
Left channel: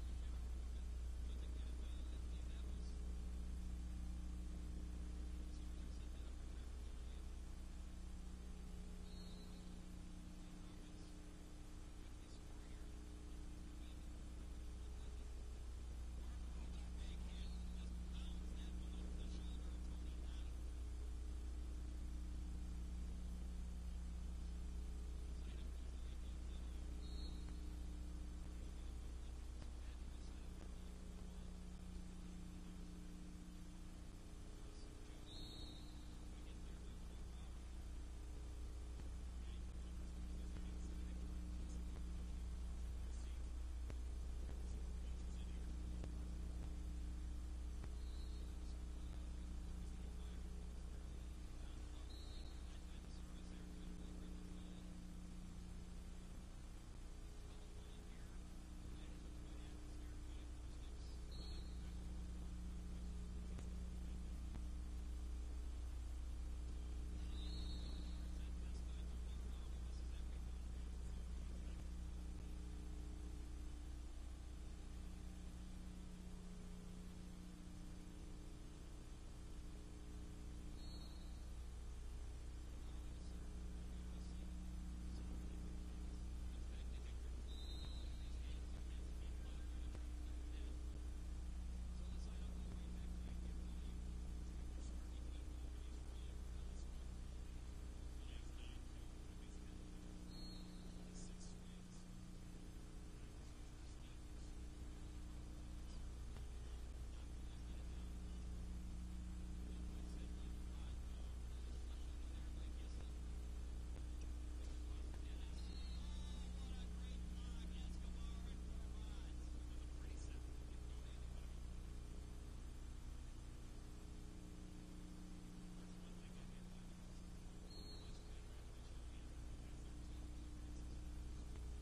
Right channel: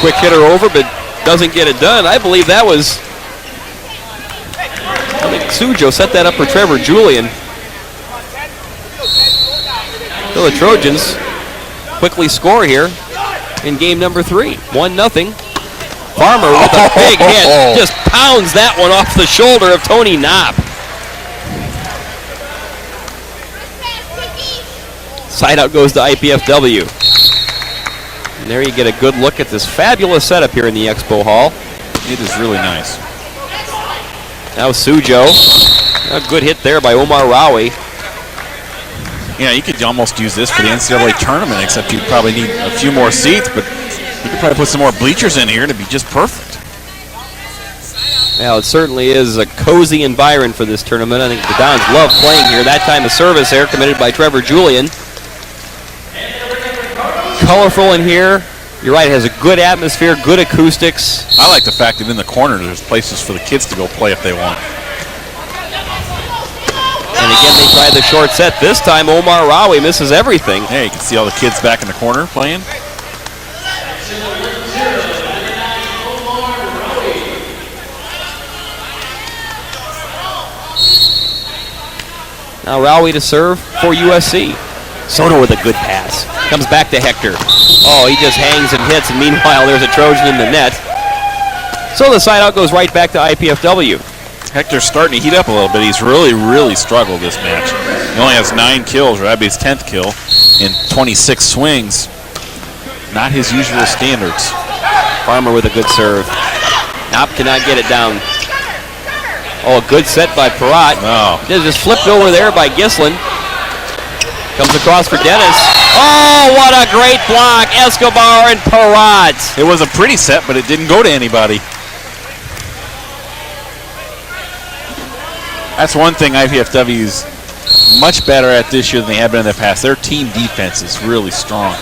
quick hitter over, but doesn't get it done. I believe that was, I think Sujo set that up for Trevor Julian. So the Trojans quickly score here in game number 3, 1-0. Farmer with a big hit, just pounds that one off the shoulder of Tony Knopp. Side out goes to IPFW. And there you get a good look at this fabulous setup here in the Expo Hall. It is really nice. Now Sujo. A good hit there by Omar Rawi. Yeah, you could almost use this for the NCAA tournament, except you'd probably need a few more seats, but you could probably put some more bleachers in here and it'd be just perfect. Well, it certainly is a cozy environment for this tournament. I think the Dons love playing here. That time a service there committed by Trevor Julian. Colorful in here. You're right, it has a good atmosphere, good acoustics. I like the fact that in the corner there's places for the kids to go play if they want. And again, they try the short set. This time, Omar Rawi misses everything. Hey, you can see all the kids back in the corner playing. Now Rawi to serve for USC. Soto with a good pass. Comes back to Hector. Oh, he just hangs and hits, and meanwhile there's a Trojan in the net. So the side out goes right back to IPFW. Hector's starting to heat up a little bit. He's really struggled this match. He only has 9 kills, or that'd be his 10th kill, in 26 swings. Not his usual standards. Farmer with a good serve. Knopp cannot get it down. Oh, a good set by Perrott. Oh. Just flipped over there by Gislin. Comes across for Dennis. Oh, what a great block. Escobar and Perrott. It was a pretty set, but it didn't go to anybody. That's one thing IPFW's much better at this year than they have been in the past. Their team defense is really strong.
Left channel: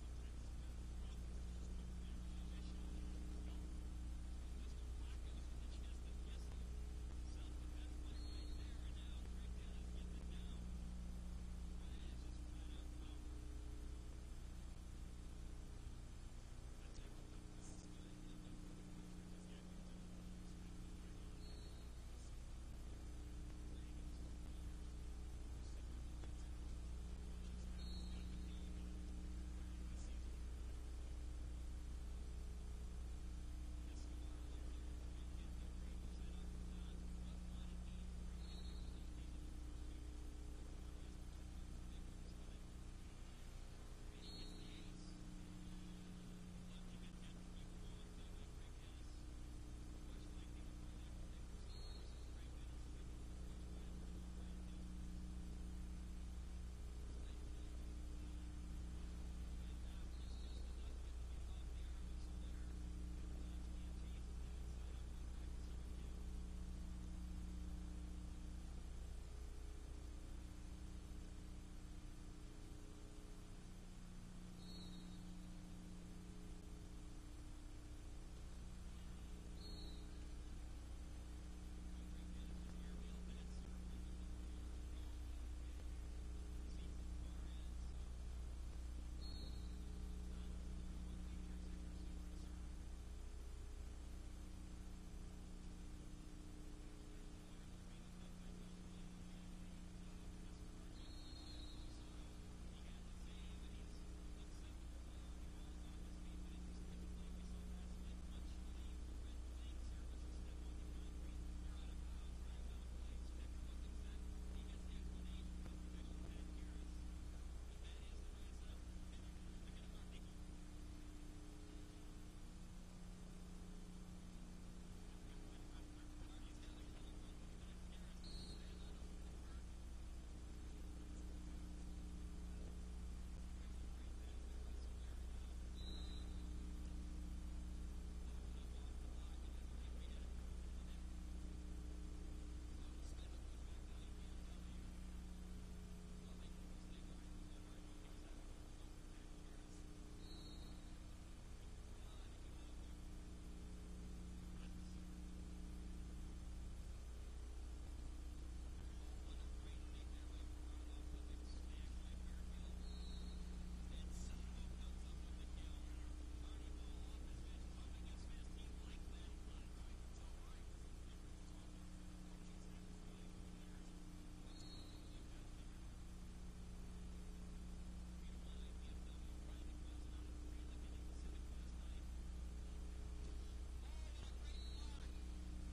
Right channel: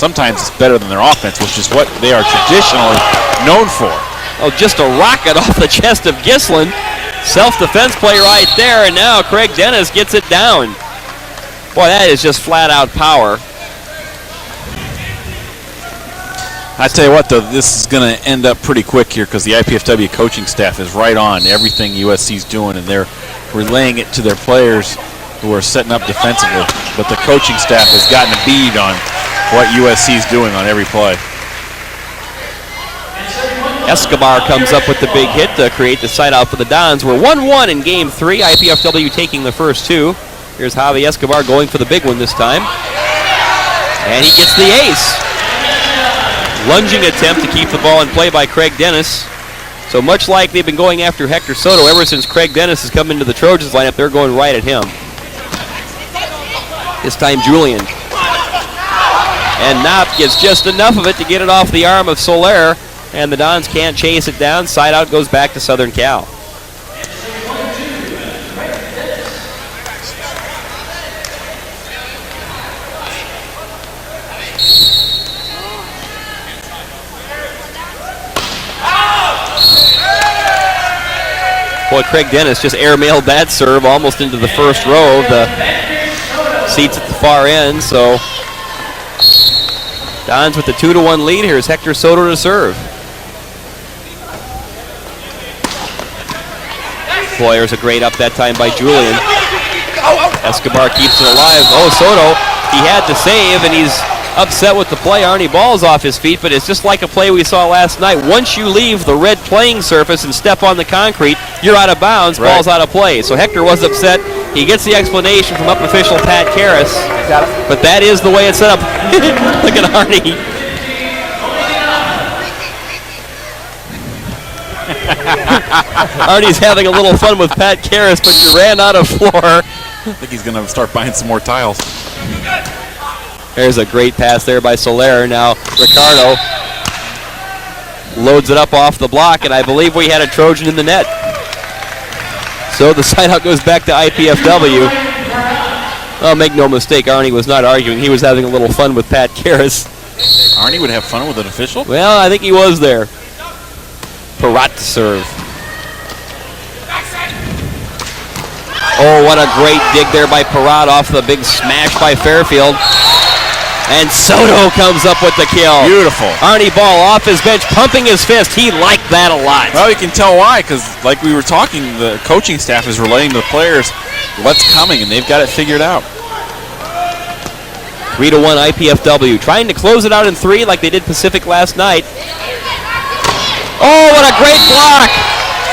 sometimes it's better than their offense, which is what they are traditionally known for. Oh, just a rocket off the chest of Gislin. Self-defense play right there, and now Craig Dennis gets it down. Boy, that is just flat-out power. I tell you what, though, this is going to end up pretty quick here because the IPFW coaching staff is right on everything USC's doing, and they're relaying it to their players who are setting up defensively. But the coaching staff has gotten a bead on what USC's doing on every play. Escobar comes up with the big hit to create the side out for the Dons. We're 1-1 in game 3. IPFW taking the first 2. Here's Javi Escobar going for the big one this time. And he gets the ace. Lunging attempt to keep the ball in play by Craig Dennis. So much like they've been going after Hector Soto ever since Craig Dennis has come into the Trojans lineup, they're going right at him. This time Julian. And Knopp gets just enough of it to get it off the arm of Soler. And the Dons can't chase it down. Side out goes back to Southern Cal. Boy, Craig Dennis just airmailed that serve almost into the first row of the seats at the far end. So Dons with the 2-1 lead. Here's Hector Soto to serve. Boy, there's a great up that time by Julian. Escobar keeps it alive. Oh, Soto, he had to save, and he's upset with the play. Arnie Ball's off his feet, but it's just like a play we saw last night. Once you leave the red playing surface and step on the concrete, you're out of bounds, right. Ball's out of play. So Hector was upset. He gets the explanation from up official Pat Karras, but that is the way it's set up. Look at Arnie. Arnie's having a little fun with Pat Karras, but you ran out of floor. I think he's going to start buying some more tiles. There's a great pass there by Soler. Now Ricardo loads it up off the block, and I believe we had a Trojan in the net. So the side out goes back to IPFW. Oh, make no mistake, Arnie was not arguing. He was having a little fun with Pat Karras. Arnie would have fun with an official? Well, I think he was there. Perrott to serve. Oh, what a great dig there by Perrott off the big smash by Fairfield. And Soto comes up with the kill. Beautiful. Arnie Ball off his bench, pumping his fist. He liked that a lot. Well, you can tell why, because like we were talking, the coaching staff is relaying to the players what's coming, and they've got it figured out. 3-1 IPFW. Trying to close it out in 3 like they did Pacific last night. Oh, what a great block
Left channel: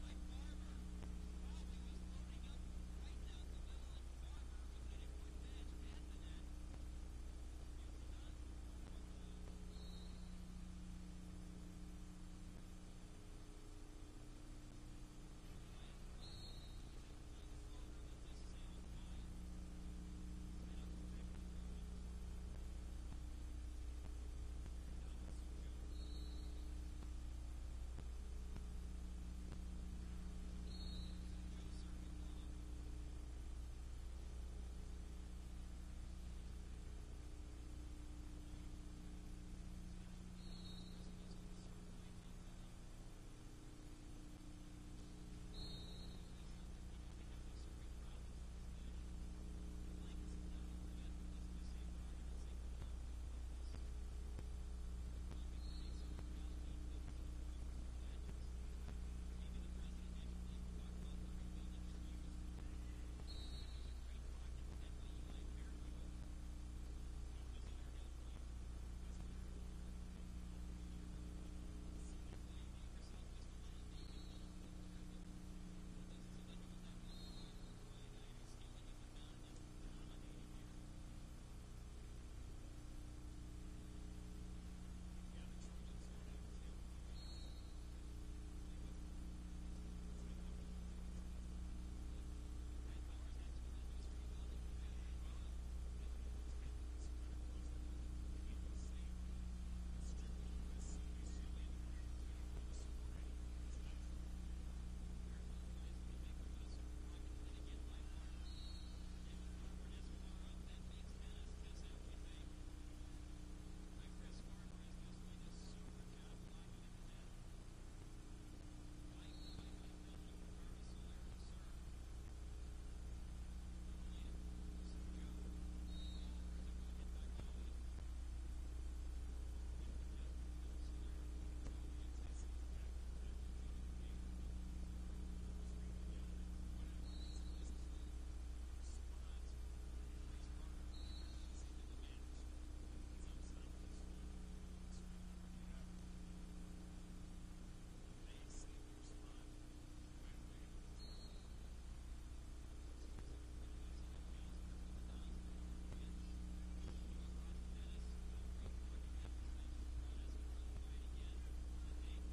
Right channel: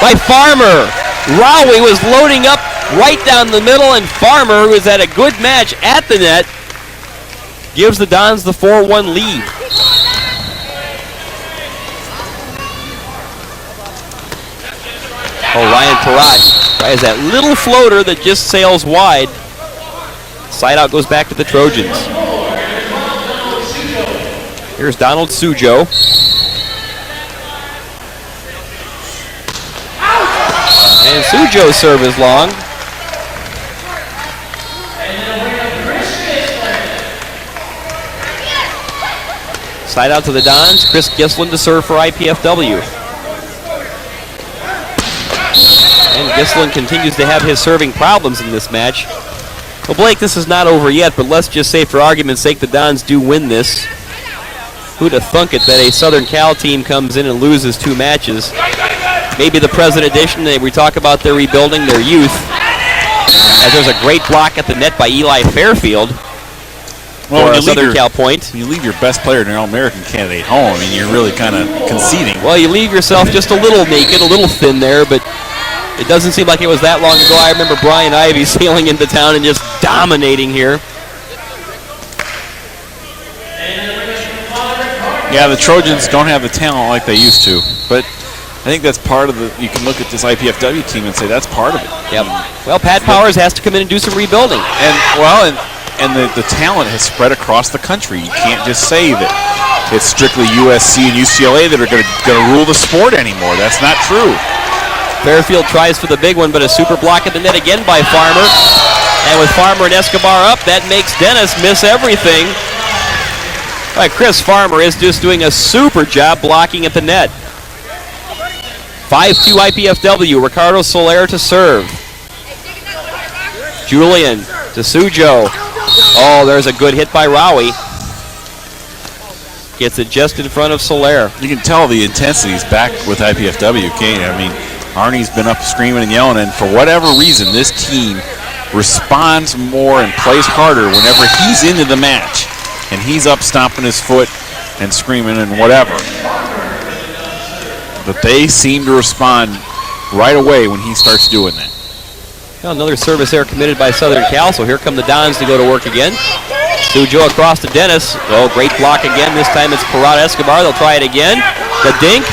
by Farmer. Rowie was loading up right down the middle, and Farmer, who has had a good match at the net, gives the Dons the 4-1 lead. Oh, Ryan Perrott tries that little floater that just sails wide. Side out goes back to the Trojans. Here's Donald Sujo. And Sujo's serve is long. Side out to the Dons. Chris Gislin to serve for IPFW. And Gislin continues to have his serving problems in this match. Well, Blake, this is not over yet, but let's just say for argument's sake the Dons do win this. Who'd have thunk it that a Southern Cal team comes in and loses 2 matches? Maybe the present edition, we talk about their rebuilding, their youth. As there's a great block at the net by Eli Fairfield. Well, for a Southern Cal point. You leave your best player in your All-American candidate home, I mean, you're really kind of conceding. Well, you leave yourself just a little naked, a little thin there, but it doesn't seem like it was that long ago. I remember Brian Ivey sailing into town and just dominating here. Yeah, the Trojans don't have the talent like they used to, but I think that's part of the, you can look at this IPFW team and say that's part of it. Yep. Well, Pat Powers has to come in and do some rebuilding. And the talent has spread across the country. You can't just say that it's strictly USC and UCLA that are going to rule the sport anymore. That's not true. Fairfield tries for the big one, but a super block at the net again by Farmer. And with Farmer and Escobar up, that makes Dennis miss everything. Chris Farmer is just doing a super job blocking at the net. 5-2 IPFW. Ricardo Soler to serve. Julian to Sujo. Oh, there's a good hit by Rowie. Gets it just in front of Soler. You can tell the intensity's back with IPFW, can't you? I mean, Arnie's been up screaming and yelling, and for whatever reason, this team responds more and plays harder whenever he's into the match. And he's up stomping his foot and screaming and whatever. But they seem to respond right away when he starts doing that. Well, another service error committed by Southern Cal, so here come the Dons to go to work again. Sujo across to Dennis. Oh, great block again. This time it's Parada Escobar. They'll try it again. The dink.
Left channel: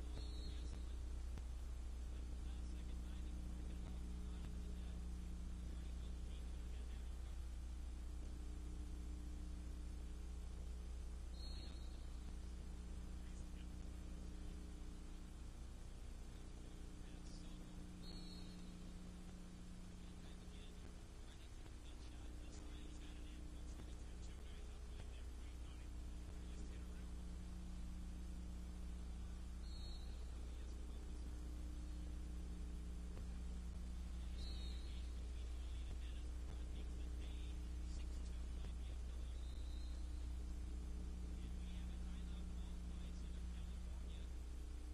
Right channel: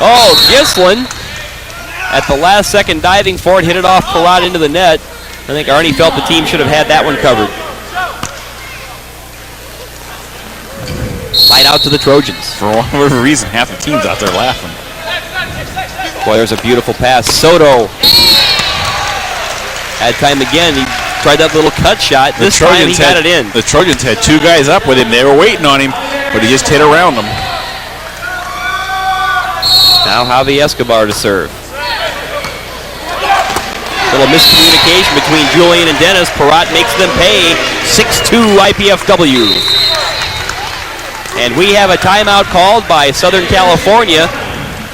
Oh, Gislin at the last second diving for it. Hit it off Parada into the net. I think Arnie felt the team should have had that one covered. Light out to the Trojans. For whatever reason, half the team's out there laughing. Boy, there's a beautiful pass. Soto. Had time again. He tried that little cut shot. This time he got it in. The Trojans had two guys up with him. They were waiting on him, but he just hit around them. Now Javi Escobar to serve. Little miscommunication between Julian and Dennis. Parat makes them pay. 6-2 IPFW. And we have a timeout called by Southern California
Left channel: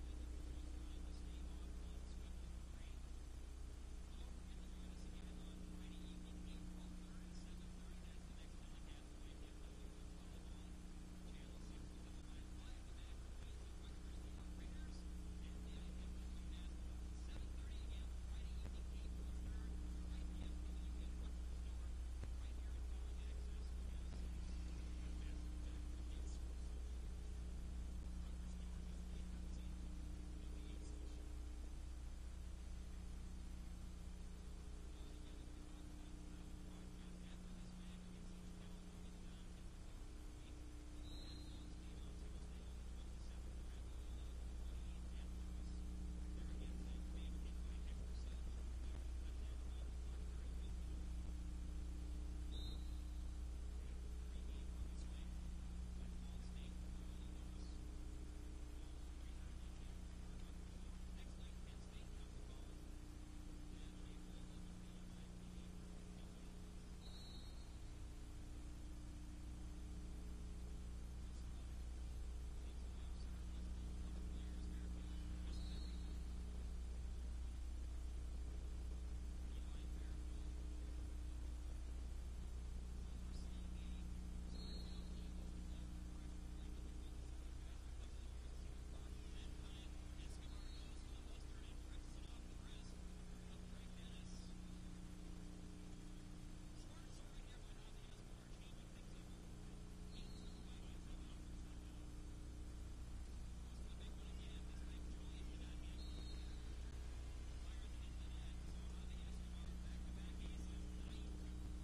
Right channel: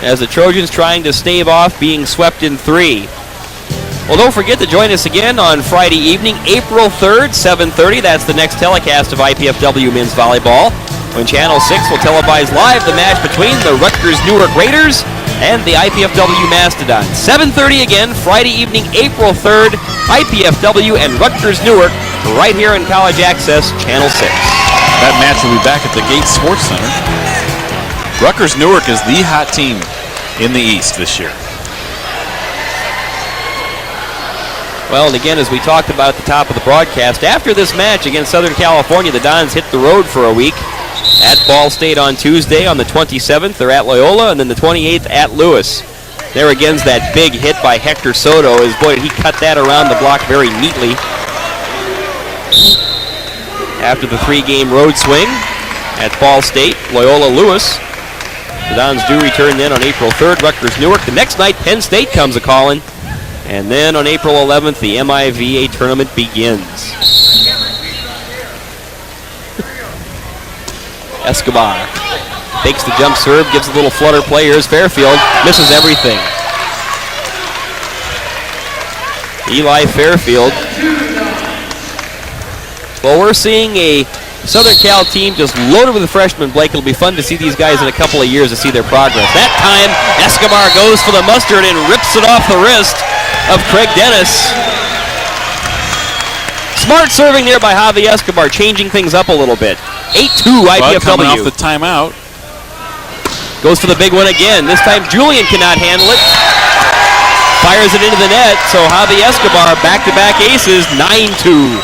as the Trojans trying to stave off being swept in 3. Well, don't forget to join us again on Friday evening, April 3rd, 7:30. That's the next telecast of IPFW men's volleyball, when Channel 6 will televise live the match between the Rutgers Newark Raiders and the IPFW Mastodons. 7:30 again, Friday evening, April 3rd, IPFW and Rutgers Newark, right here in College Access, Channel 6. That match will be back at the Gates Sports Center. Rutgers Newark is the hot team in the East this year. Well, and again, as we talked about at the top of the broadcast, after this match against Southern California, the Dons hit the road for a week. At Ball State on Tuesday on the 27th, they're at Loyola, and then the 28th at Lewis. There again's that big hit by Hector Soto. Boy, he cut that around the block very neatly. After the 3-game road swing at Ball State, Loyola, Lewis. The Dons do return then on April 3rd, Rutgers Newark. The next night, Penn State comes a-calling. And then on April 11th, the MIVA tournament begins. Escobar fakes the jump serve, gives a little flutter play. Here's Fairfield, misses everything. Eli Fairfield. Well, we're seeing a Southern Cal team just loaded with freshmen, Blake. It'll be fun to see these guys in a couple of years to see their progress. That time, Escobar goes for the mustard and rips it off the wrist of Craig Dennis. Smart serving there by Javi Escobar, changing things up a little bit. 8-2 IPFW. Coming off the timeout. Goes for the big one again. This time Julian cannot handle it. Fires it into the net, so Javi Escobar back-to-back aces, 9-2.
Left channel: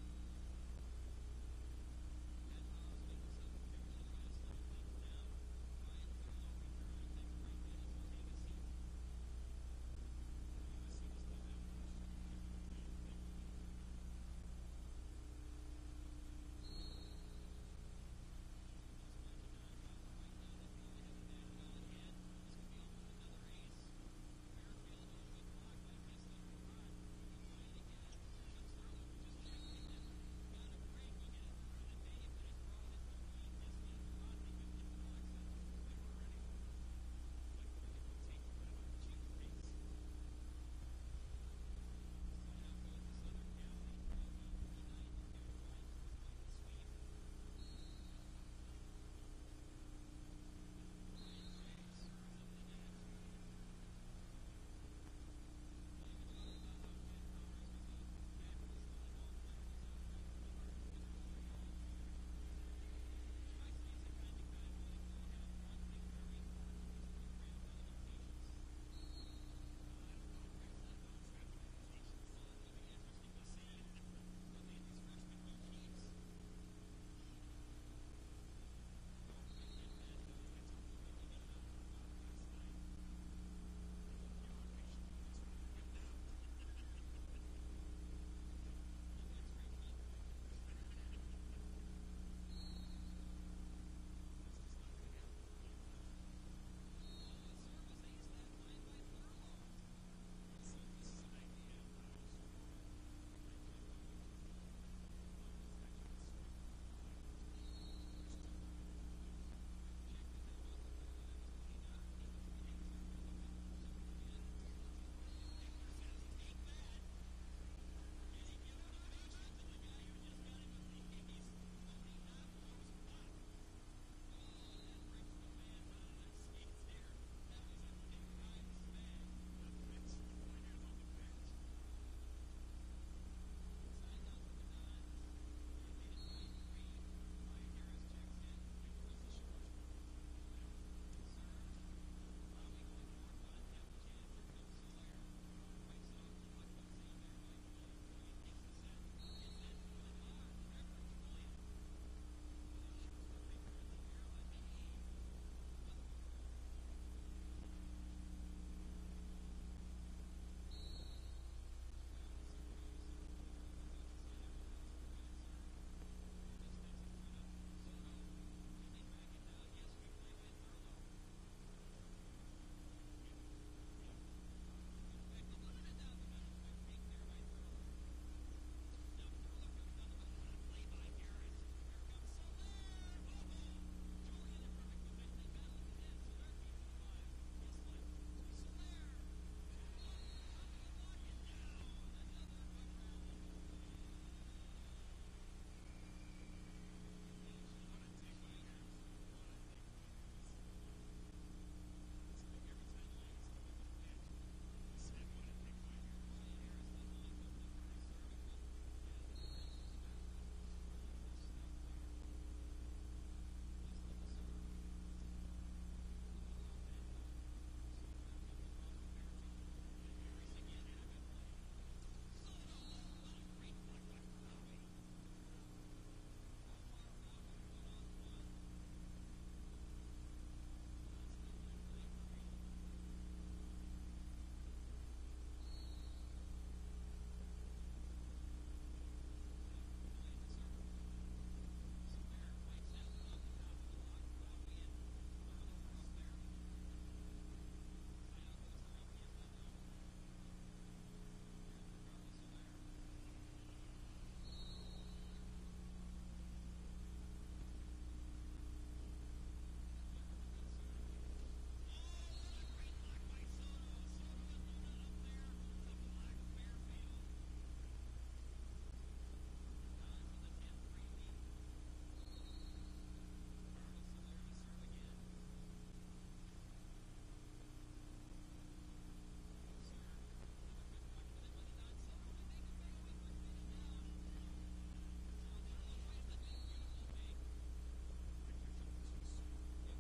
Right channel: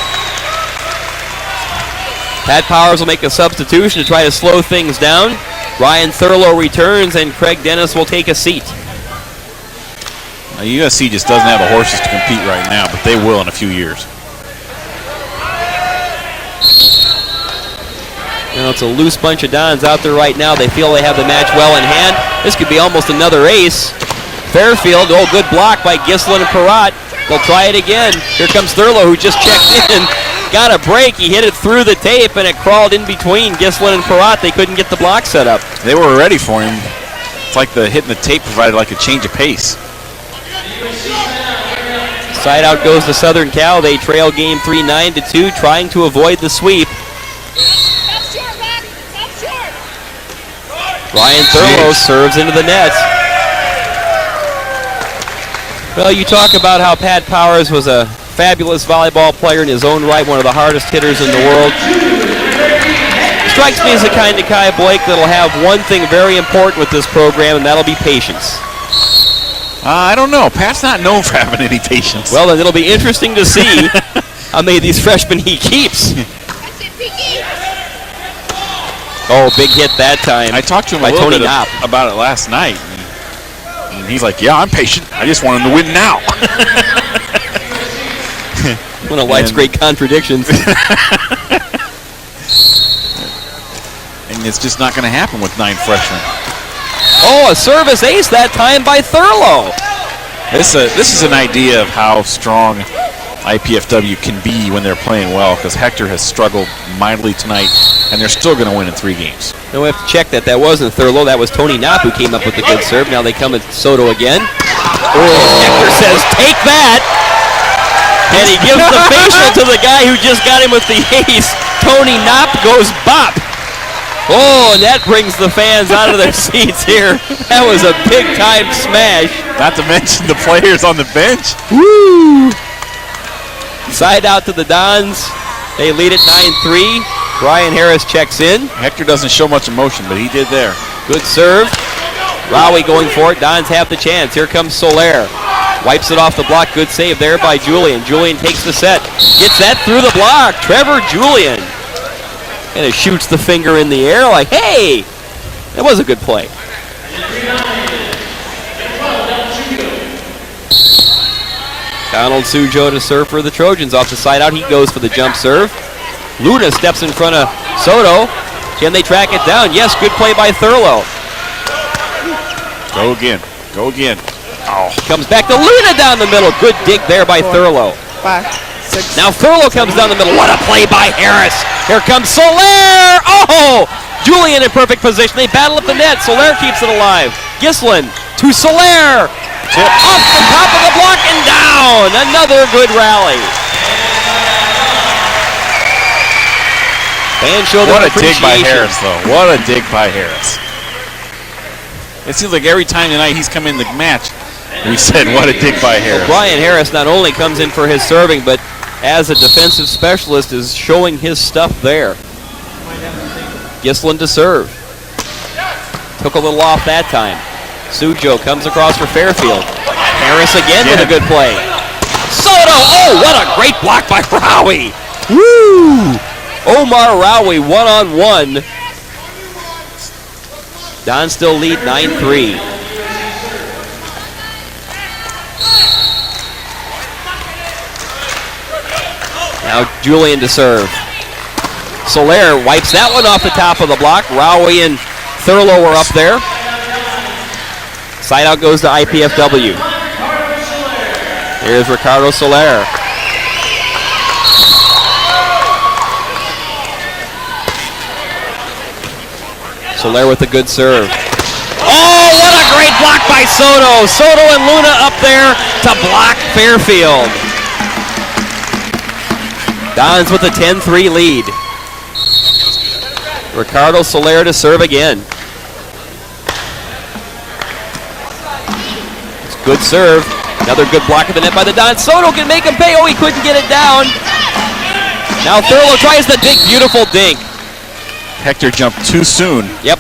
Pat Powers will make a substitution to try to slow things down. Ryan Thurlow returns, and Craig Dennis will take a seat. USC just doesn't have the horses to compete right now, but they will in a few years. You know, it's a loose bunch of Dons out there right now. They feel they have the match well in hand. This could be almost another ace. Fairfield, oh, good block by Gislin and Parat. They'll try it again. Here comes Thurlow, who just checked in. Got a break. He hit it through the tape, and it crawled in between Gislin and Parat. They couldn't get the block set up. They were ready for him. It's like the hitting the tape provided like a change of pace. Side out goes to Southern Cal. They trail game 3, 9-2, trying to avoid the sweep. Ryan Thurlow serves into the net. Well, you talk about how Pat Powers was a fabulous volleyball player in his own right, one of the hardest hitters in the world. Strikes me as the kind of guy, Blake, that'll have one thing very important with this program, and that'll be patience. I don't know. Pat's not known for having any patience. Well, then it'll be interesting to see how many of these freshmen he keeps. Oh, big hit that time. I talked to him a little bit about it last night. And he's like, yeah, I'm patient. I just want him to win now. One of life's great contradictions. And and it's just not going to happen with 9 freshmen. Oh, a service ace that time by Thurlow. This is an idea of how strong IPFW can be when they're playing well, because Hector has struggled mightily tonight, and they're still going to win in 3 games. Now we have to check that wasn't Thurlow. That was Tony Knopp who came up with the good serve. Now they come at Soto again. Hector says, take that. And he gives the facial to the guy who just got him with the ace. Tony Knopp goes bop. Oh, and that brings the fans out of their seats here. That was a big-time smash. Not to mention the players on the bench. Woo! Side out to the Dons. They lead it 9-3. Brian Harris checks in. Hector doesn't show much emotion, but he did there. Good serve. Rowie going for it. Dons have the chance. Here comes Soler. Wipes it off the block. Good save there by Julian. Julian takes the set. Gets that through the block. Trevor Julian. And it shoots the finger in the air like, hey! That was a good play. Donald Sujo to serve for the Trojans. Off the side out, he goes for the jump serve. Luna steps in front of Soto. Can they track it down? Yes, good play by Thurlow. Go again. Go again. Oh. Comes back to Luna down the middle. Good dig there by Thurlow. 5, 6. Now Thurlow comes down the middle. What a play by Harris. Here comes Soler. Oh! Julian in perfect position. They battle up the net. Soler keeps it alive. Gislin to Soler. Tip. Off the top of the block and down. Another good rally. Fans show their appreciation. What a dig by Harris, though. What a dig by Harris. It seems like every time tonight he's come in the match, we said, what a dig by Harris. Well, Brian Harris not only comes in for his serving, but as a defensive specialist is showing his stuff there. Gislin to serve. Took a little off that time. Sujo comes across for Fairfield. Harris again with a good play. Soto! Oh, what a great block by Rowie. Woo! Omar Rowie one-on-one. Don still lead 9-3. Now Julian to serve. Soler wipes that one off the top of the block. Rowie and Thurlow are up there. Side out goes to IPFW. Here's Ricardo Soler. Soler with a good serve. Oh, what a great block by Soto. Soto and Luna up there to block Fairfield. Dons with a 10-3 lead. Ricardo Soler to serve again. It's good serve. Another good block of the net by the Dons. Soto can make him pay. Oh, he couldn't get it down. Now Thurlow tries the dig. Beautiful dink. Hector jumped too soon. Yep.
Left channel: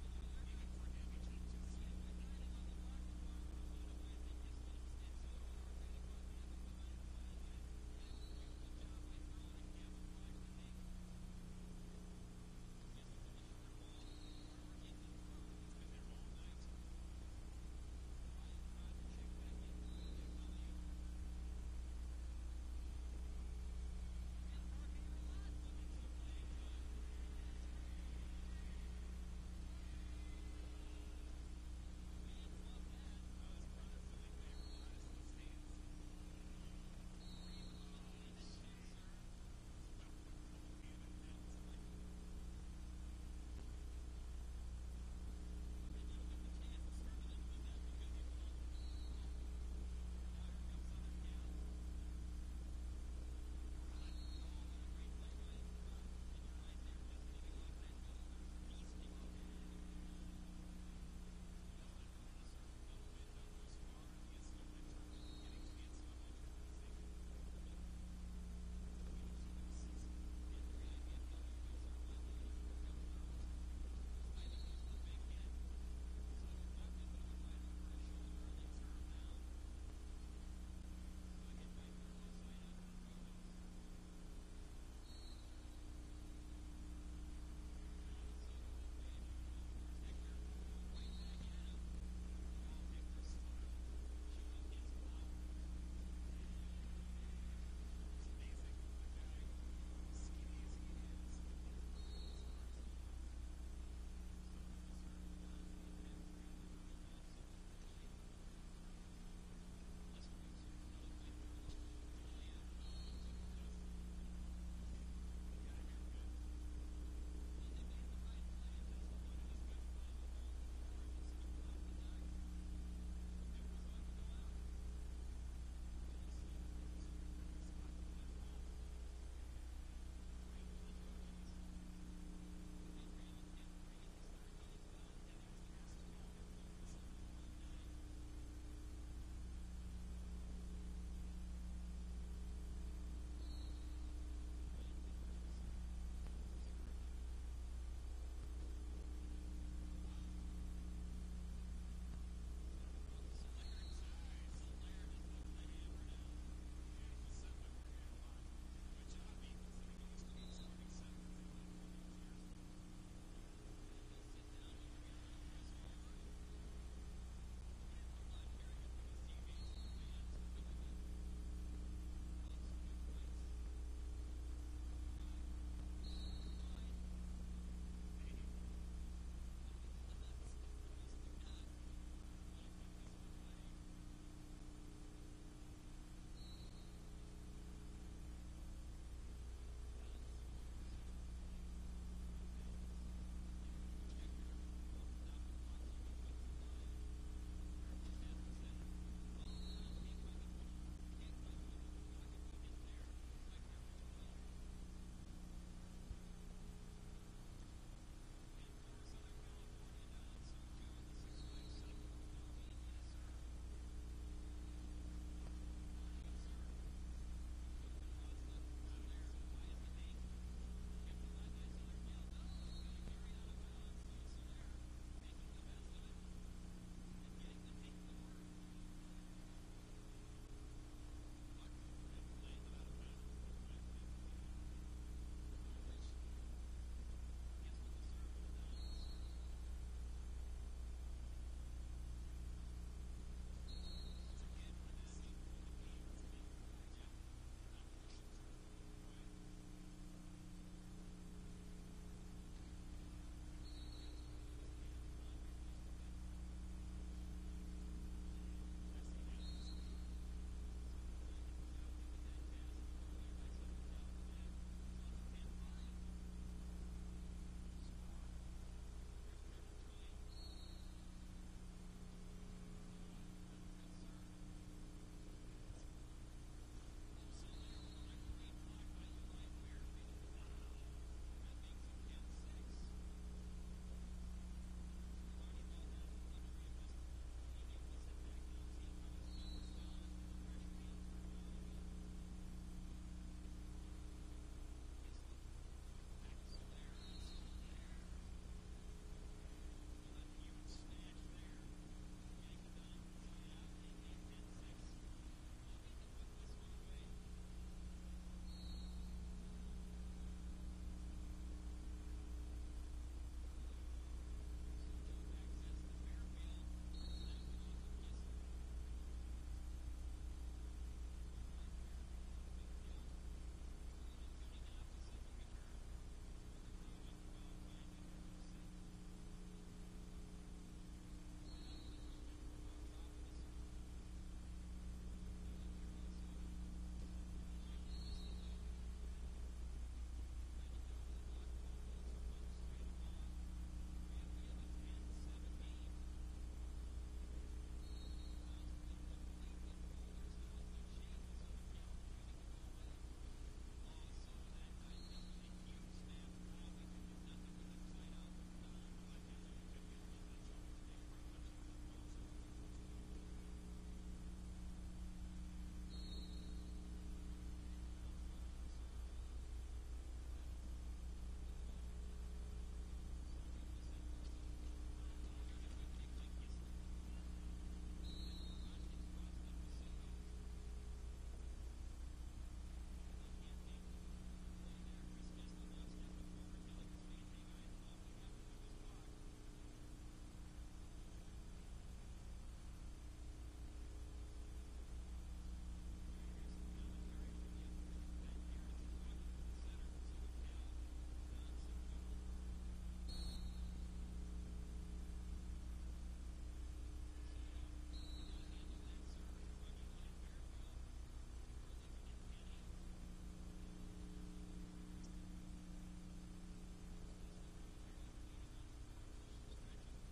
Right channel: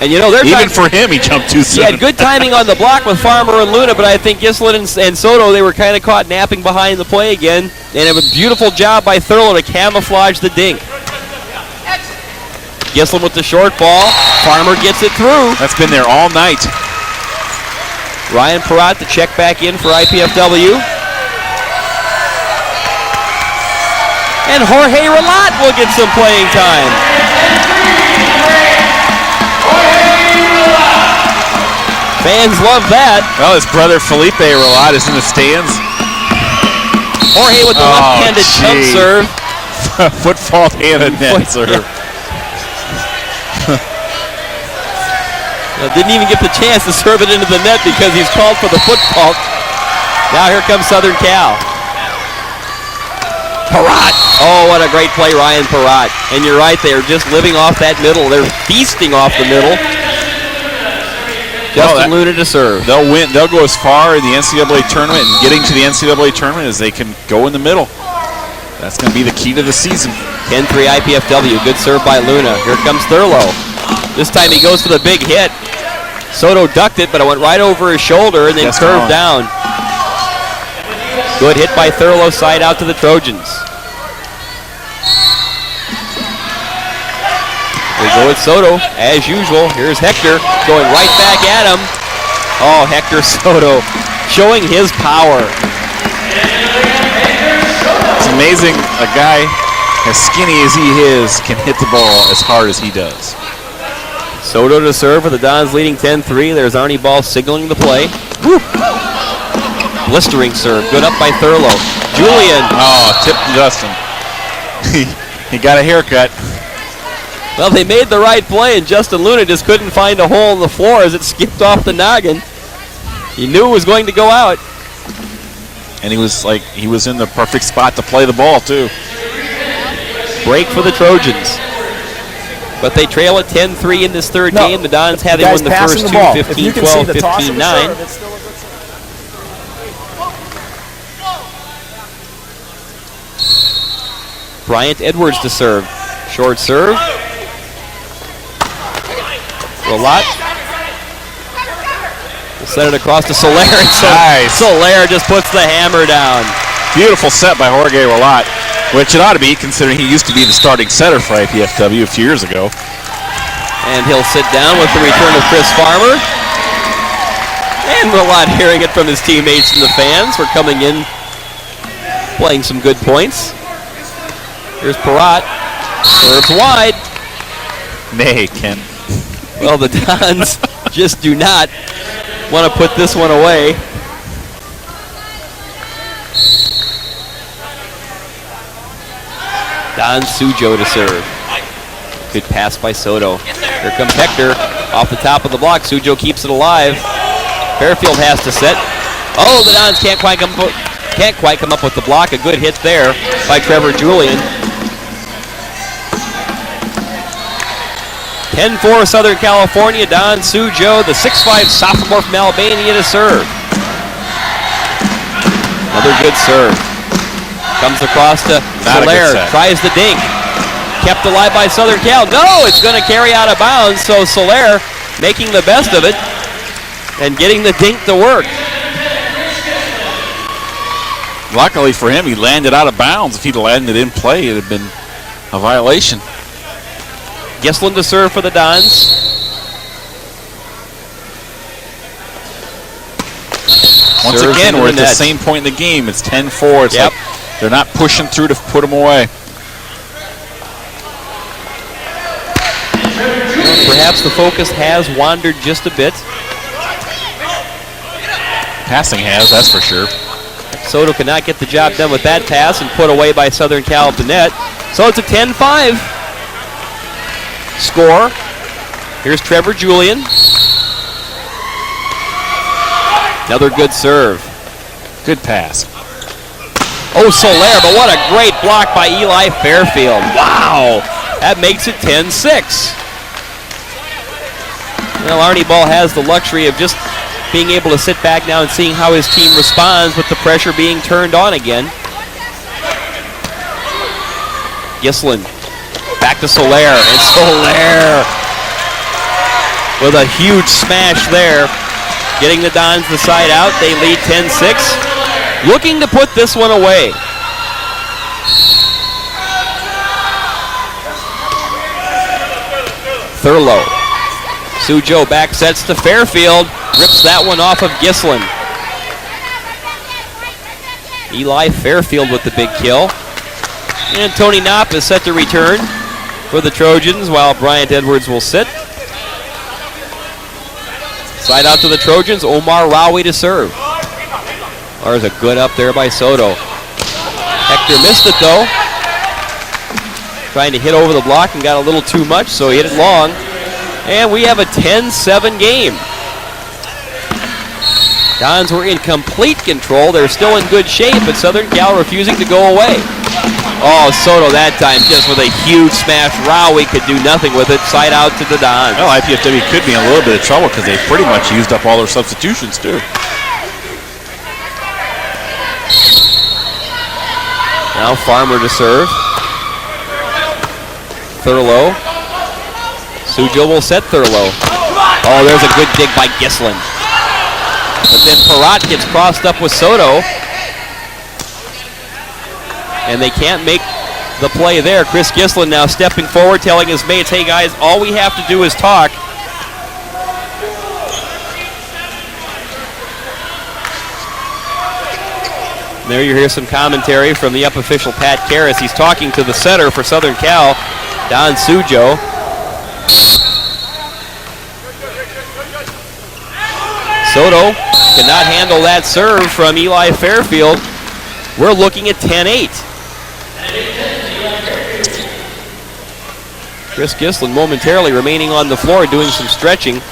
And you know, they're even for him, he jumped too soon. He had good timing on the block with Farmer and Luna, but I think Gislin and Soto, they were kind of caught napping behind the play again. And it was a beautiful job by Thurlow to camouflage the dink. Gislin with the short ball. Farmer gets it through. That's been there all night. Ryan Perrott to check back in for IPFW. And Jorge Relat will get some playing time. Fans love that. Well, his brother Felipe Relat is in the stands. Jorge with the left-handed jump serve. Foot fault and a net serve. Didn't even get the chance to serve it into the net because he's called for the foot fault. Now here comes Southern Cal. Perrott. Oh, what a great play, Ryan Perrott. And you're right, they're just living off that middle. They're feasting off the middle. Justin Luna to serve. They'll win. They'll go as far in the NCAA tournament and getting to the NCAA tournament as they can go in the middle. That's going to be the key to the season. 10-3 IPFW. Good serve by Luna. Here comes Thurlow. This time he goes for the big hit. Soto ducked it, but it went right over his shoulder and then curved down. Good hit by Thurlow, side out to the Trojans. We go with Soto, as usual. Here's Hector going right back at him. Oh, Hector Soto showing his power. It's amazing, a guy as skinny as he is, can hit the ball as hard as he does. Soto to serve for the Dons, leading 10-3. There's Arnie Ball signaling the play. Woo. Blistering serve. Good up by Thurlow. Julian. Oh, tipped Justin. He got a haircut. Well, they made the right play, and Justin Luna just couldn't find a hole in the floor as it skipped off the noggin. He knew it was going to go out. And he was in the perfect spot to play the ball, too. Break for the Trojans. But they trail at 10-3 in this third game. The Dons having won the first two, 15-12, 15-9. Bryant Edwards to serve. Short serve. Rolat. We'll set it across to Soler. Nice. Soler just puts the hammer down. Beautiful set by Jorge Rolat, which it ought to be considering he used to be the starting setter for IPFW a few years ago. And he'll sit down with the return of Chris Farmer. And Rolat hearing it from his teammates and the fans. We're coming in, playing some good points. Here's Parat. Serves wide. Nay, Ken. Well, the Dons just do not want to put this one away. Don Sujo to serve. Good pass by Soto. Here comes Hector off the top of the block. Sujo keeps it alive. Fairfield has to set. Oh, the Dons can't quite come up with the block. A good hit there by Trevor Julian. 10-4 Southern California. Don Sujo, the 6'5 sophomore from Albania to serve. Another good serve. Comes across to Soler, tries the dink. Kept alive by Southern Cal. No, it's going to carry out of bounds, so Soler making the best of it and getting the dink to work. Luckily for him, he landed out of bounds. If he'd landed in play, it would have been a violation. Gislin to serve for the Dons. Once again, we're at the same point in the game. It's 10-4. It's like they're not pushing through to put them away. Perhaps the focus has wandered just a bit. Passing has, that's for sure. Soto could not get the job done with that pass and put away by Southern Cal at the net. So it's a 10-5 score. Here's Trevor Julian. Another good serve. Good pass. Oh, Soler, but what a great block by Eli Fairfield. Wow, that makes it 10-6. Well, Arnie Ball has the luxury of just being able to sit back now and seeing how his team responds with the pressure being turned on again. Gislin back to Soler, and Soler with a huge smash there, getting the Dons the side out. They lead 10-6, looking to put this one away. Thurlow. Sujo back sets to Fairfield, rips that one off of Gislin. Eli Fairfield with the big kill. And Tony Knopp is set to return for the Trojans while Bryant Edwards will sit. Side out to the Trojans, Omar Rawi to serve. There's a good up there by Soto. Hector missed it though. Trying to hit over the block and got a little too much, so he hit it long. And we have a 10-7 game. Dons were in complete control. They're still in good shape, but Southern Cal refusing to go away. Oh, Soto that time just with a huge smash. Rawi could do nothing with it. Side out to the Dons. Well, IPFW could be in a little bit of trouble because they pretty much used up all their substitutions too. Now Farmer to serve. Thurlow. Sujo will set Thurlow. Oh, there's a good dig by Gislin. But then Parat gets crossed up with Soto. And they can't make the play there. Chris Gislin now stepping forward, telling his mates, hey guys, all we have to do is talk. There you hear some commentary from the UP official, Pat Karras. He's talking to the setter for Southern Cal, Don Sujo. Soto cannot handle that serve from Eli Fairfield. We're looking at 10-8. Chris Gislin momentarily remaining on the floor doing some stretching.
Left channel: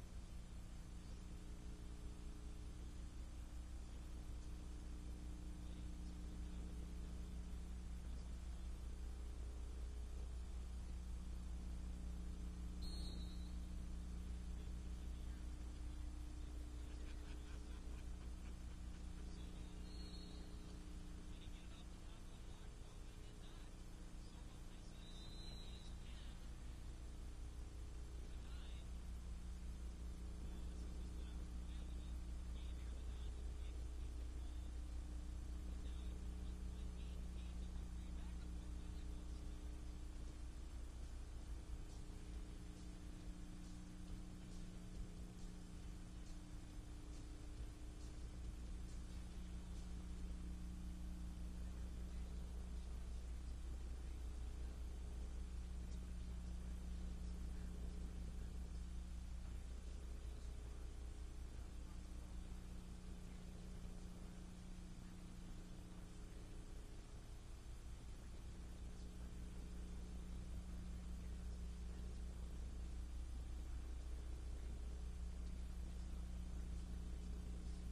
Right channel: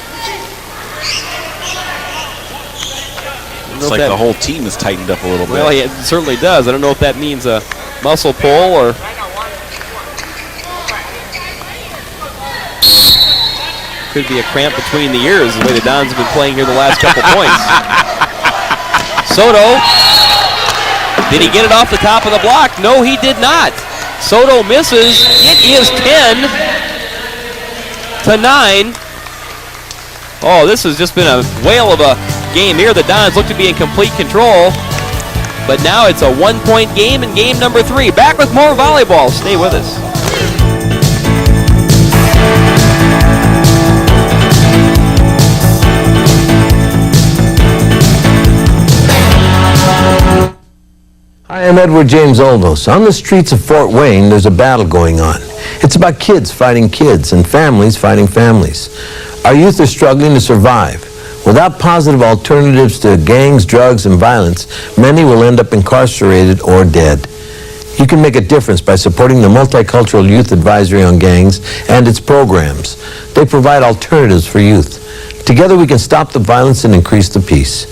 It's like the whole team is tightened up a little bit. Well, it certainly does. I don't know if that means a muscle pull or... could be a cramp between the ears, the way the Dons have been playing here the last couple points. Soto, did he get it off the top of the block? No, he did not. Soto misses. It is 10-9. Oh, this has just been a whale of a game here. The Dons look to be in complete control, but now it's a one-point game in game number 3. Back with more volleyball. Stay with us. Hi, I'm Edward James Oldos. On the streets of Fort Wayne, there's a battle going on. It's about kids fighting kids and families fighting families. Our youth are struggling to survive. Without positive alternatives to gangs, drugs, and violence, many will end up incarcerated or dead. You can make a difference by supporting the Multicultural Youth Advisory on Gangs and its programs. They provide alternatives for youth. Together we can stop the violence and increase the peace.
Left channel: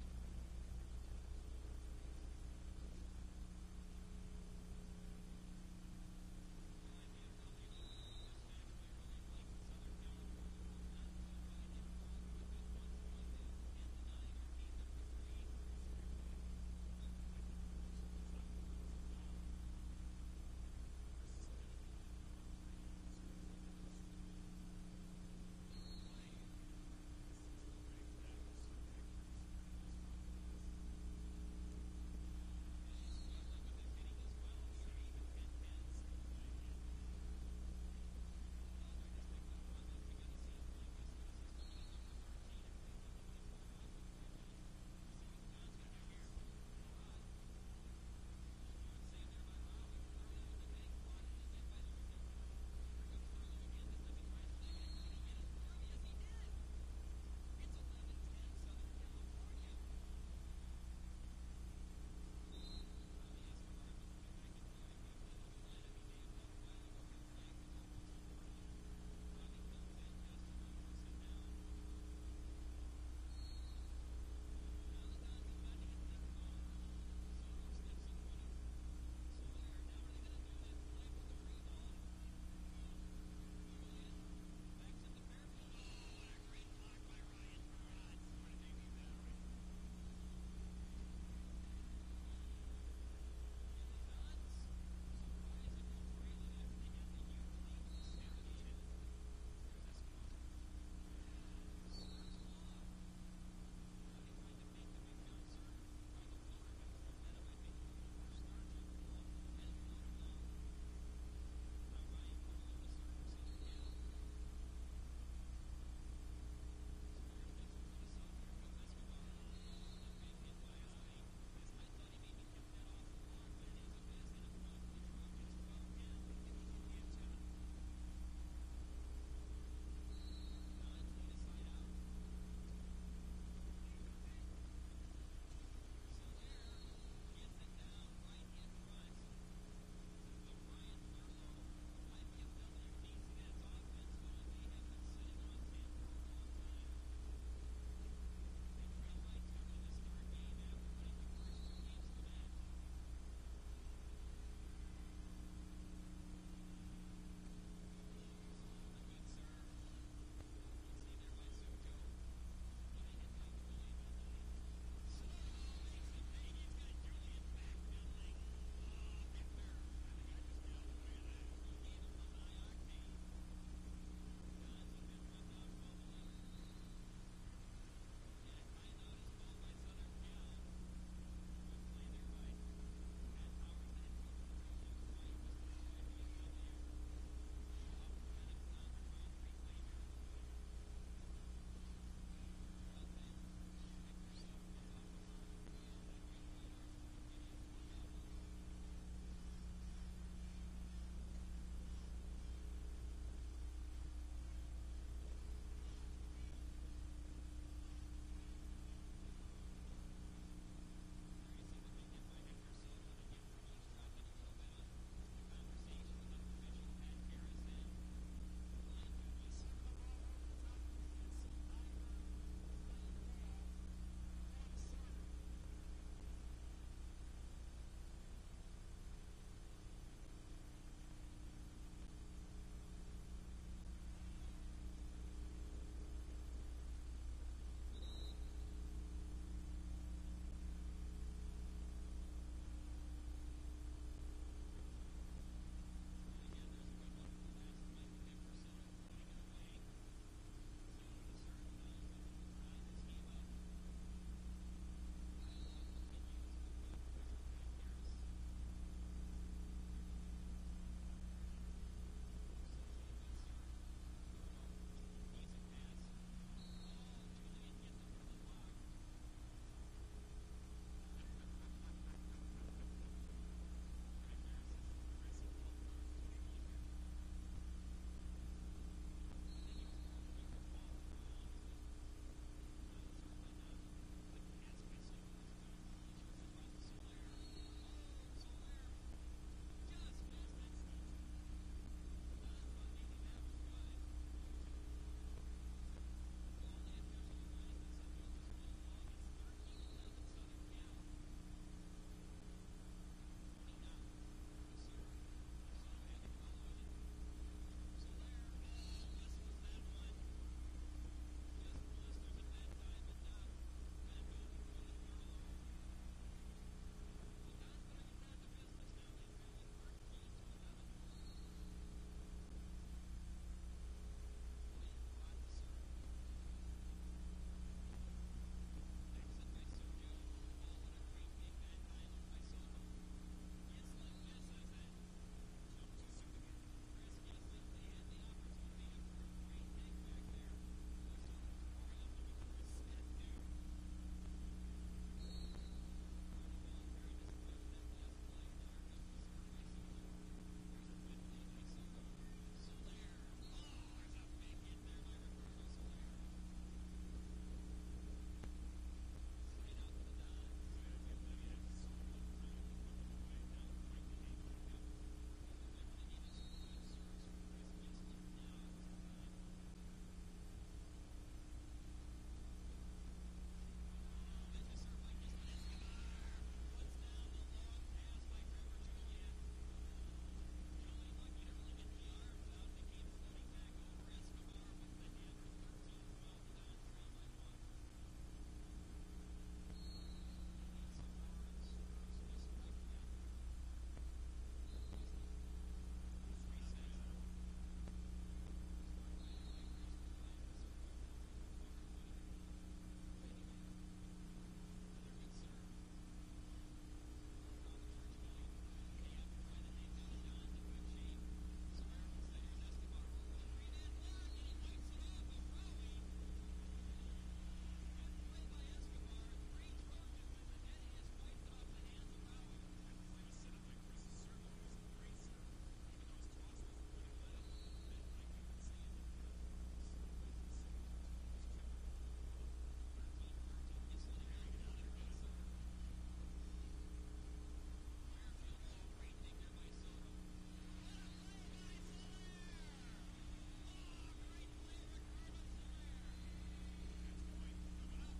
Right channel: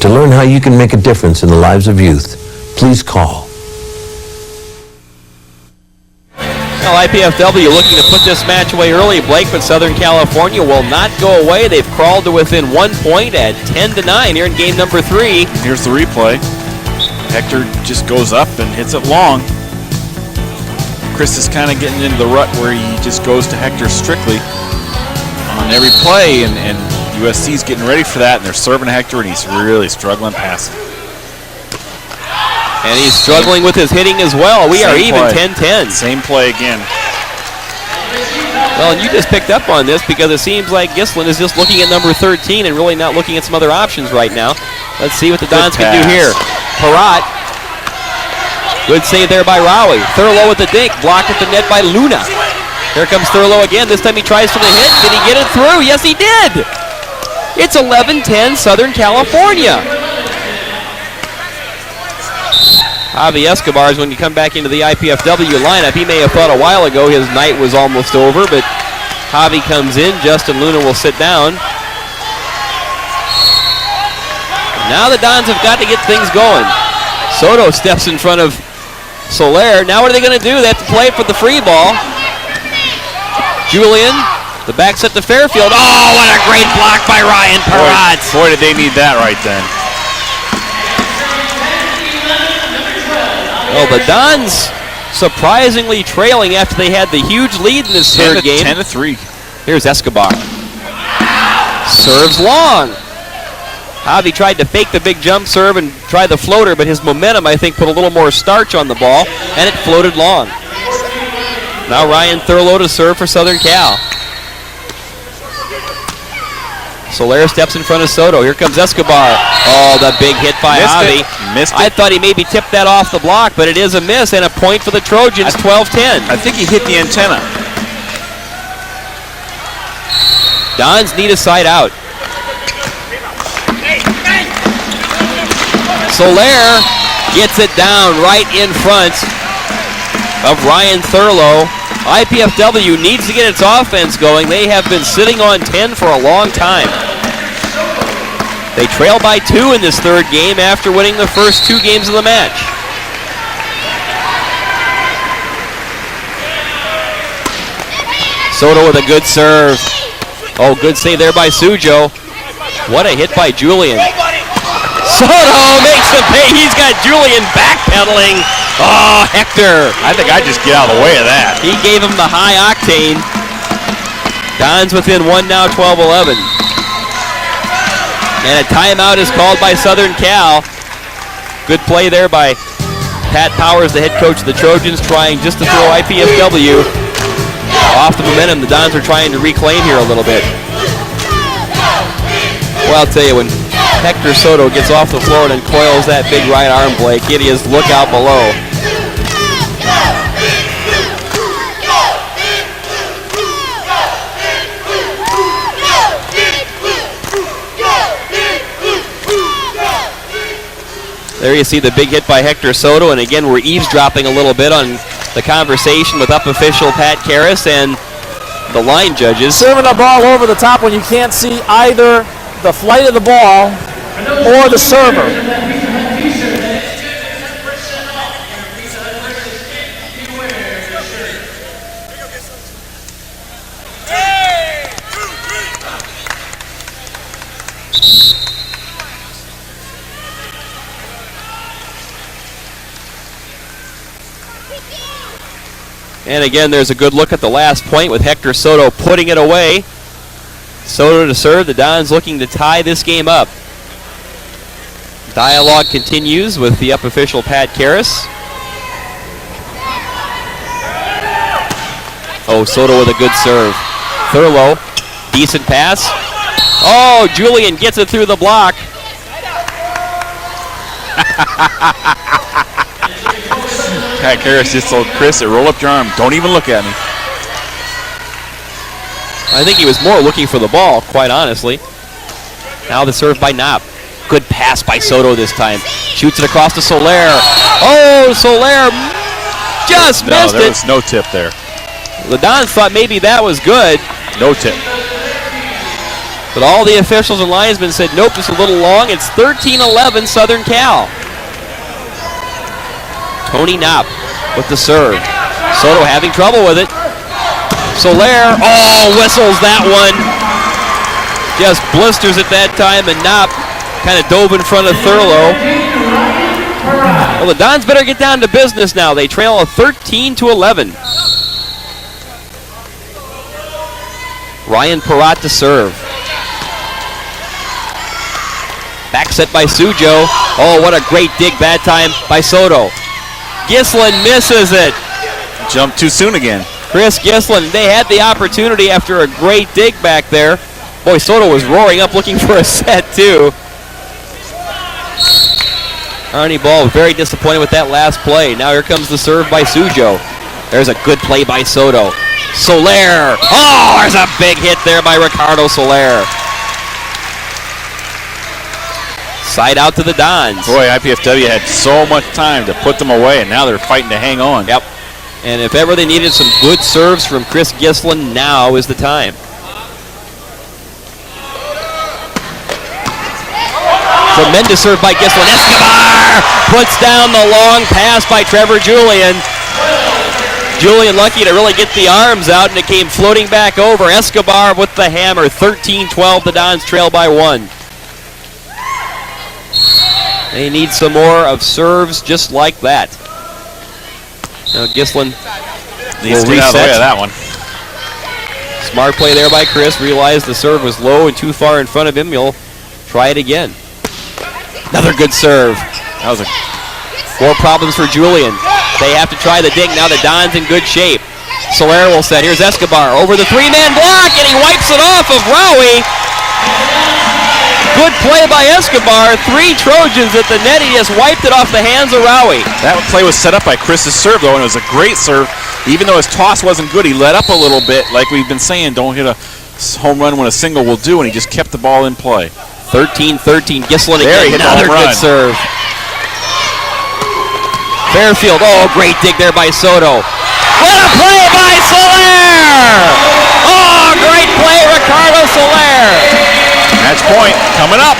To learn how you can make a difference in the lives of youth, please call. Well, IPFW looking to put this match away early, Blake, but Southern California will not go away. They've crawled to within 1 point at 10-9 here in game number 3. Here's the replay. Hector just goes up and hits it long. Chris is kind of getting into the rut where he just goes to Hector strictly on every play, and USC's getting ready for that, and they're serving Hector, and he's really struggling passing. And he's struggling with his hitting as well. We are even 10-10. Same play again. Well, and you just picked up on this because it seems like Gislin is just looking at number 13 and really not looking at some other options right now. Let's see what the Dons can do here. Parat. Good save there by Rowie. Thurlow with the dink. Blocked at the net by Luna. Here comes Thurlow again. This time he tries for the hit. Did he get it through? Yes, he did. It's 11-10 Southern California. Javi Escobar, when you come back into the IPFW lineup, he may have thought a while ago his night was almost over, but Javi comes in. Justin Luna will sit down. Now the Dons have got to get things going. Soto steps in front of Soler. Now what are they going to do? They have to play for the free ball. Julian, the back set to Fairfield. Oh, what a great block by Ryan Parat. Boy, did they need that right then. Well, the Dons surprisingly trailing after they had the huge lead in this third game. 10-3. Here's Escobar. Serves long. Javi tried to fake the big jump serve and try the floater, but his momentum, I think, put a little more starch on the ball, and it floated long. Now Ryan Thurlow to serve for Southern Cal. Soler steps in front of Soto. Here comes Escobar. Oh, the big hit by Javi. Missed it. I thought he maybe tipped that off the block, but it is a miss and a point for the Trojans, 12-10. I think he hit the antenna. Dons need a side out. Soler gets it down right in front of Ryan Thurlow. IPFW needs to get its offense going. They have been sitting on 10 for a long time. They trail by 2 in this third game after winning the first 2 games of the match. Soto with a good serve. Oh, good save there by Sujo. What a hit by Julian. Soto makes the pay. He's got Julian backpedaling. Oh, Hector. I think I just get out of the way of that. He gave him the high octane. Dons within 1 now, 12-11. And a timeout is called by Southern Cal. Good play there by Pat Powers, the head coach of the Trojans, trying just to throw IPFW off the momentum the Dons are trying to reclaim here a little bit. Well, I'll tell you, when Hector Soto gets off the floor and then coils that big right arm, Blake. It is look out below. There you see the big hit by Hector Soto, and again, we're eavesdropping a little bit on the conversation with up official Pat Karras and the line judges. Serving the ball over the top when you can't see either the flight of the ball or the server. And again, there's a good look at the last point with Hector Soto putting it away. Soto to serve. The Dons looking to tie this game up. Dialogue continues with the up official Pat Karras. Oh, Soto with a good serve. Thurlow, decent pass. Oh, Julian gets it through the block. Pat Karras just told Chris, roll up your arm. Don't even look at me. I think he was more looking for the ball, quite honestly. Now the serve by Knopp. Good pass by Soto this time. Shoots it across to Soler. Oh, Soler just missed it. There was no tip there. The Dons thought maybe that was good. No tip. But all the officials and linesmen said, nope, just a little long. It's 13-11 Southern Cal. Tony Knopp with the serve. Soto having trouble with it. Soler, whistles that one. Just blisters it that time, and Knopp kind of dove in front of Thurlow. Well, the Dons better get down to business now. They trail a 13-11. Ryan Perrott to serve. Back set by Sujo. Oh, what a great dig that time by Soto. Gislin misses it. Jumped too soon again. Chris Gislin, they had the opportunity after a great dig back there. Boy, Soto was roaring up looking for a set too. Arnie Ball very disappointed with that last play. Now here comes the serve by Sujo. There's a good play by Soto. Soler. Oh, there's a big hit there by Ricardo Soler. Side out to the Dons. Boy, IPFW had so much time to put them away, and now they're fighting to hang on. Yep. And if ever they needed some good serves from Chris Gislin, now is the time. Tremendous serve by Gislin. Escobar puts down the long pass by Trevor Julian. Julian lucky to really get the arms out, and it came floating back over. Escobar with the hammer. 13-12, the Dons trail by 1. They need some more of serves just like that. Now Gislin needs to get out of the way of that one. Smart play there by Chris. Realized the serve was low and too far in front of him. He'll try it again. Another good serve. That was more problems for Julian. They have to try the dig. Now the Dons in good shape. Soler will set. Here's Escobar over the three-man block, and he wipes it off of Rowie. Good play by Escobar. 3 Trojans at the net. He just wiped it off the hands of Rowie. That play was set up by Chris's serve, though, and it was a great serve. Even though his toss wasn't good, he let up a little bit. Like we've been saying, don't hit a home run when a single will do, and he just kept the ball in play. 13-13. Gislin again. Another good serve. Fairfield. Oh, great dig there by Soto. What a play by Soler! Oh, great play, Ricardo Soler. Match point coming up.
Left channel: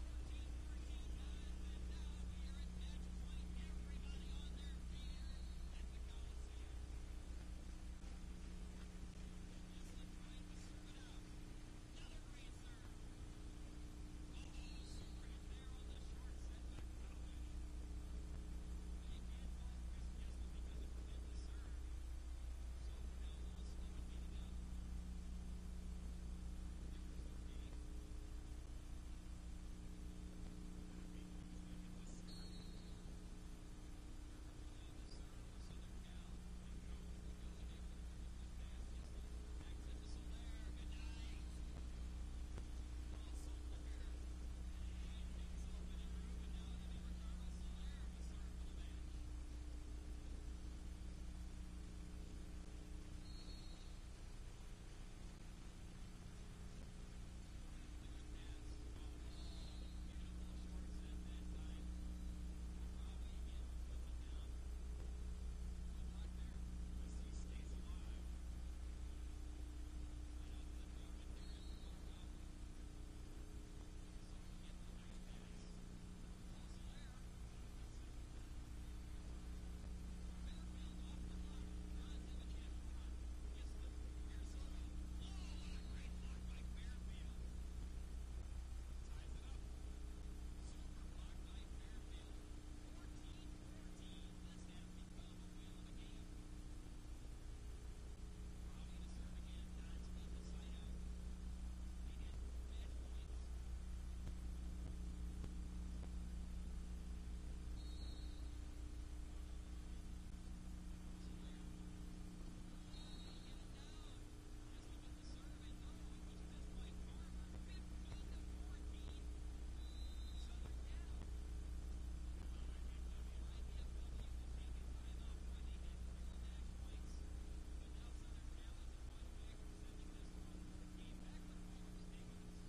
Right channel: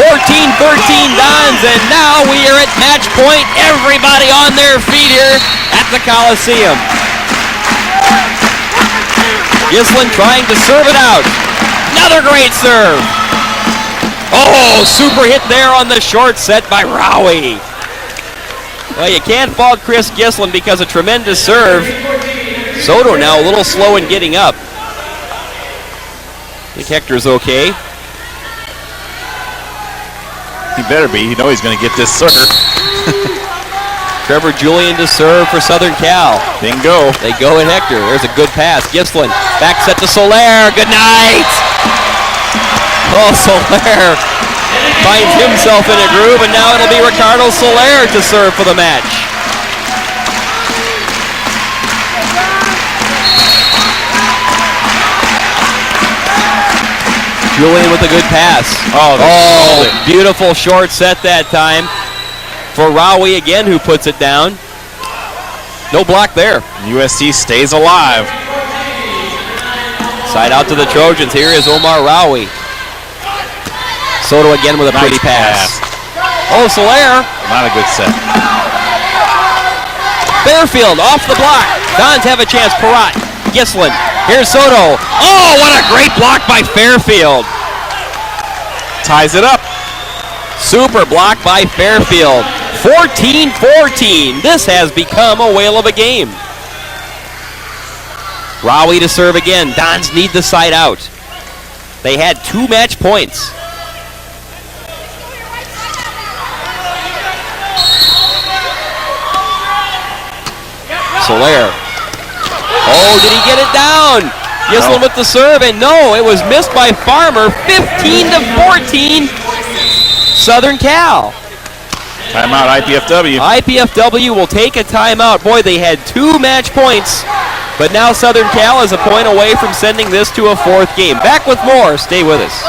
14-13 Dons, and now we are at match point. Everybody on their feet here at the Coliseum. Gislin trying to serve it out. Another great serve. Oh, super hit there on the short set by Rowie. Well, you can't fault Chris Gislin because a tremendous serve. Soto now a little slow in getting up. I think Hector's okay. He better be. You know he's going to get this serve. Trevor Julian to serve for Southern Cal. Bingo. They go at Hector. There's a good pass. Gislin back set to Soler. Good night. Oh, Soler finds himself in a groove, and now it'll be Ricardo Soler to serve for the match. Julian with a good pass. Oh, beautiful short set that time for Rawi again, who puts it down. No block there. USC stays alive. Side out to the Trojans. Here is Omar Rawi. Soto again with a pretty pass. Oh, Soler. Not a good set. Fairfield off the block. Dons have a chance. Parat. Gislin. Here's Soto. Oh, what a great block by Fairfield. Ties it up. Super block by Fairfield. 14-14. This has become a whale of a game. Rawi to serve again. Dons need the side out. They had 2 match points. Soler. Oh, did he get it down? Gislin with the serve, and no, it was missed by Farmer. 15-14, Southern Cal. Timeout, IPFW. IPFW will take a timeout. Boy, they had 2 match points, but now Southern Cal is a point away from sending this to a 4th game. Back with more. Stay with us.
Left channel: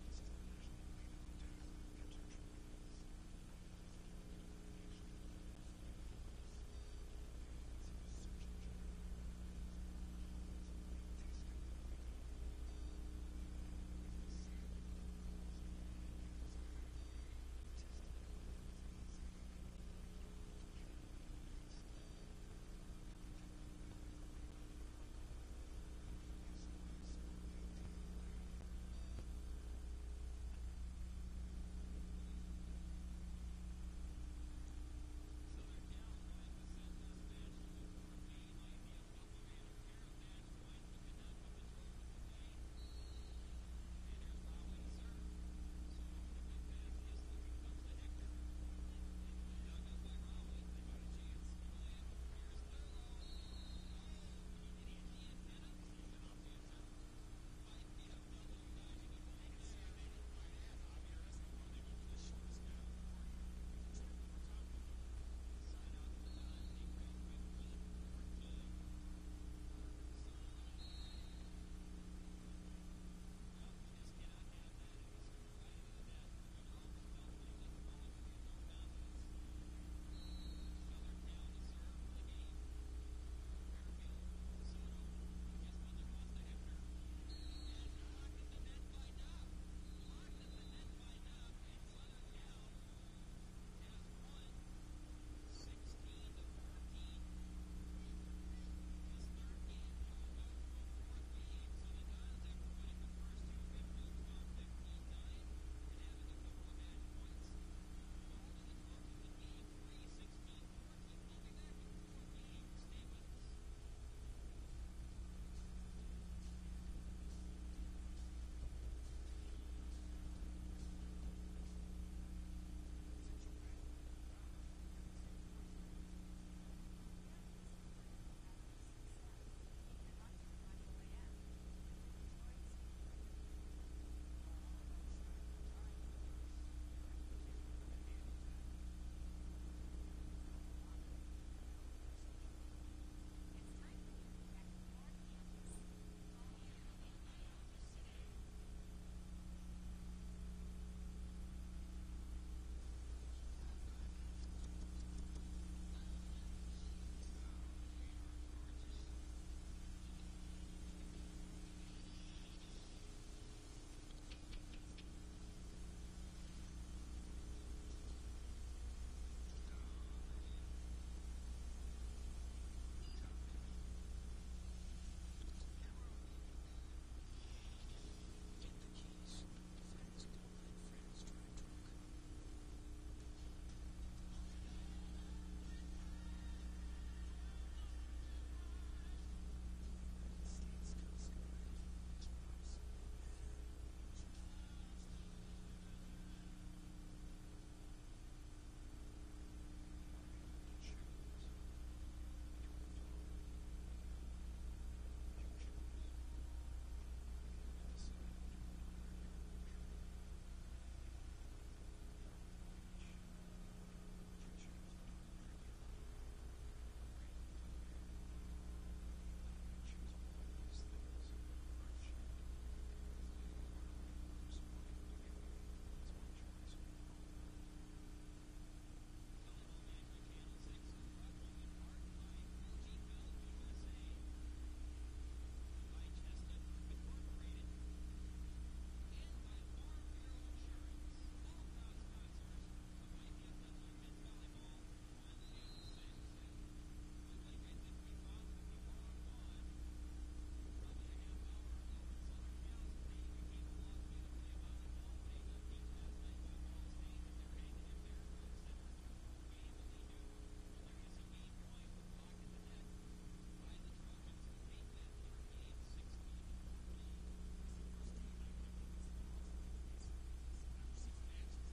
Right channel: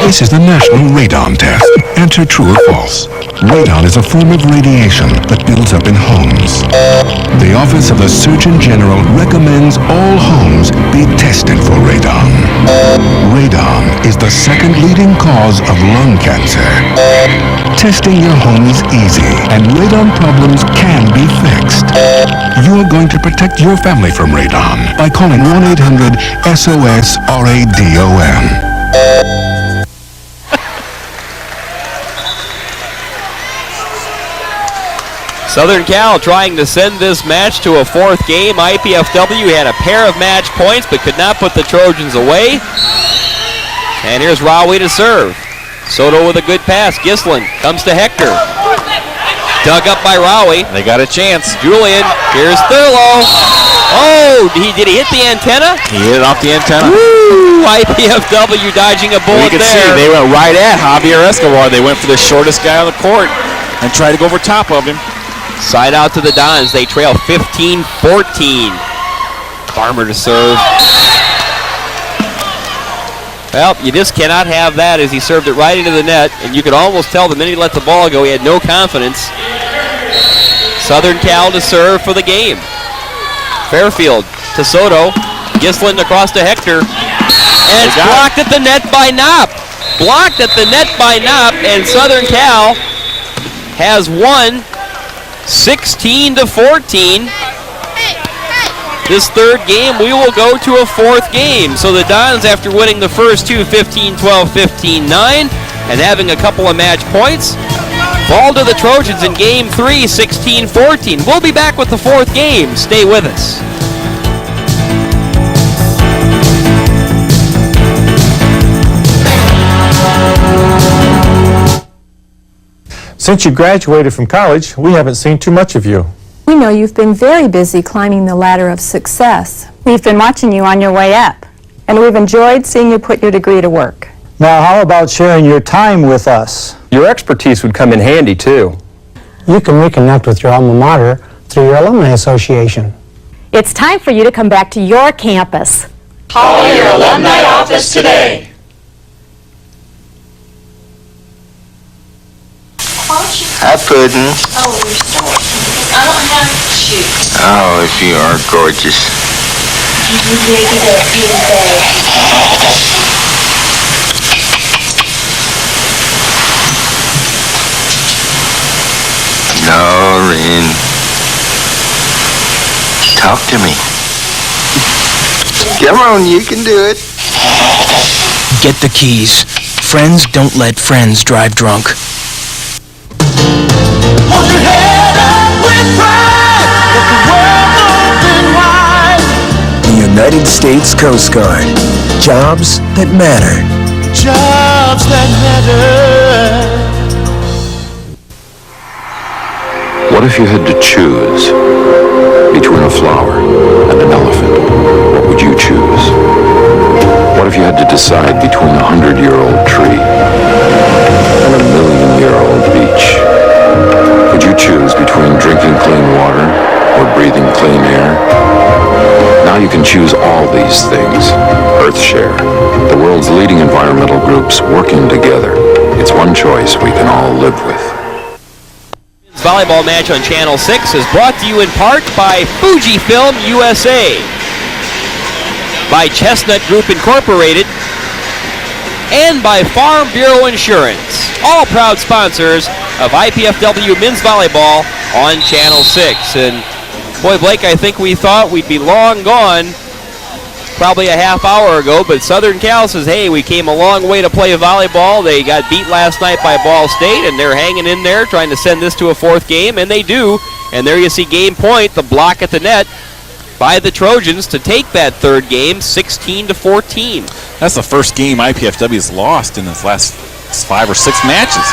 This is the National Radon Test. Answer true or false. Radon is a form of radiation that builds up in homes. The Office of the Surgeon General recommends all homes be tested for radon. Radon is the 2nd leading cause of lung cancer. Testing your home is easy, and radon problems can be fixed. You're going to protect your family from radon by calling 1-800-SOS-RADON. Southern Cal trying to send this match to a 4th game. IPFW had a pair of match points but could not put the Trojans away. And here's Rawi to serve. Soto with a good pass. Gislin comes to Hector. Dug up by Rawi. They got a chance. Julian, here's Thurlow. Oh, did he hit the antenna? He hit it off the antenna. Woo! IPFW dodging a bullet you can there. see they went right at Javier Escobar. They went for the shortest guy on the court and tried to go over top of him. Side out to the Dons. They trail 15-14. Farmer to serve. Well, you just cannot have that as he served it right into the net, and you could almost tell the minute he let the ball go, he had no confidence. Southern Cal to serve for the game. Fairfield to Soto. Gislin across to Hector. And it's blocked at the net by Knopp. Blocked at the net by Knopp, and Southern Cal has won 16-14. This 3rd game, we will go to a 4th game. So the Dons, after winning the first 2, 15-12, 15-9, and having a couple of match points, fall to the Trojans in game 3, 16-14. We'll be back with the 4th game. Stay with us. Since you graduated from college, we haven't seen too much of you. We know you've been very busy climbing the ladder of success. We've been watching you on your way up. And we've enjoyed seeing you put your degree to work. Now, how about sharing your time with us? Your expertise would come in handy, too. You can reconnect with your alma mater through your alumni association. It's time for you to come back to your campus. Call your alumni office today. Hi, Puddin'. Oh, you're sorry. I don't have shoes. Oh, if you are gorgeous. You dig it up here bad. Lauren. Talk to me. Come on, you can do it. Get the keys. Friends don't let friends drive drunk. Hold your head up with pride. Let the world open wide. The United States Coast Guard. Jobs that matter. Jobs clouds that matter. What if you had to choose between a flower and an elephant? What would you choose? What if you had to decide between a 100-year-old tree and a 1,000,000-year-old beach? Would you choose between drinking clean water or breathing clean air? Now you can choose all these things. EarthShare, the world's leading environmental groups working together. It's one choice we can all live with. Volleyball match on Channel 6 is brought to you in part by Fujifilm USA, by Chestnut Group Incorporated, and by Farm Bureau Insurance, all proud sponsors of IPFW Men's Volleyball on Channel 6. And boy, Blake, I think we thought we'd be long gone probably a half hour ago, but Southern Cal says, hey, we came a long way to play volleyball. They got beat last night by Ball State, and they're hanging in there trying to send this to a fourth game, and they do. And there you see game point, the block at the net by the Trojans to take that third game, 16-14. That's the first game IPFW has lost in its last 5 or 6 matches.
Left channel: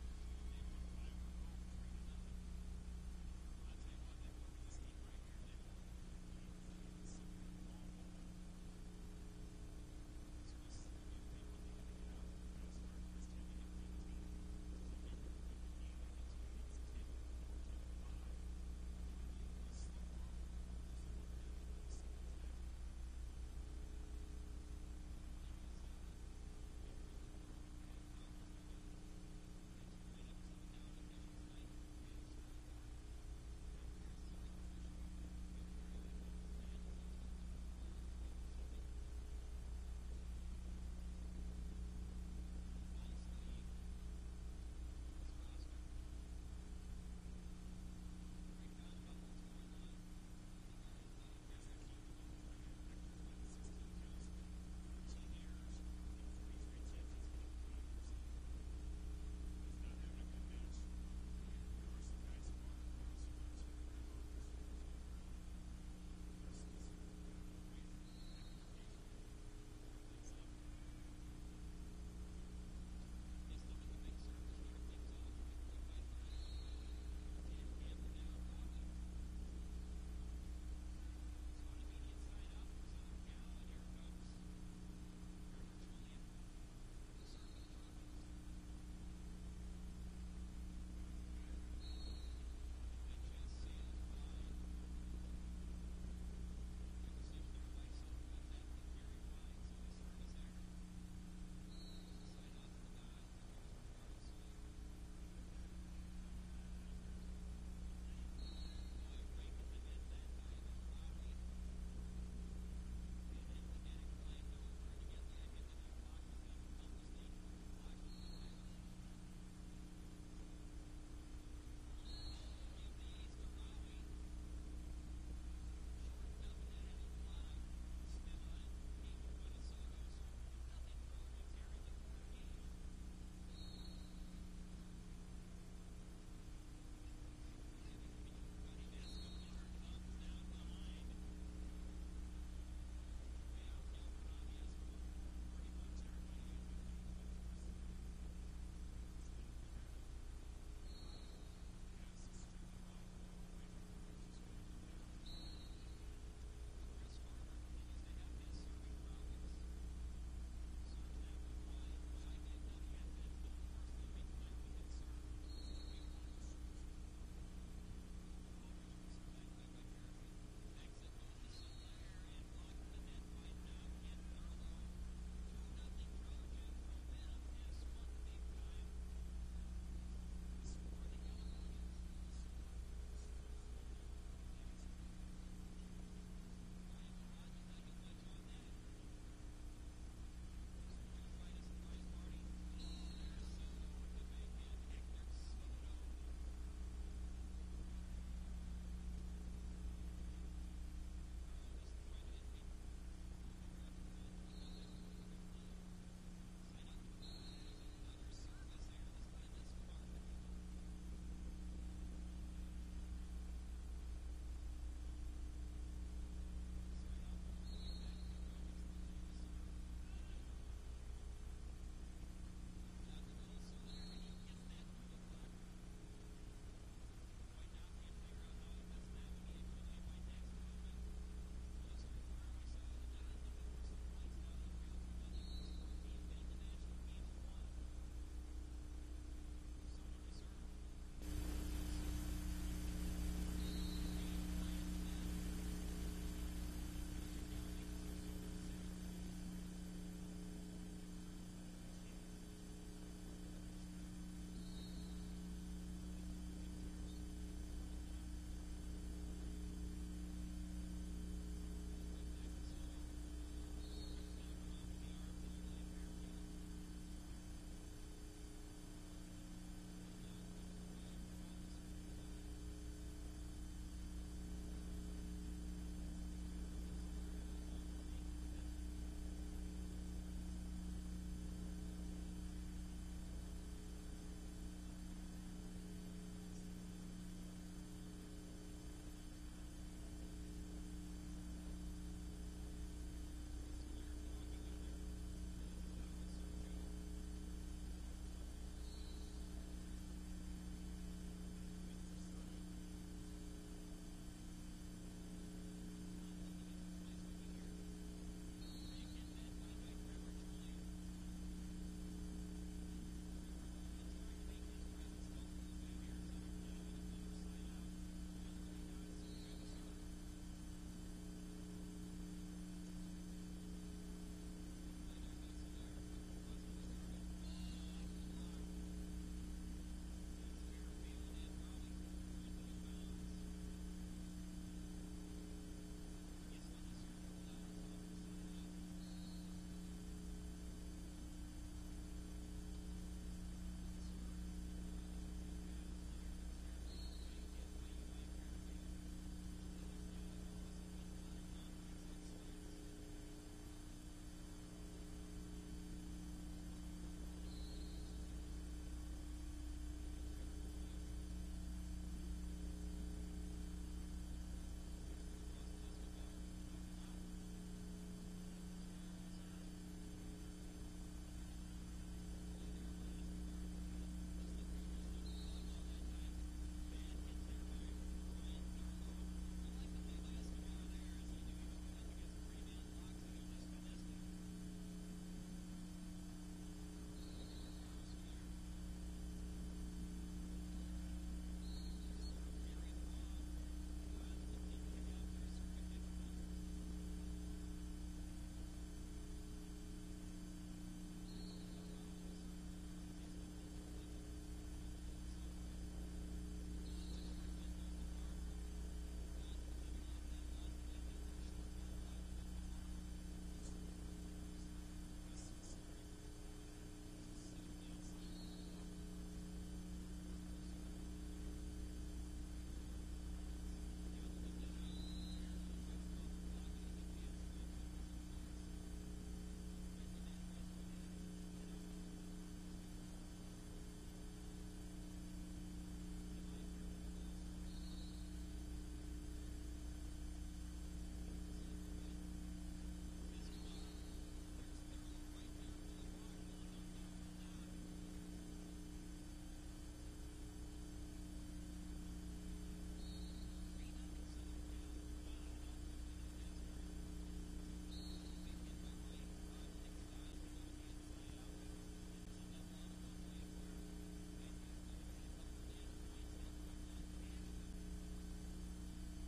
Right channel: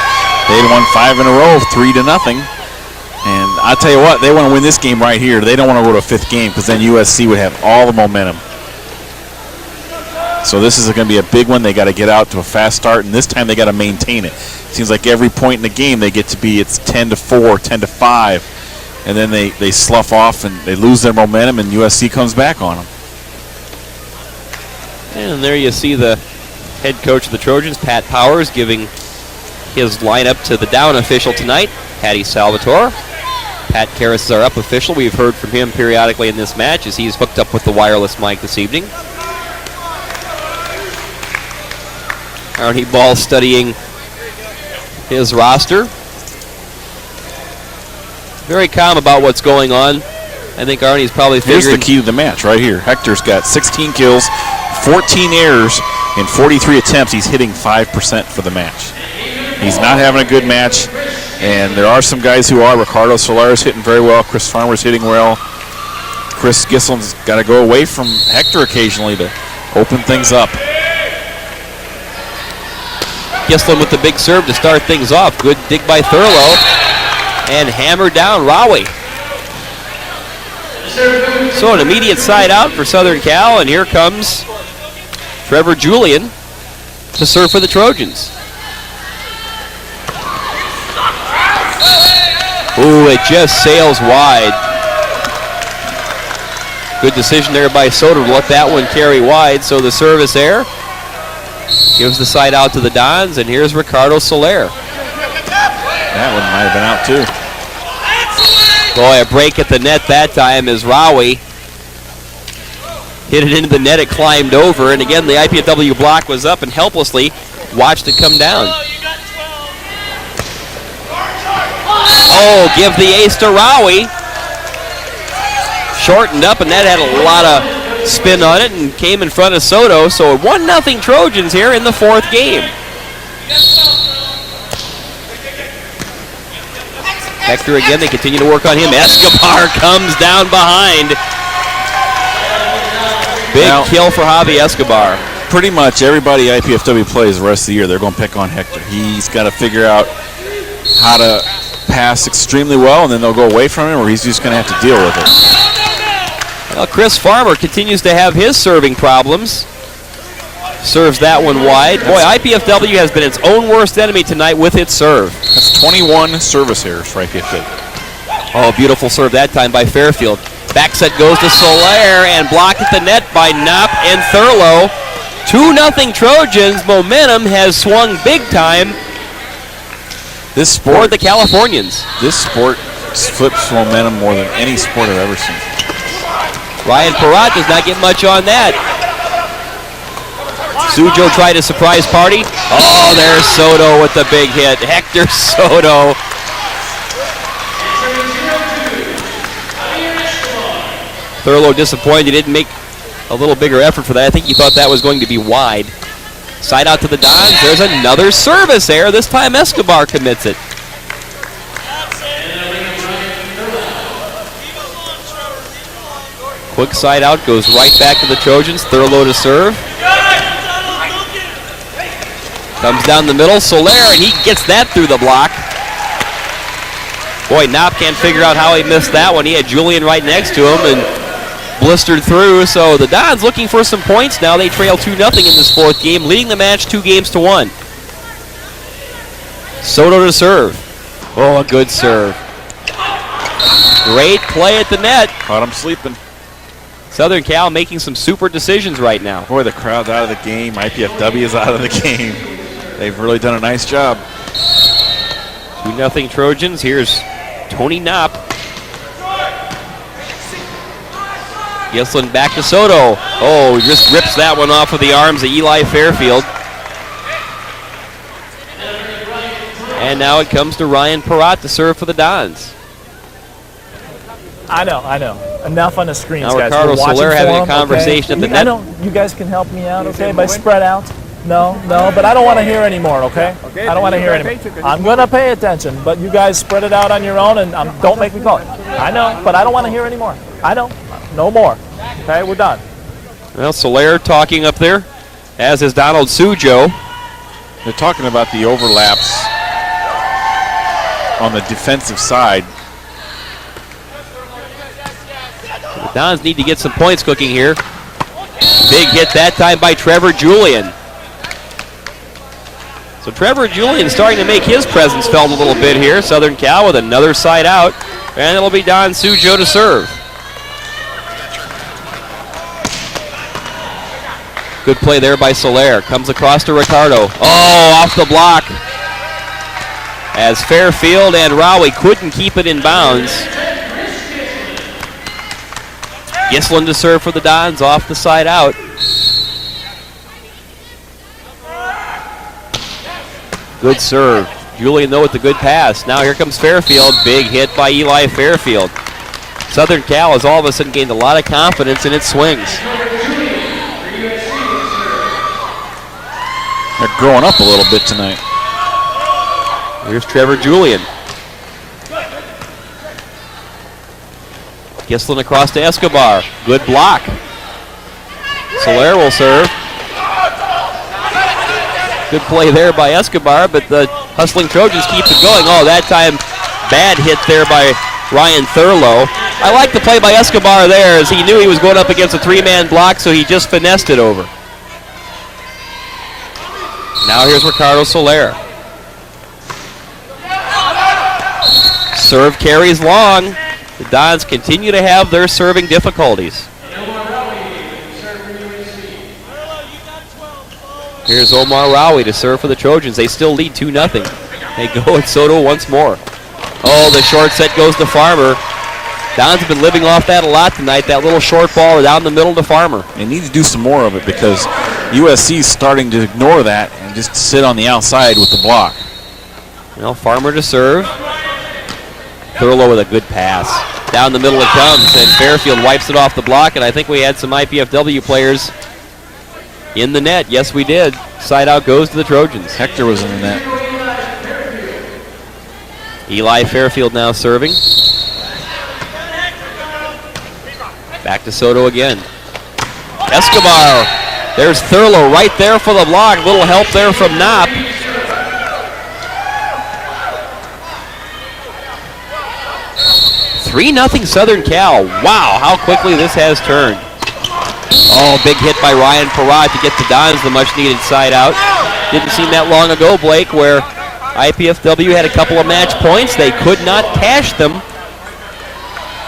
They had won 5 in a row, 3-0. And I'll tell you what, they want to win this game right here. They don't want to go to a 5th game because then USC would have all the momentum. So this is going to be a big one. They got to get out to a fast start, and this time they got to maintain it. Seems like every point in the game they get to be, it's 10-4, 10-5, and then they slough off and they lose their momentum, and USC comes back on them. And there you see the head coach of the Trojans, Pat Powers, giving his lineup to the down official tonight, Patty Salvatore. Pat Karras is our up official. We've heard from him periodically in this match as he's hooked up with the wireless mic this evening. Arnie Ball studying his roster. Very calm about what's going on. I think Arnie's probably figuring... Here's the key to the match right here. Hector's got 16 kills, 14 errors, in 43 attempts. He's hitting 5% for the match. He's not having a good match, and there are some guys who are. Ricardo Soler's hitting very well. Chris Farmer's hitting well. Chris Gislin's got to go away from Hector occasionally to open things up. Gislin with the big serve to start things off. Good dig by Thurlow. And hammered down Rowie. So an immediate side out for Southern Cal, and here comes Trevor Julian to serve for the Trojans. Ooh, it just sails wide. Good decision there by Soder to let that one carry wide. So the service error gives the side out to the Dons, and here's Ricardo Soler. That one might have been out too. Boy, a break at the net that time as Rowie hit it into the net. It climbed over, and again the IPFW block was up and helplessly watched it come down. Oh, give the ace to Rowie. Shortened up, and that had a lot of spin on it and came in front of Soto. So 1-0 Trojans here in the fourth game. Hector again, they continue to work on him. Escobar comes down behind. Big kill for Javi Escobar. Pretty much everybody IPFW plays the rest of the year, they're going to pick on Hector. He's got to figure out how to pass extremely well, and then they'll go away from him, or he's just going to have to deal with it. Well, Chris Farmer continues to have his serving problems. Serves that one wide. Boy, IPFW has been its own worst enemy tonight with its serve. That's 21 service errors for IPFW. Oh, beautiful serve that time by Fairfield. Back set goes to Soler and blocked at the net by Knopp and Thurlow. 2-0 Trojans. Momentum has swung big time this sport, for the Californians. This sport flips momentum more than any sport I've ever seen. Ryan Perrott does not get much on that. Sujo tried a surprise party. Oh, there's Soto with the big hit. Hector Soto. Thurlow disappointed. He didn't make a little bigger effort for that. I think he thought that was going to be wide. Side out to the Dons. There's another service error. This time Escobar commits it. Quick side out, goes right back to the Trojans. Thurlow to serve. Comes down the middle, Soler, and he gets that through the block. Boy, Knopp can't figure out how he missed that one. He had Julian right next to him and blistered through. So the Dons looking for some points now. They trail 2-0 in this fourth game, leading the match 2-1. Soto to serve. Oh, a good serve. Great play at the net. Caught him sleeping. Southern Cal making some super decisions right now. Boy, the crowd's out of the game. IPFW is out of the game. They've really done a nice job. 2-0 Trojans. Here's Tony Knopp. Gislin back to Soto. Oh, he just rips that one off of the arms of Eli Fairfield. And now it comes to Ryan Perrott to serve for the Dons. I know. Enough on the screens, now guys. Ricardo Soler having a conversation at the net. I know you guys can help me out, okay, by spread out. No, but I don't want to hear anymore, okay? I don't want to hear anymore. I'm going to pay attention, but you guys spread it out on your own and don't make me call it. I know, but I don't want to hear anymore. I know. No more. Okay, we're done. Well, Soler talking up there, as is Donald Sujo. They're talking about the overlaps on the defensive side. The Dons need to get some points cooking here. Big hit that time by Trevor Julian. So Trevor Julian starting to make his presence felt a little bit here. Southern Cal with another side out. And it'll be Don Sujo to serve. Good play there by Soler. Comes across to Ricardo. Oh, off the block. As Fairfield and Rowie couldn't keep it in bounds. Gislin to serve for the Dons off the side out. Good serve. Julian, though, with the good pass. Now here comes Fairfield. Big hit by Eli Fairfield. Southern Cal has all of a sudden gained a lot of confidence in its swings. They're growing up a little bit tonight. Here's Trevor Julian. Gislin across to Escobar. Good block. Soler will serve. Good play there by Escobar, but the hustling Trojans keep it going. Oh, that time bad hit there by Ryan Thurlow. I like the play by Escobar there as he knew he was going up against a three-man block, so he just finessed it over. Now here's Ricardo Soler. Serve carries long. The Dons continue to have their serving difficulties. Here's Omar Rowie to serve for the Trojans. They still lead 2-0. They go at Soto once more. Oh, the short set goes to Farmer. Dons have been living off that a lot tonight, that little short ball down the middle to Farmer. They need to do some more of it because USC is starting to ignore that and just sit on the outside with the block. Well, Farmer to serve. Thurlow with a good pass. Down the middle it comes, and Fairfield wipes it off the block, and I think we had some IPFW players in the net. Yes, we did. Side out goes to the Trojans. Hector was in the net. Eli Fairfield now serving. Back to Soto again. Escobar. There's Thurlow right there for the block. Little help there from Knopp. $3-0 Southern Cal. Wow, how quickly this has turned. Oh, big hit by Ryan Perrott to get the Dons the much-needed side out. Didn't seem that long ago, Blake, where IPFW had a couple of match points. They could not cash them.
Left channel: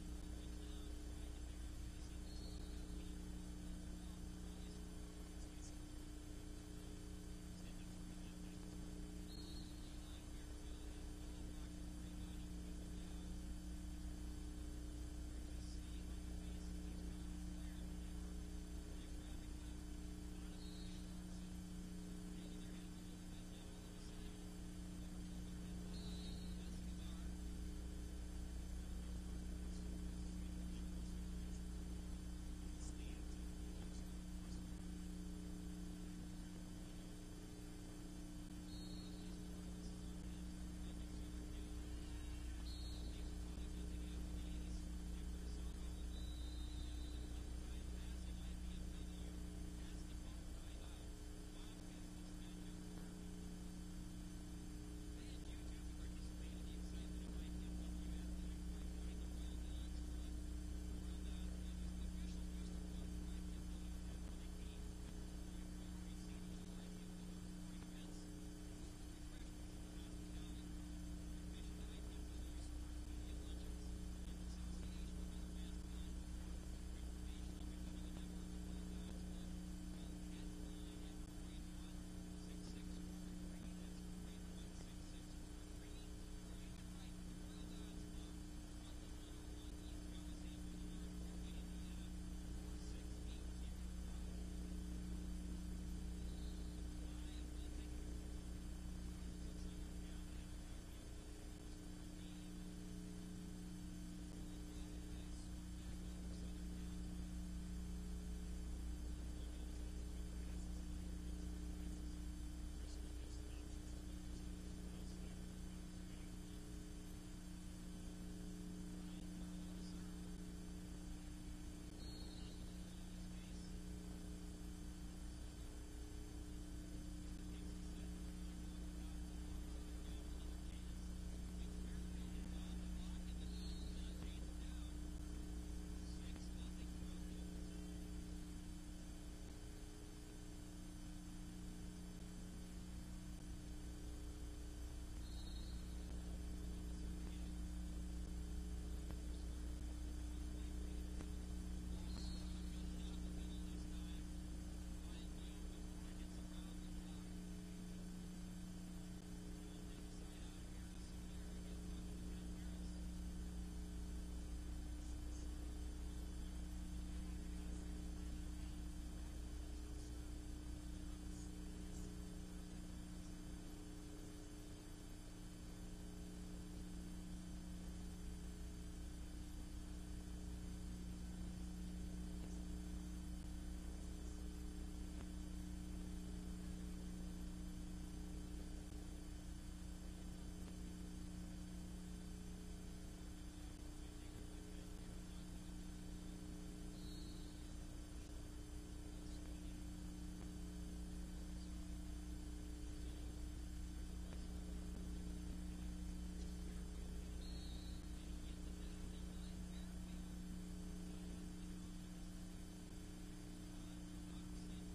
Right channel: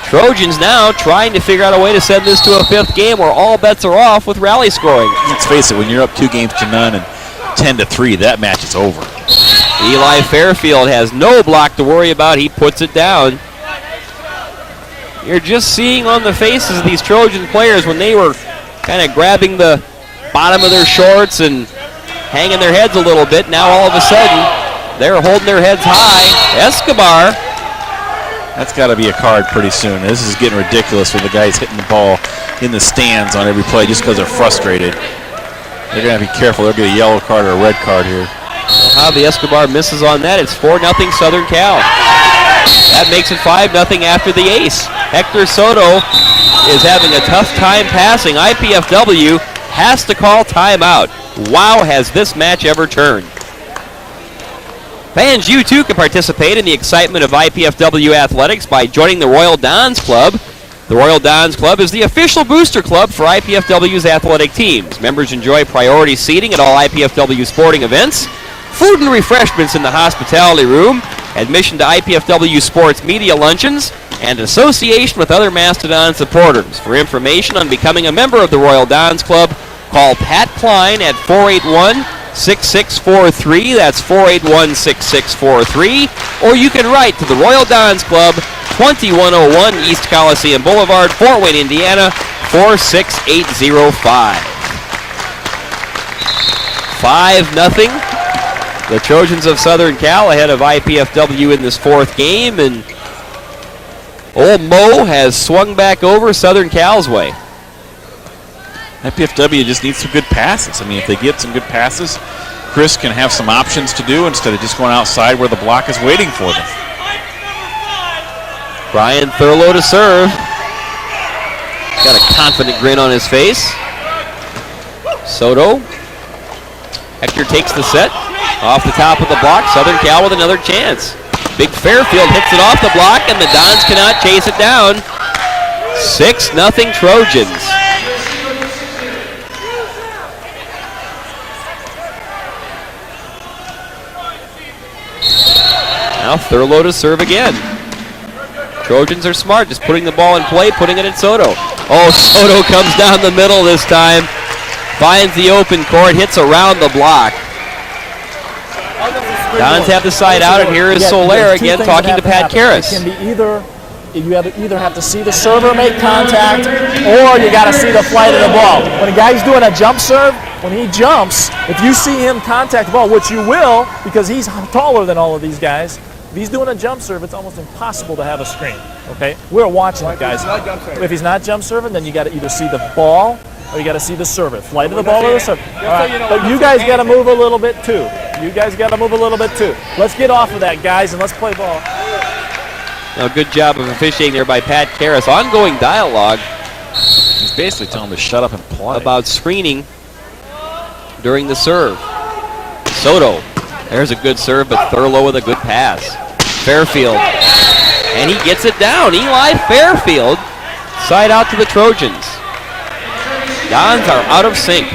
Trojans now trying to figure out a way to send this to a fifth game where all bets are off with rally scoring. Let's face it, when you're up 2-0 and 10-3, that match is over. Eli Fairfield has no block to worry about. He puts it down. You're just seeing on the faces of these Trojan players when they were kind of grabbing the bottom of their shorts and hanging their heads a little bit. Now all of a sudden, they're holding their heads high. Escobar. That's got to be a card pretty soon. This is getting ridiculous with the guys hitting the ball in the stands on every play just because they're frustrated. They're going to have to be careful. They'll get a yellow card or a red card here. Well, how the Escobar misses on that. It's 4-0 Southern Cal. That makes it 5-0 after the ace. Hector Soto is having a tough time passing. IPFW has to call timeout. Wow, has this match ever turned. Fans, you too can participate in the excitement of IPFW athletics by joining the Royal Dons Club. The Royal Dons Club is the official booster club for IPFW's athletic teams. Members enjoy priority seating at all IPFW sporting events, food and refreshments in the hospitality room, admission to IPFW sports media luncheons, and association with other Mastodon supporters. For information on becoming a member of the Royal Dons Club, call Pat Klein at 481-6643. That's 481-6643. Or you can write to the Royal Dons Club, 2101 East Coliseum Boulevard, Fort Wayne, Indiana, 46805. 5-0. The Trojans of Southern Cal ahead of IPFW in this fourth game, and old Mo has swung back over Southern Cal's way. IPFW just needs some good passes. I mean, if they get some good passes, Chris can have some options to do instead of just going outside where the block is waiting for them. Brian Thurlow to serve. Got a confident grin on his face. Soto. Hector takes the set. Off the top of the block, Southern Cal with another chance. Big Fairfield hits it off the block, and the Dons cannot chase it down. 6-0 Trojans. Now Thurlow to serve again. Trojans are smart, just putting the ball in play, putting it in Soto. Oh, Soto comes down the middle this time. Finds the open court, hits around the block. Dons have the side out, and here is Soler again talking to Pat Karras. It can be you either have to see the server make contact, or you got to see the flight of the ball. When a guy's doing a jump serve, when he jumps, if you see him contact the ball, which you will, because he's taller than all of these guys, if he's doing a jump serve, it's almost impossible to have a screen. Okay, we're watching it, guys. If he's not jump serving, then you got to either see the ball or you got to see the server. Flight of the ball or the server. All right. But you guys got to move a little bit too. Let's get off of that, guys, and let's play ball. Now, good job of officiating there by Pat Karras. Ongoing dialogue. He's basically telling him to shut up and play. About screening during the serve. Soto. There's a good serve, but Thurlow with a good pass. Fairfield. And he gets it down. Eli Fairfield. Side out to the Trojans. Dons are out of sync.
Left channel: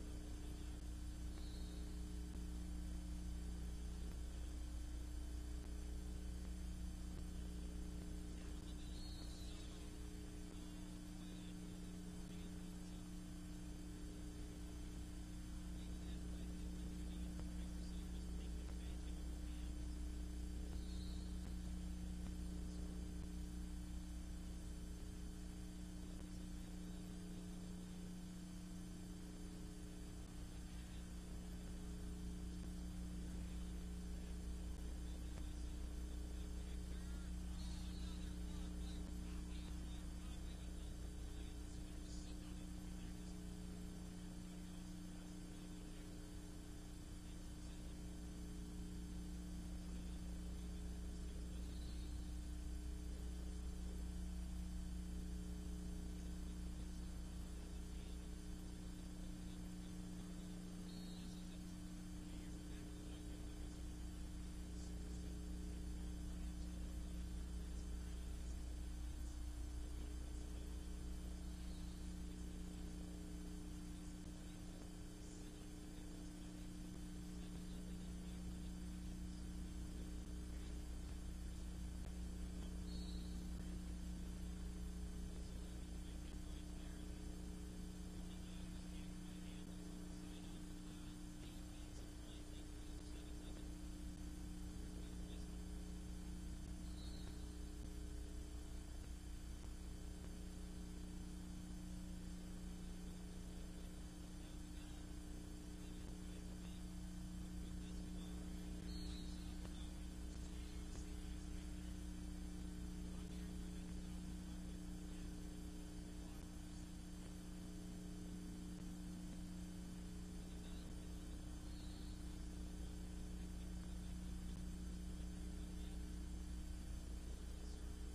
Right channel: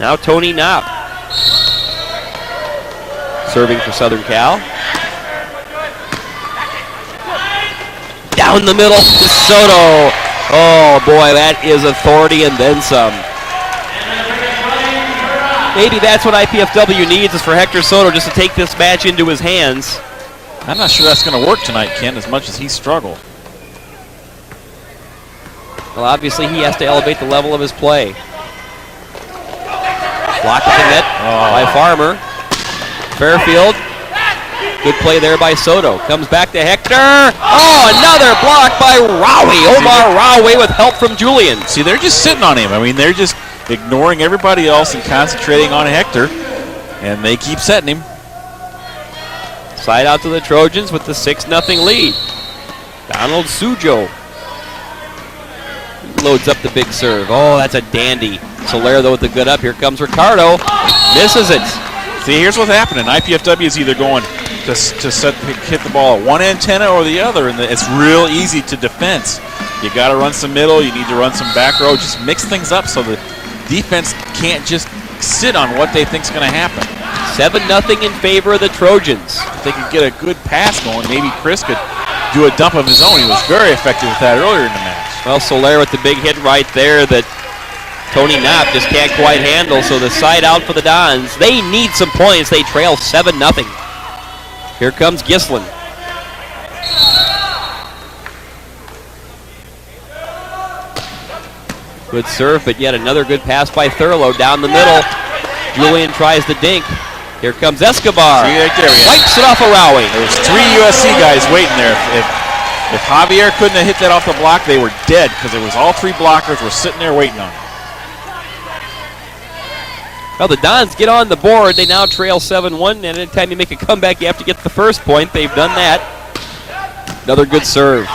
Now Tony Knopp. Serving for Southern Cal. Down the middle to Soto. Oh boy, that is authority and then some. Maybe that's what IPFW needs, is for Hector Soto just to take this match into his hands. I'm not sure that's going to work tonight, Ken, as much as he struggled. Well, obviously he has to elevate the level of his play. Block at the net by Farmer. Fairfield. Good play there by Soto. Comes back to Hector. Oh, another block by Rowie. Omar Rowie with help from Julian. See, they're just sitting on him. I mean, they're just ignoring everybody else and concentrating on Hector, and they keep setting him. Side out to the Trojans with the 6-0 lead. Donald Sujo loads up the big serve. Oh, that's a dandy. Soler, though, with the good up. Here comes Ricardo. Misses it. See, here's what's happening. IPFW is either going to hit the ball at one antenna or the other, and it's real easy to defense. You got to run some middle. You need to run some back row. Just mix things up so the defense can't just sit on what they think is going to happen. 7-0 in favor of the Trojans. If they could get a good pass going, maybe Chris could do a dump of his own. He was very effective with that earlier in the match. Well, Soler with the big hit right there that Tony Knopp just can't quite handle, so the side out for the Dons. They need some points. They trail 7-0. Here comes Gislin. Good serve, but yet another good pass by Thurlow down the middle. Julian tries the dink. Here comes Escobar. See, right there, wipes it off of Rowie. There was 3 USC guys waiting there. If Javier couldn't have hit that off the block, they were dead, because it was all 3 blockers were sitting there waiting on him. Well, the Dons get on the board. They now trail 7-1, and anytime you make a comeback, you have to get the first point. They've done that. Another good serve.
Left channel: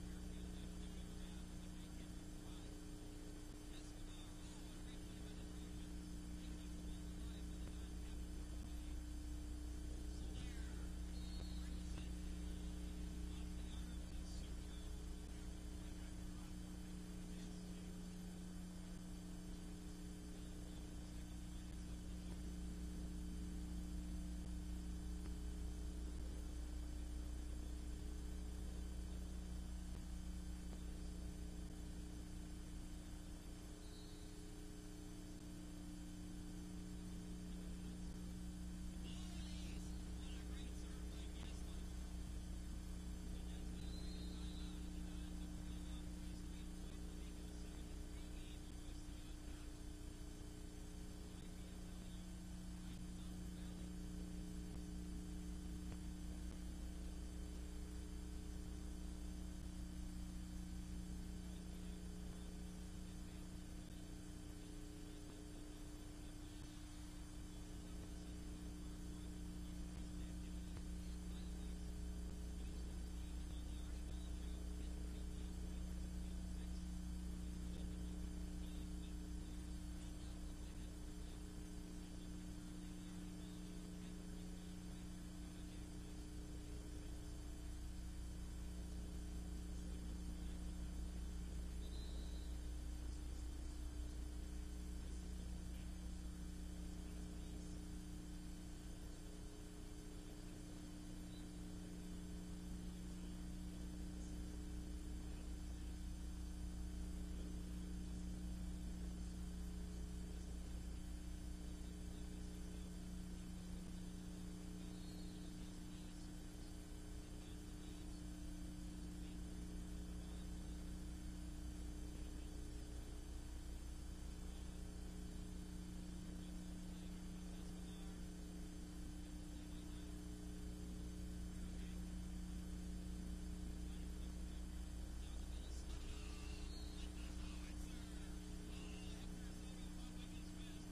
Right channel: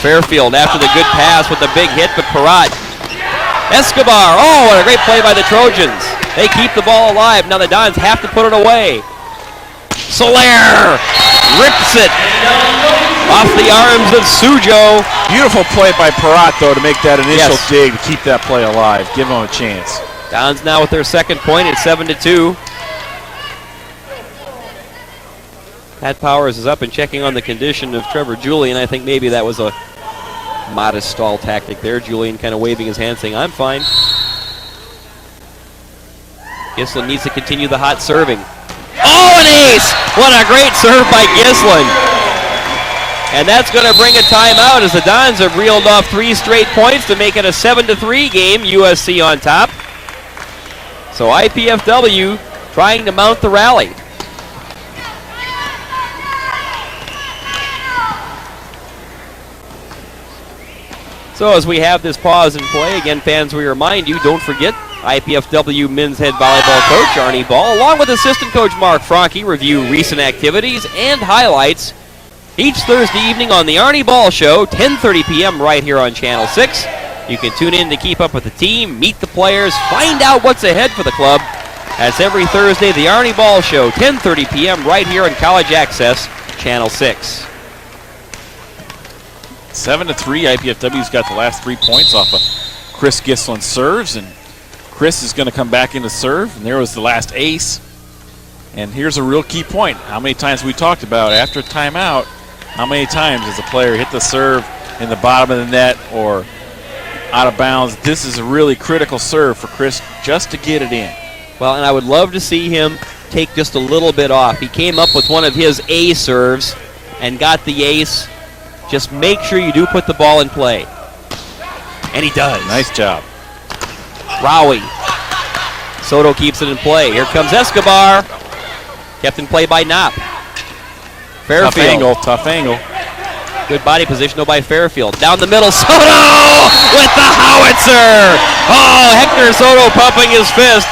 Fairfield after the good pass with the big hit, but Perrott. Escobar. Oh, what a great play by the Trojans. They keep the ball alive. Now the Dons have to put it away. Soler rips it off the arms of Sujo. Beautiful play by Peratt, though, to make that initial dig to keep that play alive. Give them a chance. Dons now with their second point at 7-2. Pat Powers is up and checking on the condition of Trevor Julian. I think maybe that was a modest stall tactic there. Julian kind of waving his hand saying, I'm fine. Gislin needs to continue the hot serving. Oh, an ace! What a great serve by Gislin. And that's going to bring a timeout as the Dons have reeled off 3 straight points to make it a 7-3 game. USC on top. So IPFW trying to mount the rally. So as we have this pause and play, again, fans, we remind you, don't forget, IPFW men's head volleyball coach Arnie Ball, along with assistant coach Mark Franke, review recent activities and highlights each Thursday evening on the Arnie Ball Show, 10:30 p.m. right here on Channel 6. You can tune in to keep up with the team, meet the players, find out what's ahead for the club. That's every Thursday, the Arnie Ball Show, 10:30 p.m. right here on College Access, Channel 6. 7-3, IPFW's got the last 3 points off of Chris Gislin serves, and Chris is going to come back into serve, and there was the last ace. And here's a real key point. How many times we talked about after timeout, how many times does a player hit the serve in the bottom of the net or out of bounds? This is a really critical serve for Chris just to get it in. Well, and I would love to see him take just a little bit off. He came up with one of his A serves and got the ace. Just make sure you do put the ball in play. And he does. Nice job. Rowie. Soto keeps it in play. Here comes Escobar. Kept in play by Knopp. Fairfield. Tough angle. Good body position though by Fairfield. Down the middle, Soto with the howitzer. Oh, Hector Soto pumping his fist.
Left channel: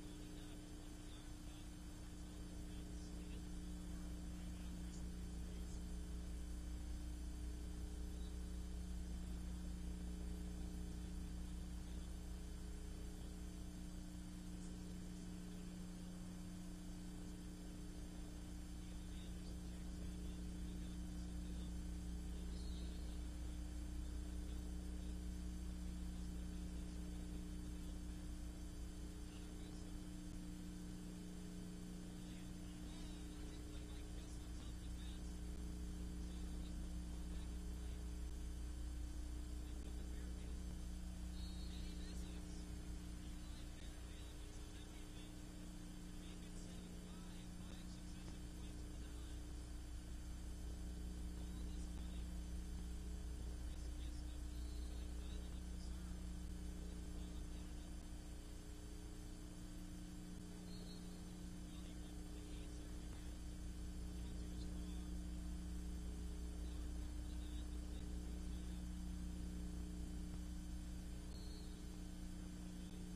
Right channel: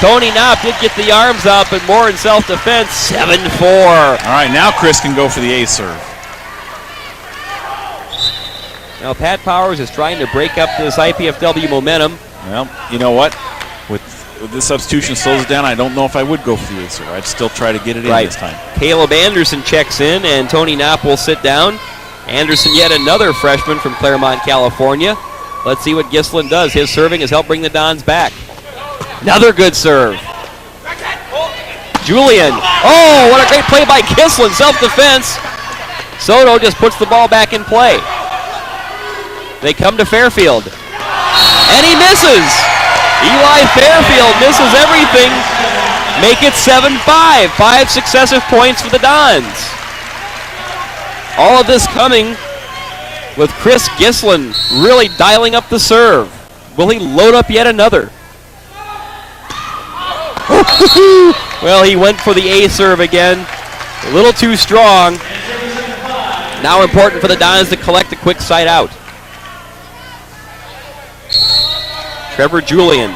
Tony Knopp did get the arms up, but more in self-defense, 7-4. All right, now Chris can go for the ace serve. Now Pat Powers is trying to break up this IPFW momentum. Well, you know what? With this substitution slows it down, I don't know if I would go for the ace serve. I'd still try to get it in this time. Caleb Anderson checks in, and Tony Knopp will sit down. Anderson, yet another freshman from Claremont, California. Let's see what Gislin does. His serving has helped bring the Dons back. Another good serve. Julian. Oh, what a great play by Gislin. Self-defense. Soto just puts the ball back in play. They come to Fairfield. And he misses. Eli Fairfield misses everything. Make it 7-5. 5 successive points for the Dons. All of this coming with Chris Gislin really dialing up the serve. Will he load up yet another? Well, he went for the A serve again. A little too strong. Now important for the Dons to collect a quick side out. Trevor Julian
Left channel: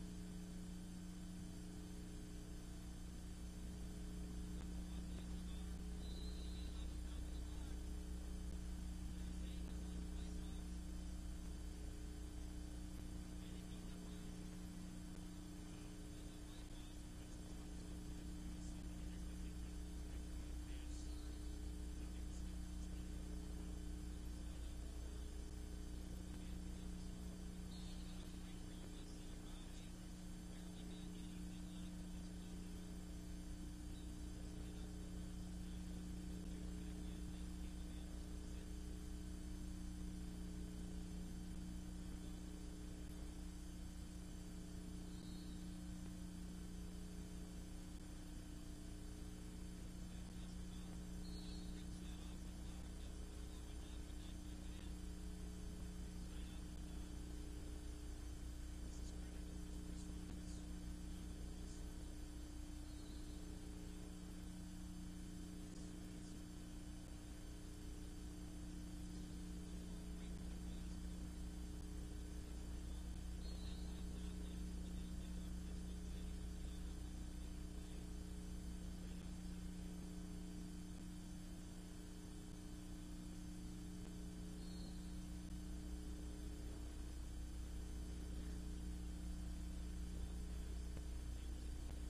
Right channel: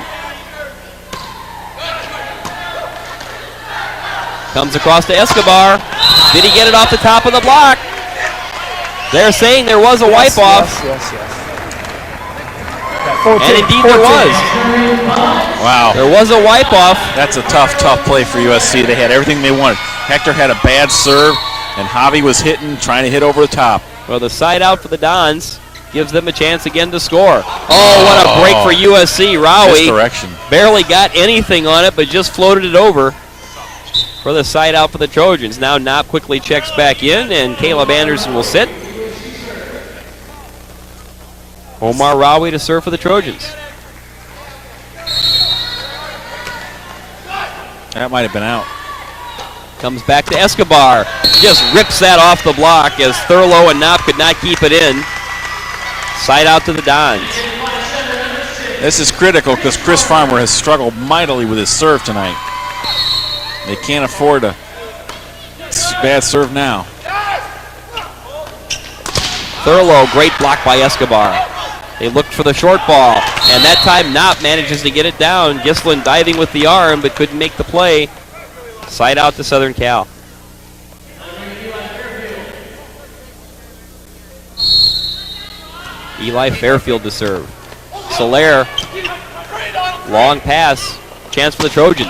comes across to Escobar. Did he get it off the top of the block? They're saying there was a wipe-off. Yes. And indeed there was. Wow. There was a wipe-off. That's a tough play for USC. They had everything they wanted. Hector had a bad serve, and Javi was trying to hit over the top. Well, the side out for the Dons gives them a chance again to score. Oh, what a break for USC. Rowie Misdirection. barely got anything on it, but just floated it over for the side out for the Trojans. Now Knopp quickly checks back in, and Caleb Anderson will sit. Omar Rowie to serve for the Trojans. That might have been out. Comes back to Escobar. Just rips that off the block as Thurlow and Knopp could not keep it in. Side out to the Dons. This is critical because Chris Farmer has struggled mightily with his serve tonight. They can't afford a bad serve now. Thurlow, great block by Escobar. They looked for the short ball, and that time Knopp manages to get it down. Gislin diving with the arm, but couldn't make the play. Side out to Southern Cal. Eli Fairfield to serve. Soler, long pass. Chance for the Trojans.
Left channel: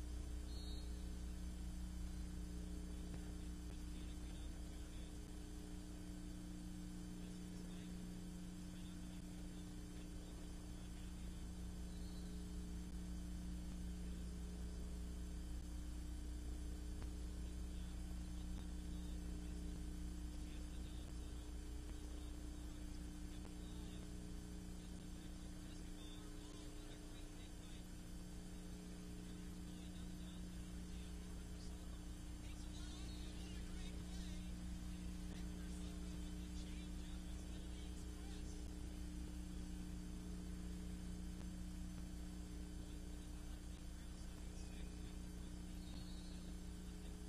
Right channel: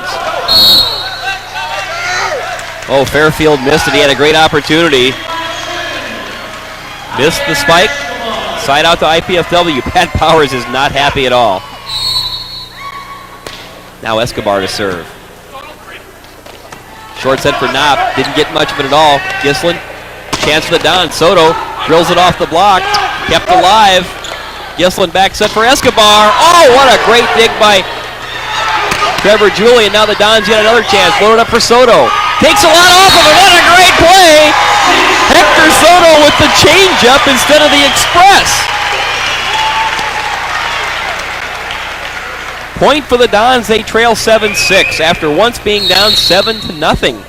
Oh, Fairfield missed it. He had a great opportunity. Missed the spike. Side out to IPFW. Pat Powers is not happy at all. Now Escobar to serve. Short set for Knopp. Didn't get much of it at all. Gislin. Chance for the Don. Soto drills it off the block. Kept alive. Gislin back set for Escobar. Oh, what a great dig by Trevor Julian. Now the Dons get another chance. Load it up for Soto. Takes a lot off of it. What a great play. Hector Soto with the changeup instead of the express. Point for the Dons. They trail 7-6 after once being down 7-0.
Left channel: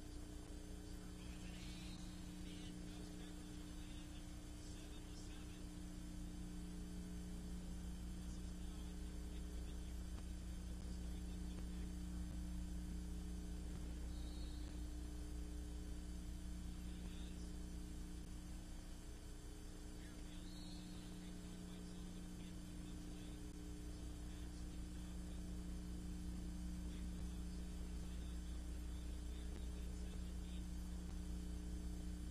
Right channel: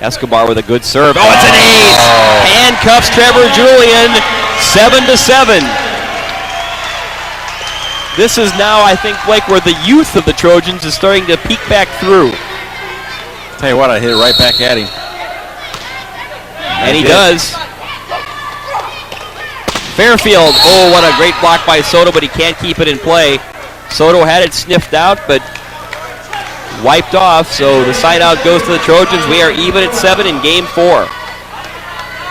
Escobar with a good serve. Oh, it's an ace. Handcuffs Trevor Julian. 7-7. This is now, I think, Blake, where the youth of the Trojans is starting to peek back through. Tell you what, I hit it right back at him. And he does. Fairfield, oh, what a great block by Soto, but he can't keep it in play. Soto had it sniffed out, but wiped off, so the side out goes to the Trojans. We are even at 7 in game 4.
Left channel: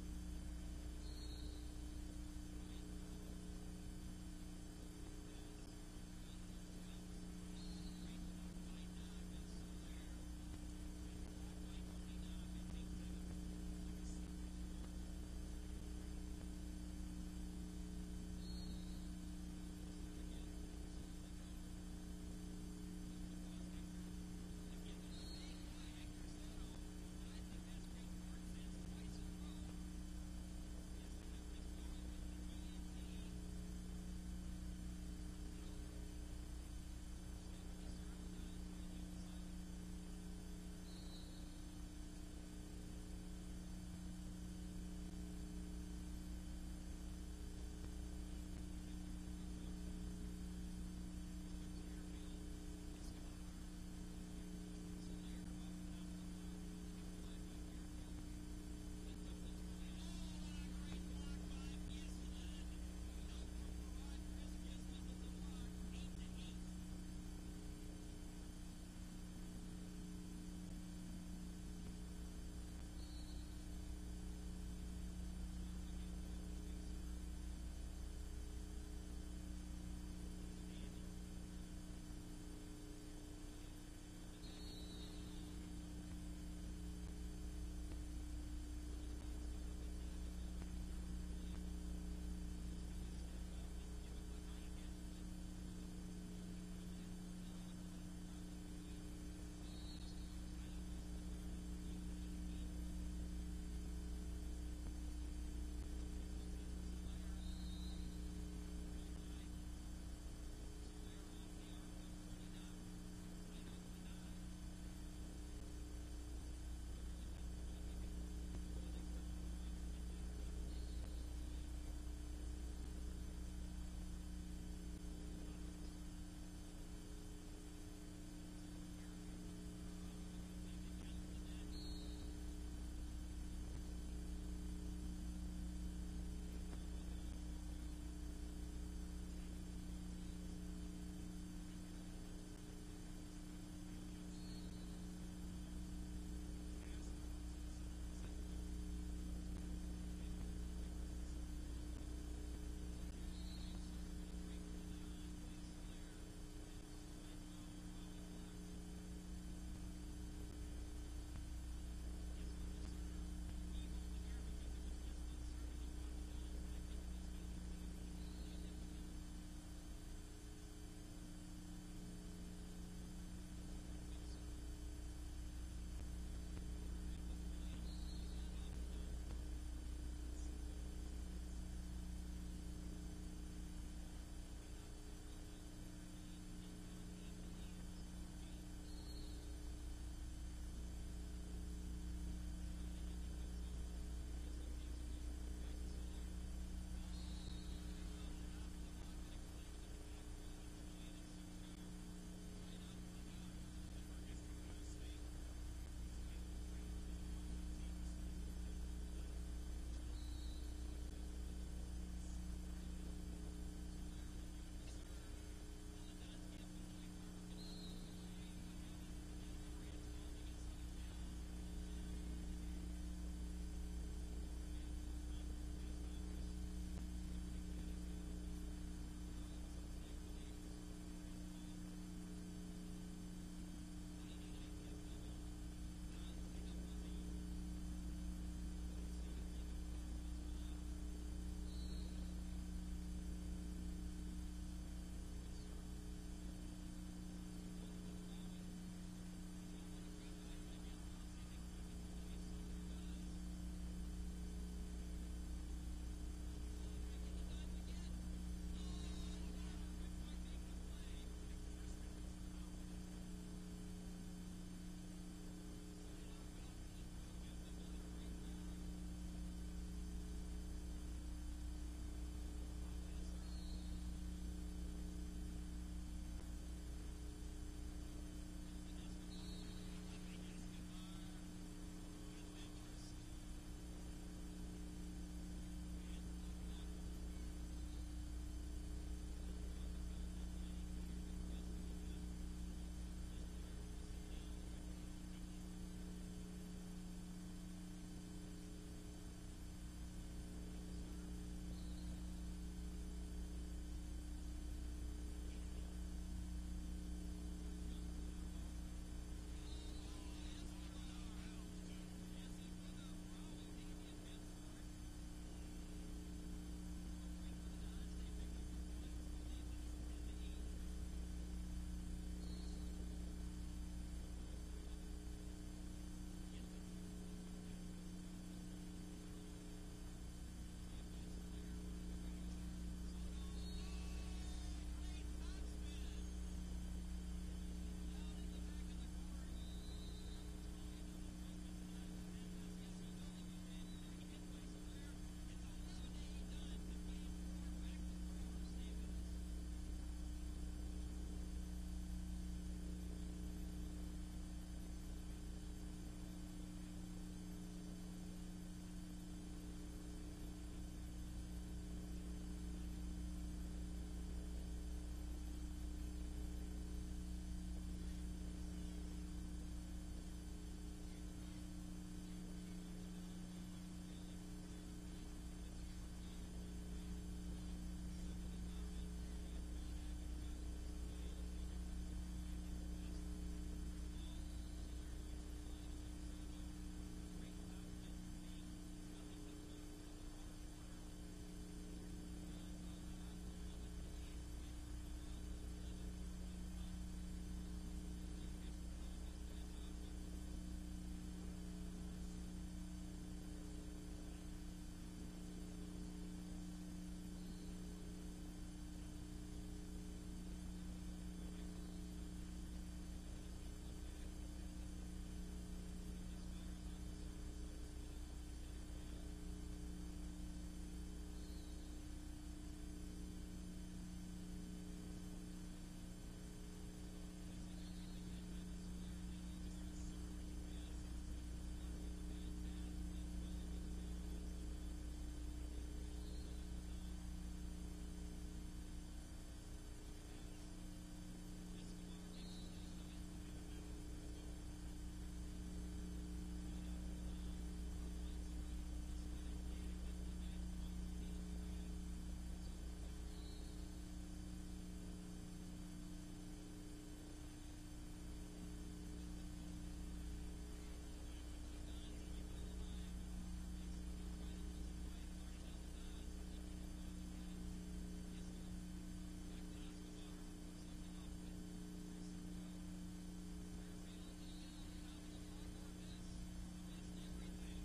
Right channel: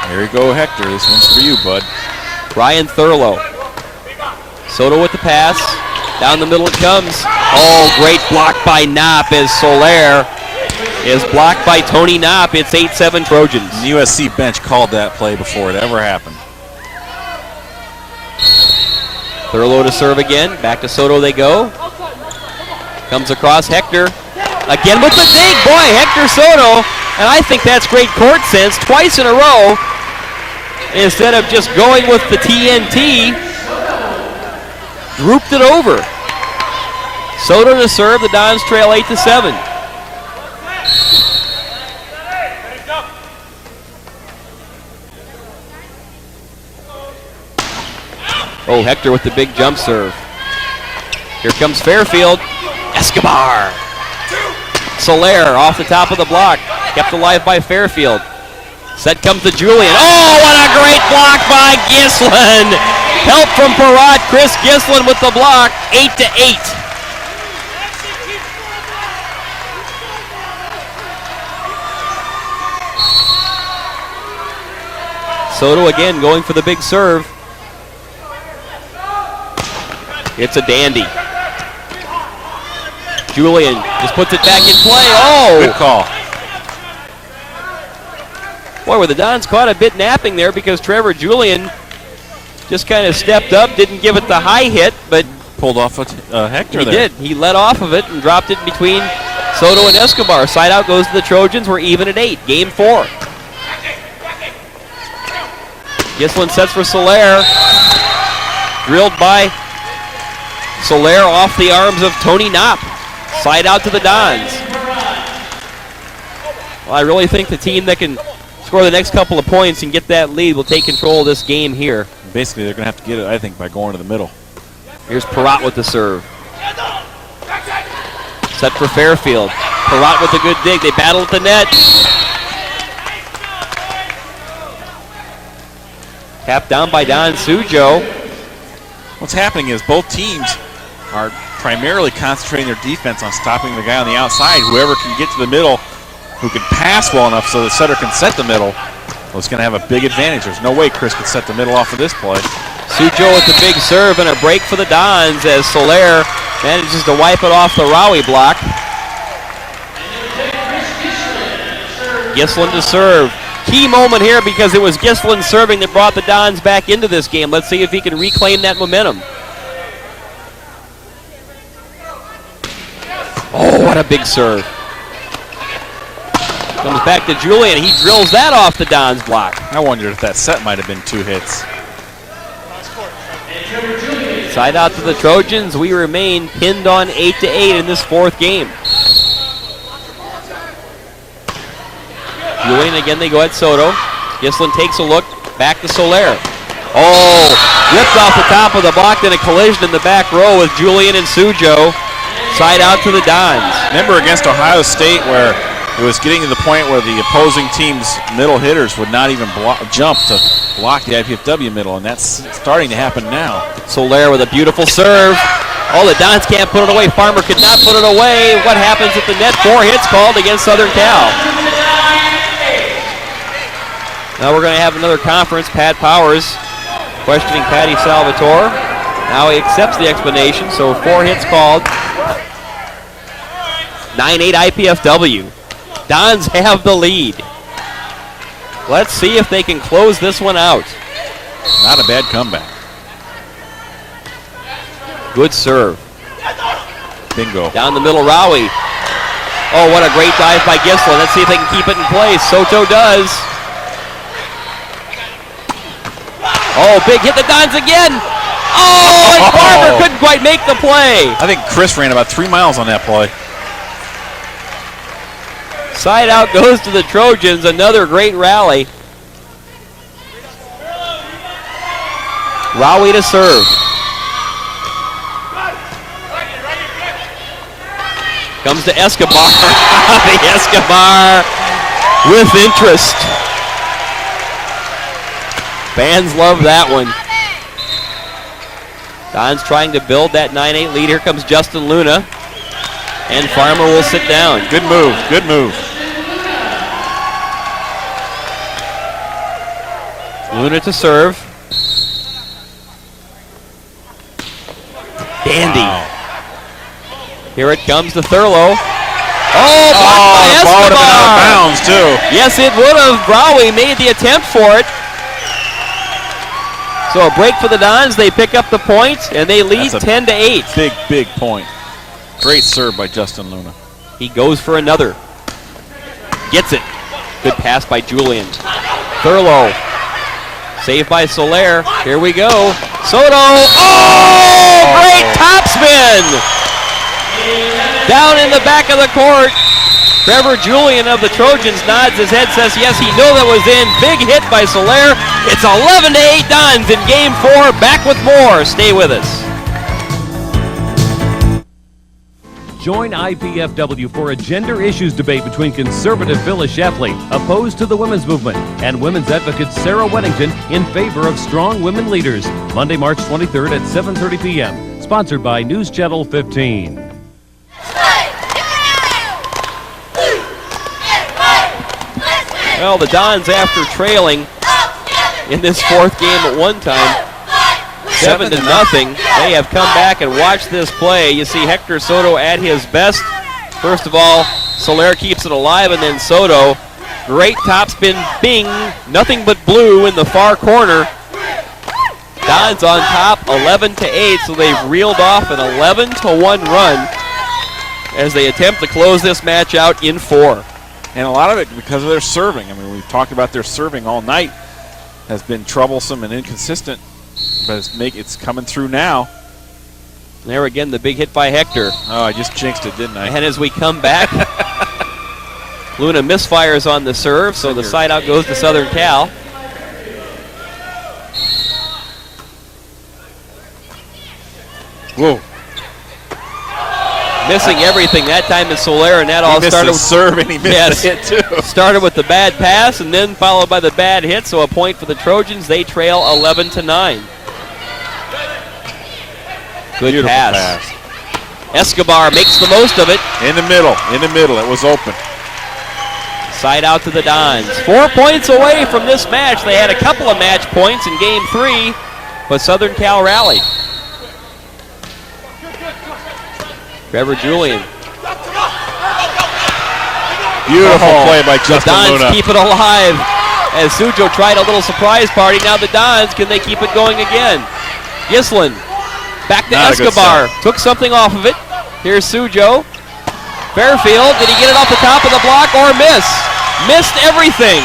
There you go, Hector. This one's for you, bud. Ryan Thurlow. Soto with the pass. Down the middle it comes. Oh, great block by Knopp as Soler is blocked by Tony Knopp. It's 8-7 Trojans. The USC bench called that play before it ever happened. Thurlow to serve again. Back to Soto they go. Comes across Hector. Again with the dig. Boy, Hector Soto. And I think that's great court sense. Twice in a row. Instead of just going with the TNT, drooped it over. Soto to serve. The Dons trail 8-7. Oh, Hector with the big jump serve. Here comes Fairfield. Escobar. Soler off the top of the block. Kept alive by Fairfield. Set comes to Julian. Oh, what a great block by Gislin. Help from Parat. Chris Gislin with the block. 8-8. Soto again going for the big serve. It's a dandy. Julian just puts it back in play. Oh! Good call. Boy, were the Dons caught a bit napping there because Trevor Julian just kind of stepped up, didn't give it the high hit, but pulled off Hector he there. did. He let off of it and dropped it between Soto and Escobar. Side out goes to the Trojans. We're even at 8. Game 4. Gislin sets for Soler. Drilled by Soler off the arms of Tony Knopp. Side out to the Dons. Well, I really think the team that can score the next couple of points and get that lead will take control of this game here. Basically, they're going to have to get it, I think, by going to the middle. Here's Parat with the serve. Set for Fairfield. Parat with a good dig. They battle at the net. Tapped down by Don Sujo. What's happening is both teams are primarily concentrating their defense on stopping the guy on the outside. Whoever can get to the middle, who can pass well enough so the setter can set the middle, well, it's going to have a big advantage. There's no way Chris could set the middle off of this play. Sujo with the big serve and a break for the Dons as Soler manages to wipe it off the Rowie block. Gislin to serve. Key moment here because it was Gislin serving that brought the Dons back into this game. Let's see if he can reclaim that momentum. Oh, what a big serve. Comes back to Julian. He drills that off the Dons block. I wondered if that set might have been 2 hits. Side out to the Trojans. We remain pinned on 8-8 in this 4th game. Julian again, they go at Soto. Gislin takes a look, back to Soler. Oh, ripped off the top of the block, then a collision in the back row with Julian and Sujo. Side out to the Dons. Remember against Ohio State where it was getting to the point where the opposing team's middle hitters would not even jump to block the IPFW middle, and that's starting to happen now. Soler with a beautiful serve. Oh, the Dons can't put it away. Farmer could not put it away. What happens at the net? 4 hits called against Southern Cal. Now we're going to have another conference. Pat Powers questioning Patty Salvatore. Now he accepts the explanation, so 4 hits called. 9-8 IPFW. Dons have the lead. Let's see if they can close this one out. Not a bad comeback. Good serve. Bingo. Down the middle, Rowie. Oh, what a great dive by Gislin. Let's see if they can keep it in place. Soto does. Oh, big hit the Dons again. Oh, and Farmer couldn't quite make the play. I think Chris ran about 3 miles on that play. Side out goes to the Trojans. Another great rally. Rowie to serve. Comes to Escobar. The Escobar with interest. Fans love that one. Don's trying to build that 9-8 lead. Here comes Justin Luna. And Farmer will sit down. Good move. Good move. Luna to serve. Dandy. Wow. Here it comes to Thurlow. Oh, blocked by the ball would have been out of Escobar. bounds, too. Yes, it would have. Browy made the attempt for it. So a break for the Dons. They pick up the point, and they lead 10-8. Big, big point. Great serve by Justin Luna. He goes for another. Gets it. Good pass by Julian. Thurlow. Saved by Soler. Here we go. Soto. Oh, great topspin. Down in the back of the court. Trevor Julian of the Trojans nods his head, says yes, he knew that was in. Big hit by Soler. It's 11-8 Dons in game 4. Back with more. Stay with us. Join IPFW for a gender issues debate between conservative Phyllis Schlafly, opposed to the women's movement, and women's advocate Sarah Weddington in favor of strong women leaders. Monday, March 23rd at 7:30 p.m. Sponsored by News Channel 15. Well, the Dons, after trailing in this 4th game at one time, 7-0, they have come back and watched this play. You see Hector Soto at his best. First of all, Soler keeps it alive, and then Soto. Great topspin, bing, nothing but blue in the far corner. Dons on top, 11-8, so they've reeled off an 11-1 run as they attempt to close this match out in 4. And a lot of it because of their serving. I mean, we've talked about their serving all night. Has been troublesome and inconsistent, but it's coming through now. There again, the big hit by Hector. Oh, I just jinxed it, didn't I? And as we come back, Luna misfires on the serve, so the side out goes to Southern Cal. Whoa. Missing everything. That time is Soler, and that all started with serve, and he missed the hit too. Started with the bad pass, and then followed by the bad hit. So a point for the Trojans. They trail 11-9. Good Beautiful pass. Escobar makes the most of it. In the middle. It was open. Side out to the Dons. 4 points away from this match. They had a couple of match points in game 3, but Southern Cal rallied. Trevor Julian. Beautiful play by Justin Luna. The Luna. Dons keep it alive as Sujo tried a little surprise party. Now the Dons, can they keep it going again? Gislin back to Escobar. Took something off of it. Here's Sujo. Fairfield, did he get it off the top of the block or miss? Missed everything.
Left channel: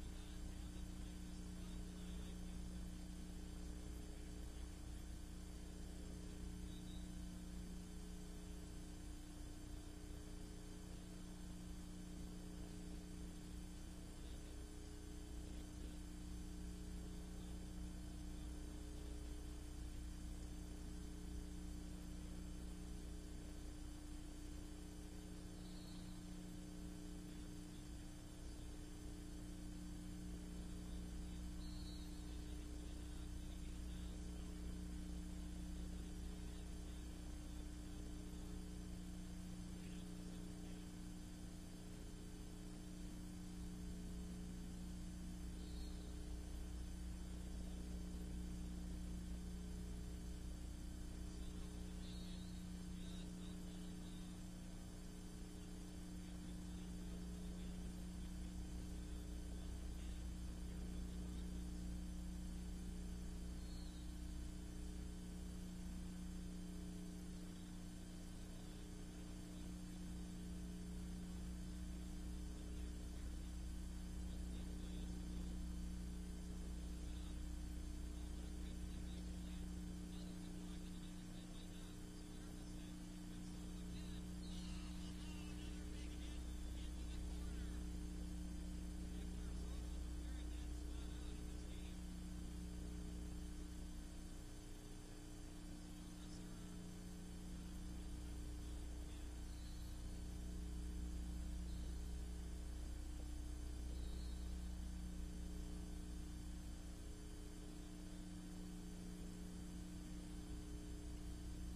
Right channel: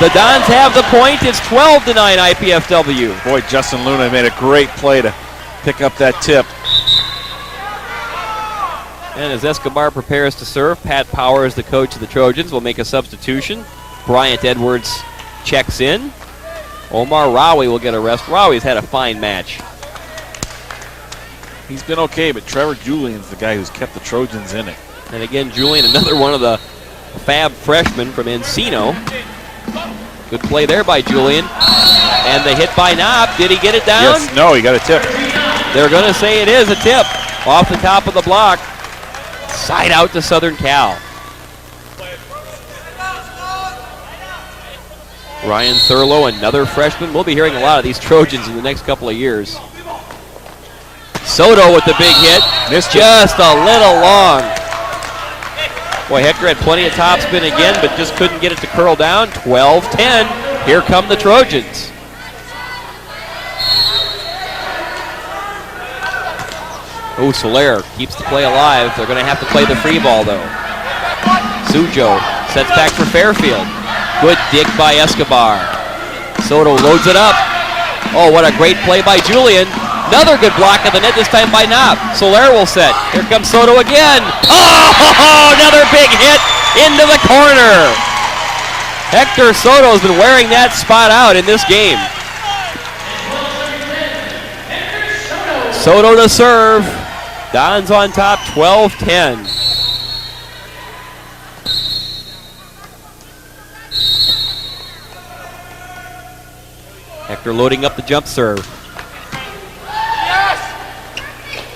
The Dons have the point. It's 12-9 IPFW. Boy, Justin Luna made a great play to pick up that tip. And as Escobar prepares to serve, Pat Powers, the coach of the Trojans, will make a substitution. Bryant Edwards checks in. Omar Rowie will get a rest. Rowie's had a fine match. He's been okay, but Trevor Julian's the guy who's kept the Trojans in it. And again, Julian, another one of the fab freshmen from Encino. Good play there by Julian. And the hit by Knopp. Did he get it down? Yes, no, he got a tip. They're going to say it is a tip off the top of the block. Side out to Southern Cal. Ryan Thurlow, another freshman. We'll be hearing a lot of these Trojans in the next couple of years. Soto with the big hit. Missed just a little long. Boy, Hector had plenty of topspin again, but just couldn't get it to curl down. 12-10. Here come the Trojans. Oh, Soler keeps the play alive. They're going to have to play the free ball, though. Sujo sets back for Fairfield. Good dig by Escobar. Soto loads it up. Oh, what a great play by Julian. Another good block of the net, this time by Knopp. Soler will set. Here comes Soto again. Oh, another big hit into the corner. Hector Soto has been wearing that spot out in this game. Soto to serve. Dons on top, 12-10. Hector loading up the jump serve.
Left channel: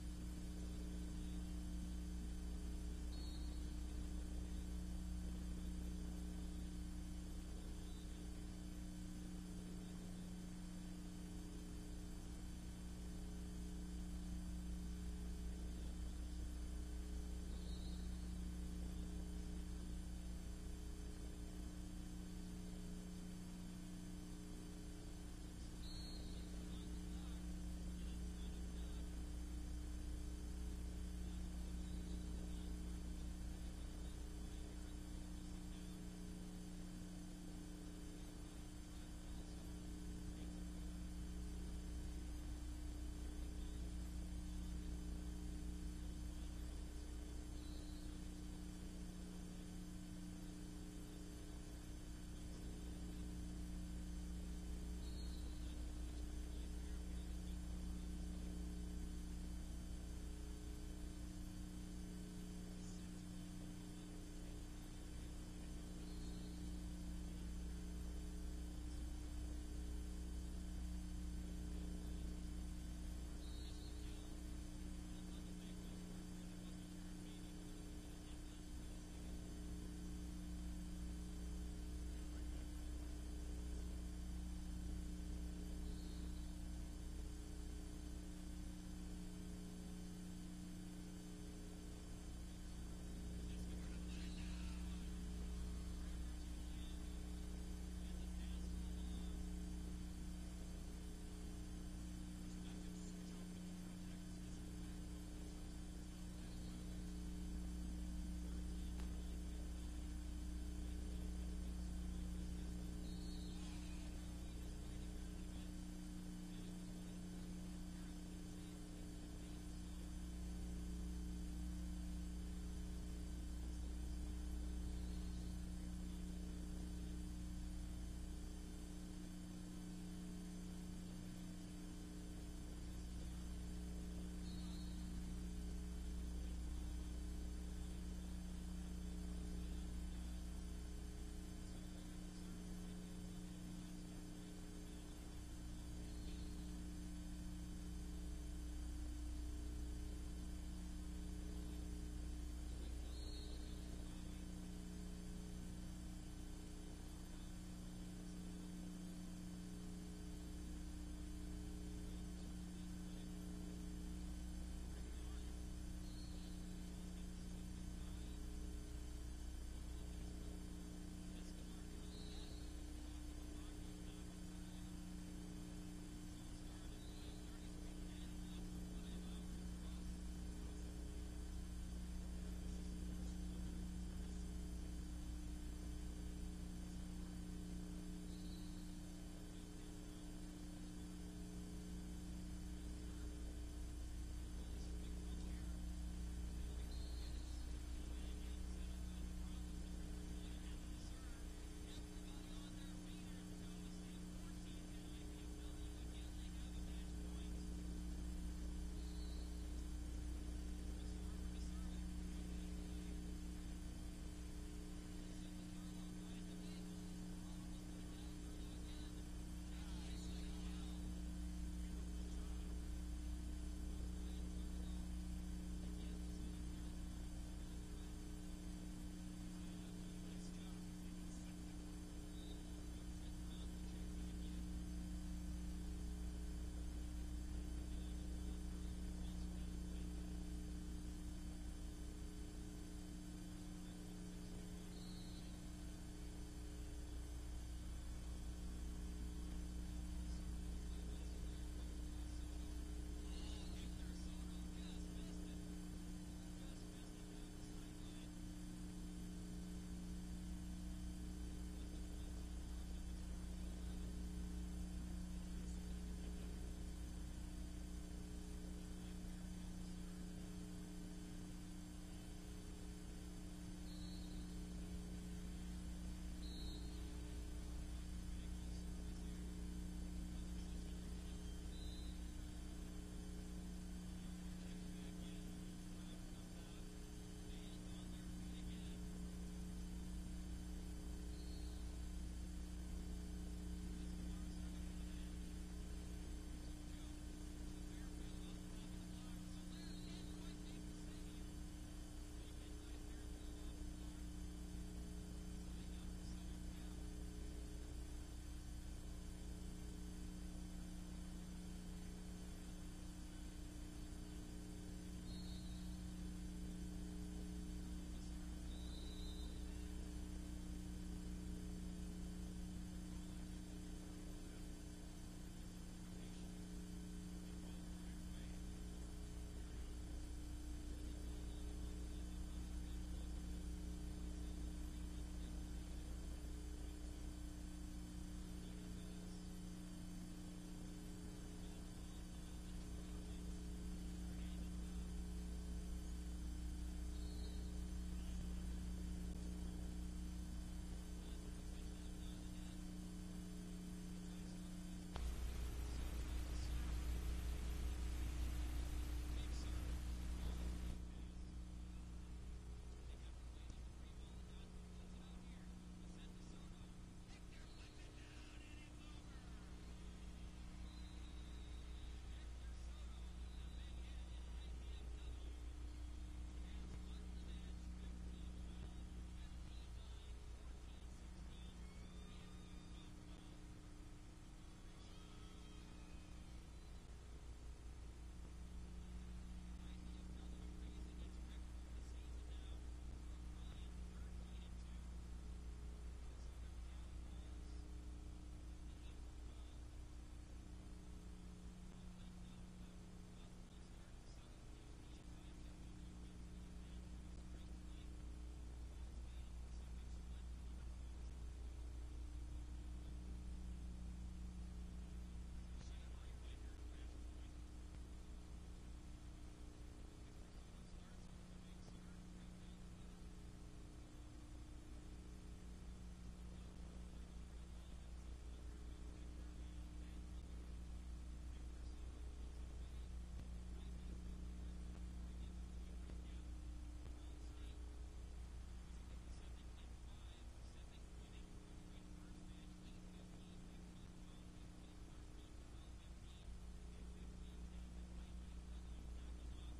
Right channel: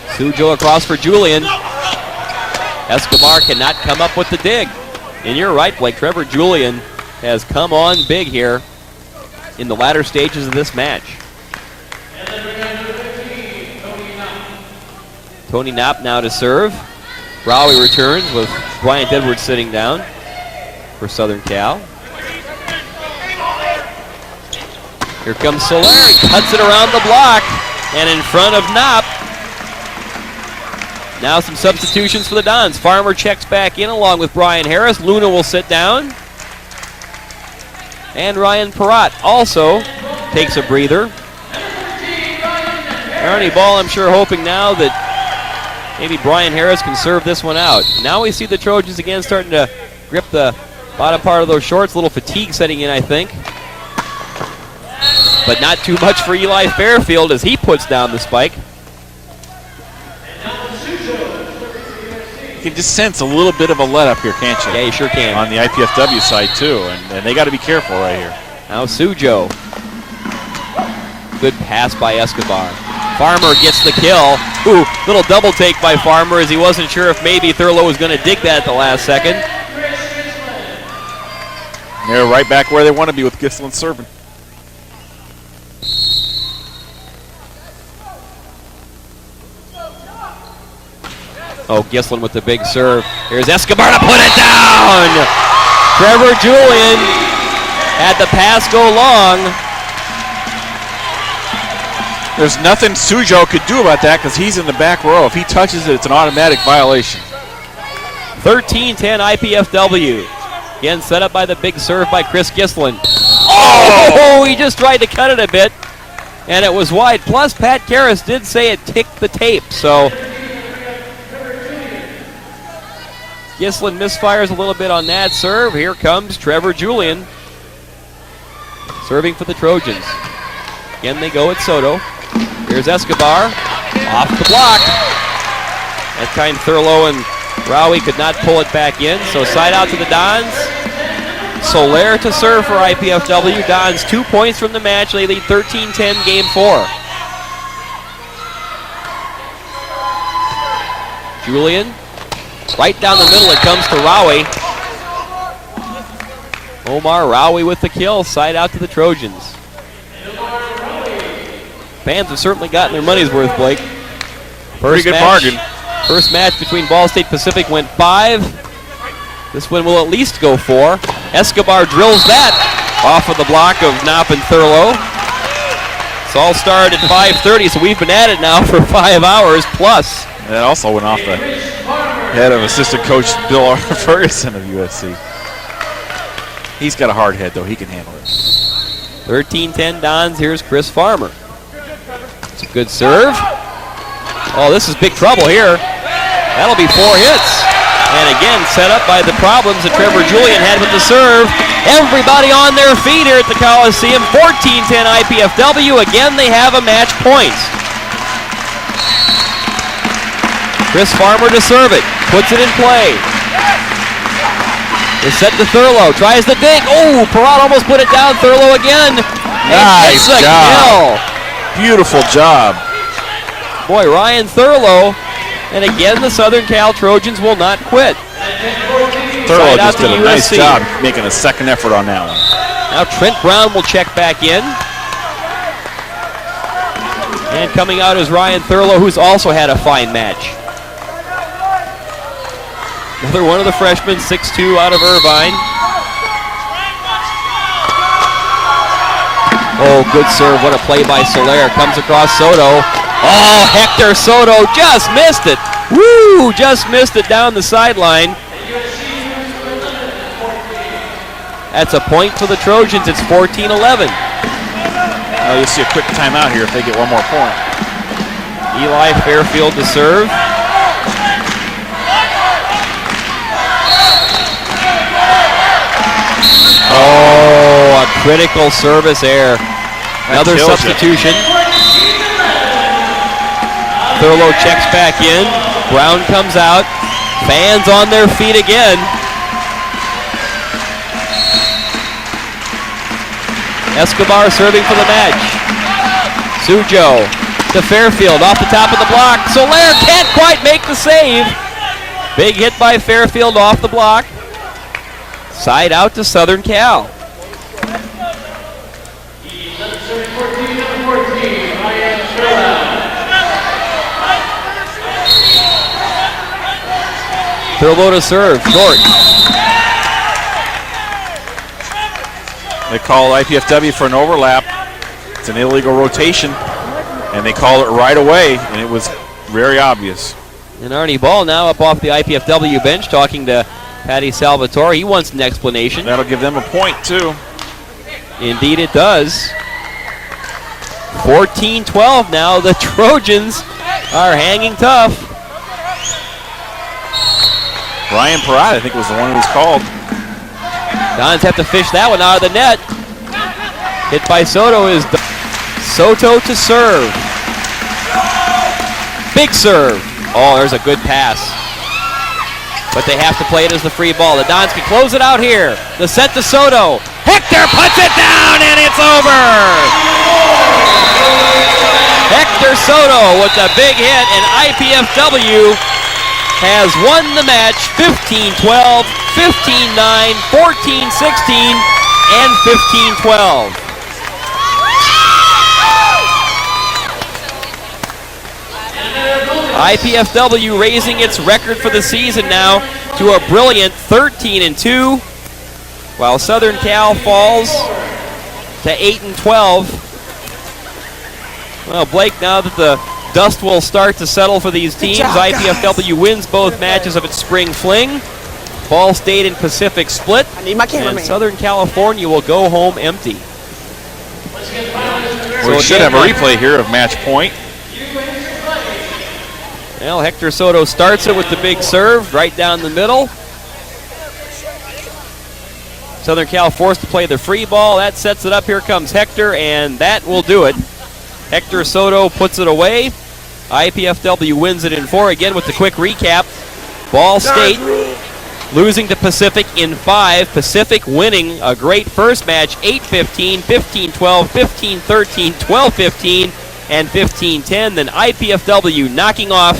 Sujo across for Julian. Escobar cannot come up with the dig. And you're right, Blake. Trevor Julian has come on big here in the latter stages of this match. Tony Knopp now to serve. Rowie returns with Bryant Edwards sitting down for Southern Cal. Here comes Soler. He cuts it around the block and in front of Knopp. Now some substitutions for the Dons. Farmer checks back in along with Brian Harris. Luna will sit down. And Ryan Perrott also takes a breather. Ernie Ball, I'm sure, hoping now that maybe Brian Harris can serve this one out. Now we see the Trojans again starting to grip the bottom part of those shorts. A little fatigue setting in, I think. But not too much for Eli Fairfield as he puts down the spike. You can just sense a little bit of a let up here, can't you? Yeah, you sure can. On the IPFW side, too. And they got to be careful right here. Now Sujo. Good pass by Escobar. Farmer gets the kill. Ooh, little double take by Farmer as he wasn't sure if maybe Thurlow was going to dig that at the last second. They're right back where they want to be with Gislin serving. Oh, Gislin with the big serve. Here's Escobar to put it down. Trevor Julian had the pass go long. There's nothing Sujo could do about that because he's in the back row. If he touches it, it's an automatic violation. 13-10 IPFW. Again, set up by the big serve by Chris Gislin. Oh, he just tried to cut it a bit, and it was wide. Plus, Pat Karras did say it ticked the tape, so Gislin misfires a little bit on that serve. Here comes Trevor Julian serving for the Trojans. Again, they go at Soto. Here's Escobar off the block. That time Thurlow and Rowie could not pull it back in, so side out to the Dons. Soler to serve for IPFW. Dons 2 points from the match. They lead 13-10 game 4. Julian, right down the middle it comes to Rowie. Omar Rowie with the kill. Side out to the Trojans. Fans have certainly gotten their money's worth, Blake. Pretty good bargain. First match between Ball State Pacific went 5. This one will at least go 4. Escobar drills that off of the block of Knopp and Thurlow. It's all started at 5:30, so we've been at it now for 5 hours plus. And that also went off the head of assistant coach Bill R. Ferguson of USC. He's got a hard head, though. He can handle it. 13-10 Dons. Here's Chris Farmer. It's a good serve. Oh, this is big trouble here. That'll be 4 hits. And again, set up by the problems that Trevor Julian had with the serve. Everybody on their feet here at the Coliseum. 14-10 IPFW. Again, they have a match point. Chris Farmer to serve it. Puts it in play. It's set to Thurlow. Tries the dig. Oh, Perrott almost put it down. Thurlow again. Nice job. Kill. Beautiful job. Boy, Ryan Thurlow. And again, the Southern Cal Trojans will not quit. Thurlow just did a nice job making a second effort on that one. Now Trent Brown will check back in. And coming out is Ryan Thurlow, who's also had a fine match. Another one of the freshmen, 6'2", out of Irvine. Oh, good serve. What a play by Soler. Comes across Soto. Oh, Hector Soto just missed it. Woo! Just missed it down the sideline. That's a point for the Trojans. It's 14-11. Well, you'll see a quick timeout here if they get one more point. Eli Fairfield to serve. Oh, a critical service error. Another substitution. Thurlow checks back in. Brown comes out. Fans on their feet again. Escobar serving for the match. Sujo to Fairfield off the top of the block. Soler can't quite make the save. Big hit by Fairfield off the block. Side out to Southern Cal. Thurlow to serve, short. They call IPFW for an overlap. It's an illegal rotation, and they call it right away, and it was very obvious. And Arnie Ball now up off the IPFW bench talking to Patty Salvatore. He wants an explanation. That'll give them a point, too. Indeed it does. 14-12 now. The Trojans are hanging tough. Ryan Perrott, I think, was the one who was called. Dons have to fish that one out of the net. Hit by Soto is Soto to serve. Big serve. Oh, there's a good pass. But they have to play it as the free ball. The Dons can close it out here. The set to Soto. Hector puts it down, and it's over. Hector Soto with a big hit, and IPFW has won the match 15-12, 15-9, 14-16, and 15-12. IPFW raising its record for the season now to a brilliant 13-2, while Southern Cal falls to 8-12. Well, Blake, now that the dust will start to settle for these teams, IPFW wins both matches of its spring fling. Ball State and Pacific split, and Southern California will go home empty. We should have a replay here of match point. Well, Hector Soto starts it with the big serve right down the middle. Southern Cal forced to play the free ball. That sets it up. Here comes Hector, and that will do it. Hector Soto puts it away. IPFW wins it in 4. Again with the quick recap. Ball State losing to Pacific in 5. Pacific winning a great first match, 8-15, 15-12, 15-13, 12-15, and 15-10. Then IPFW knocking off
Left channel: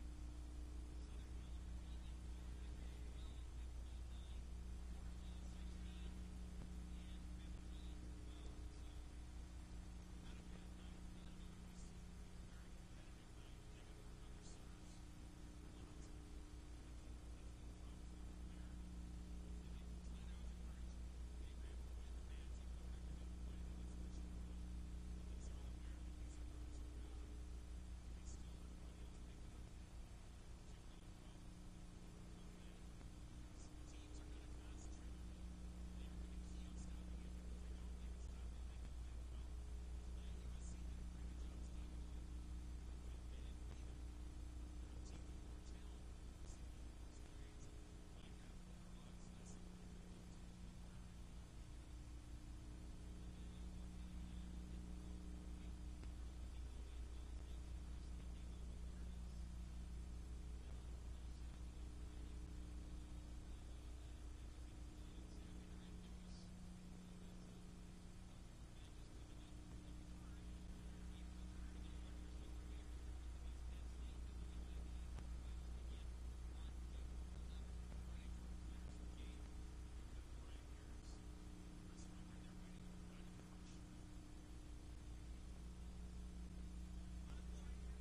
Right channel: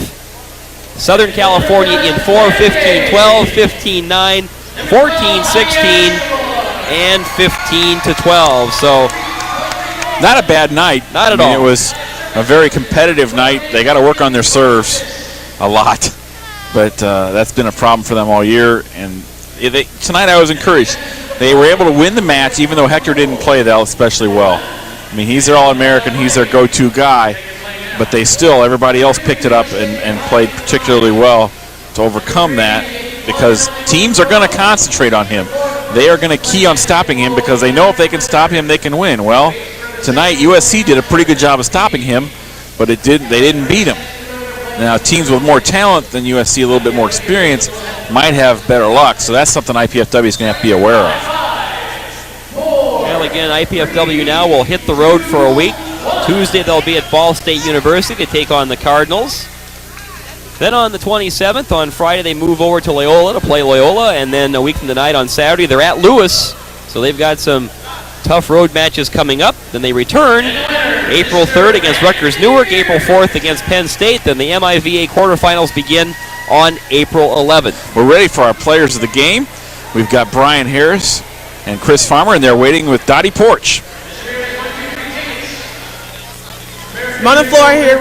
Southern California in 4, 15-12, 15-9, 14-16, and 15-12. So not a bad night. Not at all. It was a very competitive night. They got to work on their serves a lot, but that's been a problem for them all year. And tonight I was encouraged. They were able to win the match, even though Hector didn't play that especially well. I mean, he's their All-American, he's their go-to guy, but everybody else picked it up and played particularly well to overcome that, because teams are going to concentrate on him. They are going to key on stopping him because they know if they can stop him, they can win. Well, tonight USC did a pretty good job of stopping him, but they didn't beat him. Now, teams with more talent than USC, a little bit more experience, might have better luck, so that's something IPFW is going to have to be aware of. Well, again, IPFW now will hit the road for a week. Tuesday they'll be at Ball State University to take on the Cardinals. Then on the 27th, on Friday, they move over to Loyola to play Loyola, and then a week from tonight on Saturday, they're at Lewis, so they've got some tough road matches coming up. Then they return April 3rd against Rutgers Newark, April 4th against Penn State. Then the MIVA quarterfinals begin on April 11th. We're ready for our players of the game. We've got Brian Harris and Chris Farmer, and they're waiting with Dottie Porch. I'm on the floor here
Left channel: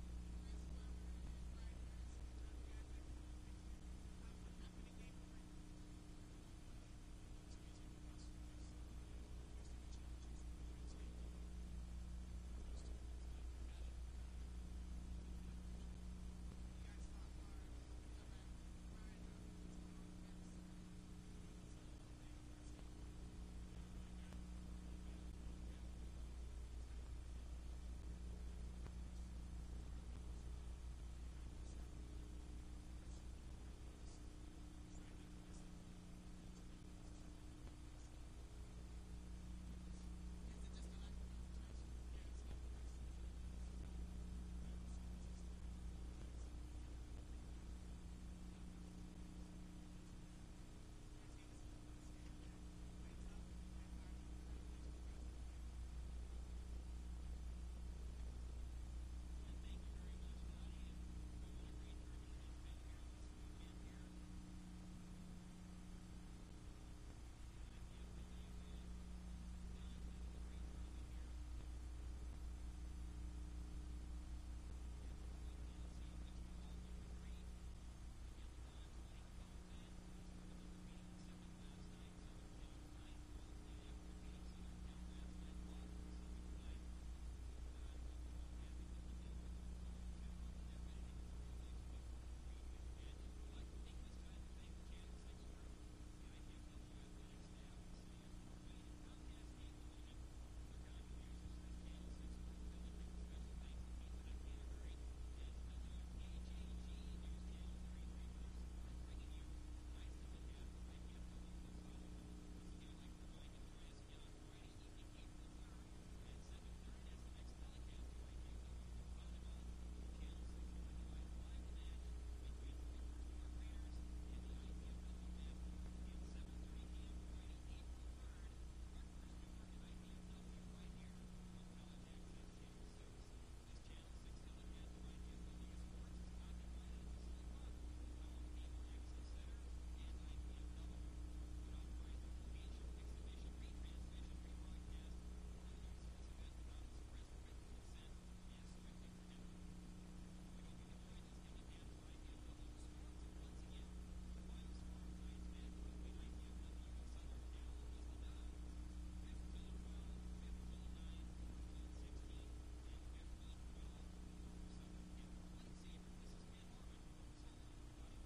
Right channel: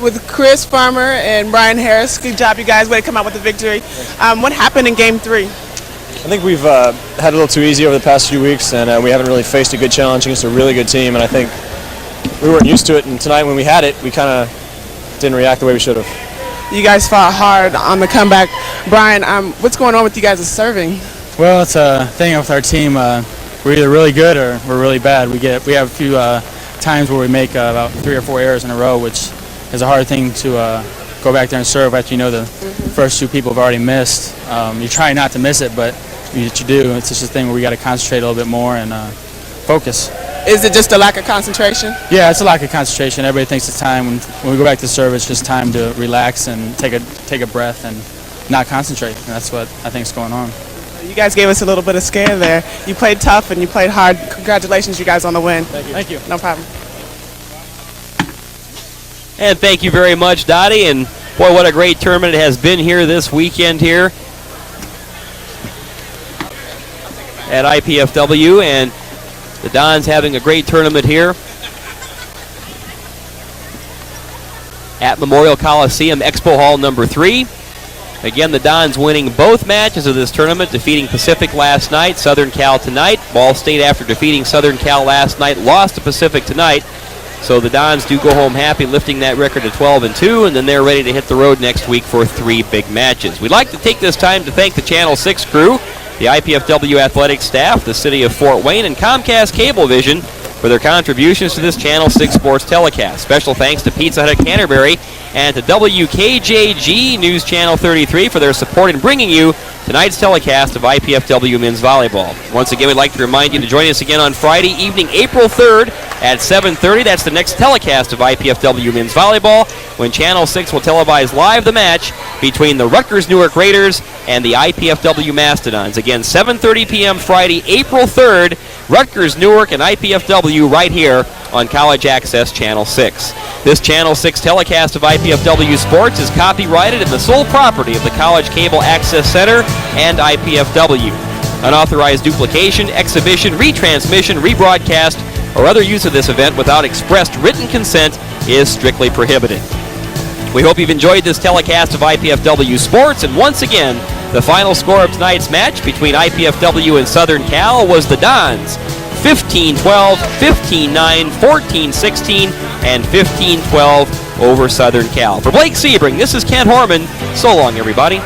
with Chris Farmer and Brian Harris. Good job, you guys. Way to come out with the victory. What happened in Game 3? I think we've had a little too easy over the past few weeks, and we haven't really faced a good challenge against a really good team, and I think we weren't used to it, and tonight when we had it, we kind of didn't react the way we should have. You guys fought hard on the comeback. Brian, what's going on with you guys' serving? Well, it's a thing with our team. We're either really good or we're really bad. We have a few times where we make about 3 or 4 errors in a row, which is a hard thing to go back there and serve after you know the first 2 people have already missed. You try not to miss it, but you do. It's just a thing where we got to concentrate a little bit more and focus. Is it just a lack of concentration? Yeah, it's a lack of concentration. Everybody thinks it's time. When we go back to serve, it's just time to relax and take a breath and not concentrate. And that's what I think is going on. You guys gave us a little bit of scare there. You played tough and you played hard. Congratulations, you guys, on the win. Thank you. Thank you. No problem. And thank you very much, Dottie. And boy, what a great tournament it has been here this weekend here at IPFW. And the Dons having a great tournament here at Memorial Coliseum, Expo Hall number 3. Again, the Dons winning both matches of this tournament, defeating Pacific last night, Southern Cal tonight. Ball State, after defeating Southern Cal last night, lost to Pacific tonight. So the Dons do go home happy, lifting that record to 12-2, and then they're ready to hit the road next week for 3 big matches. We'd like to take this time to thank the Channel 6 crew, the IPFW athletic staff, the city of Fort Wayne, and Comcast Cablevision for their contributions to this Channel 6 sports telecast. Special thanks to Pizza Hut at Canterbury and to WKJG News Channel 33 for their support in bringing you tonight's telecast of IPFW men's volleyball. Once again, we'd like to remind you to join us again on Friday evening, April 3rd at 7:30. That's the next telecast of IPFW men's volleyball, when Channel 6 will televise live the match between the Rutgers Newark Raiders and the IPFW Mastodons. Again, 7:30 p.m. Friday, April 3rd, Rutgers Newark and IPFW right here on College Access Channel 6. This Channel 6 telecast of IPFW Sports is copyrighted and the sole property of the College Cable Access Center and IPFW. Unauthorized duplication, exhibition, retransmission, rebroadcast, or other use of this event without expressed written consent is strictly prohibited. We hope you've enjoyed this telecast of IPFW Sports, and once again, the final score of tonight's match between IPFW and Southern Cal was the Dons 15-12, 15-9, 14-16, and 15-12 over Southern Cal. For Blake Sebring, this is Kent Horman. So long, everybody.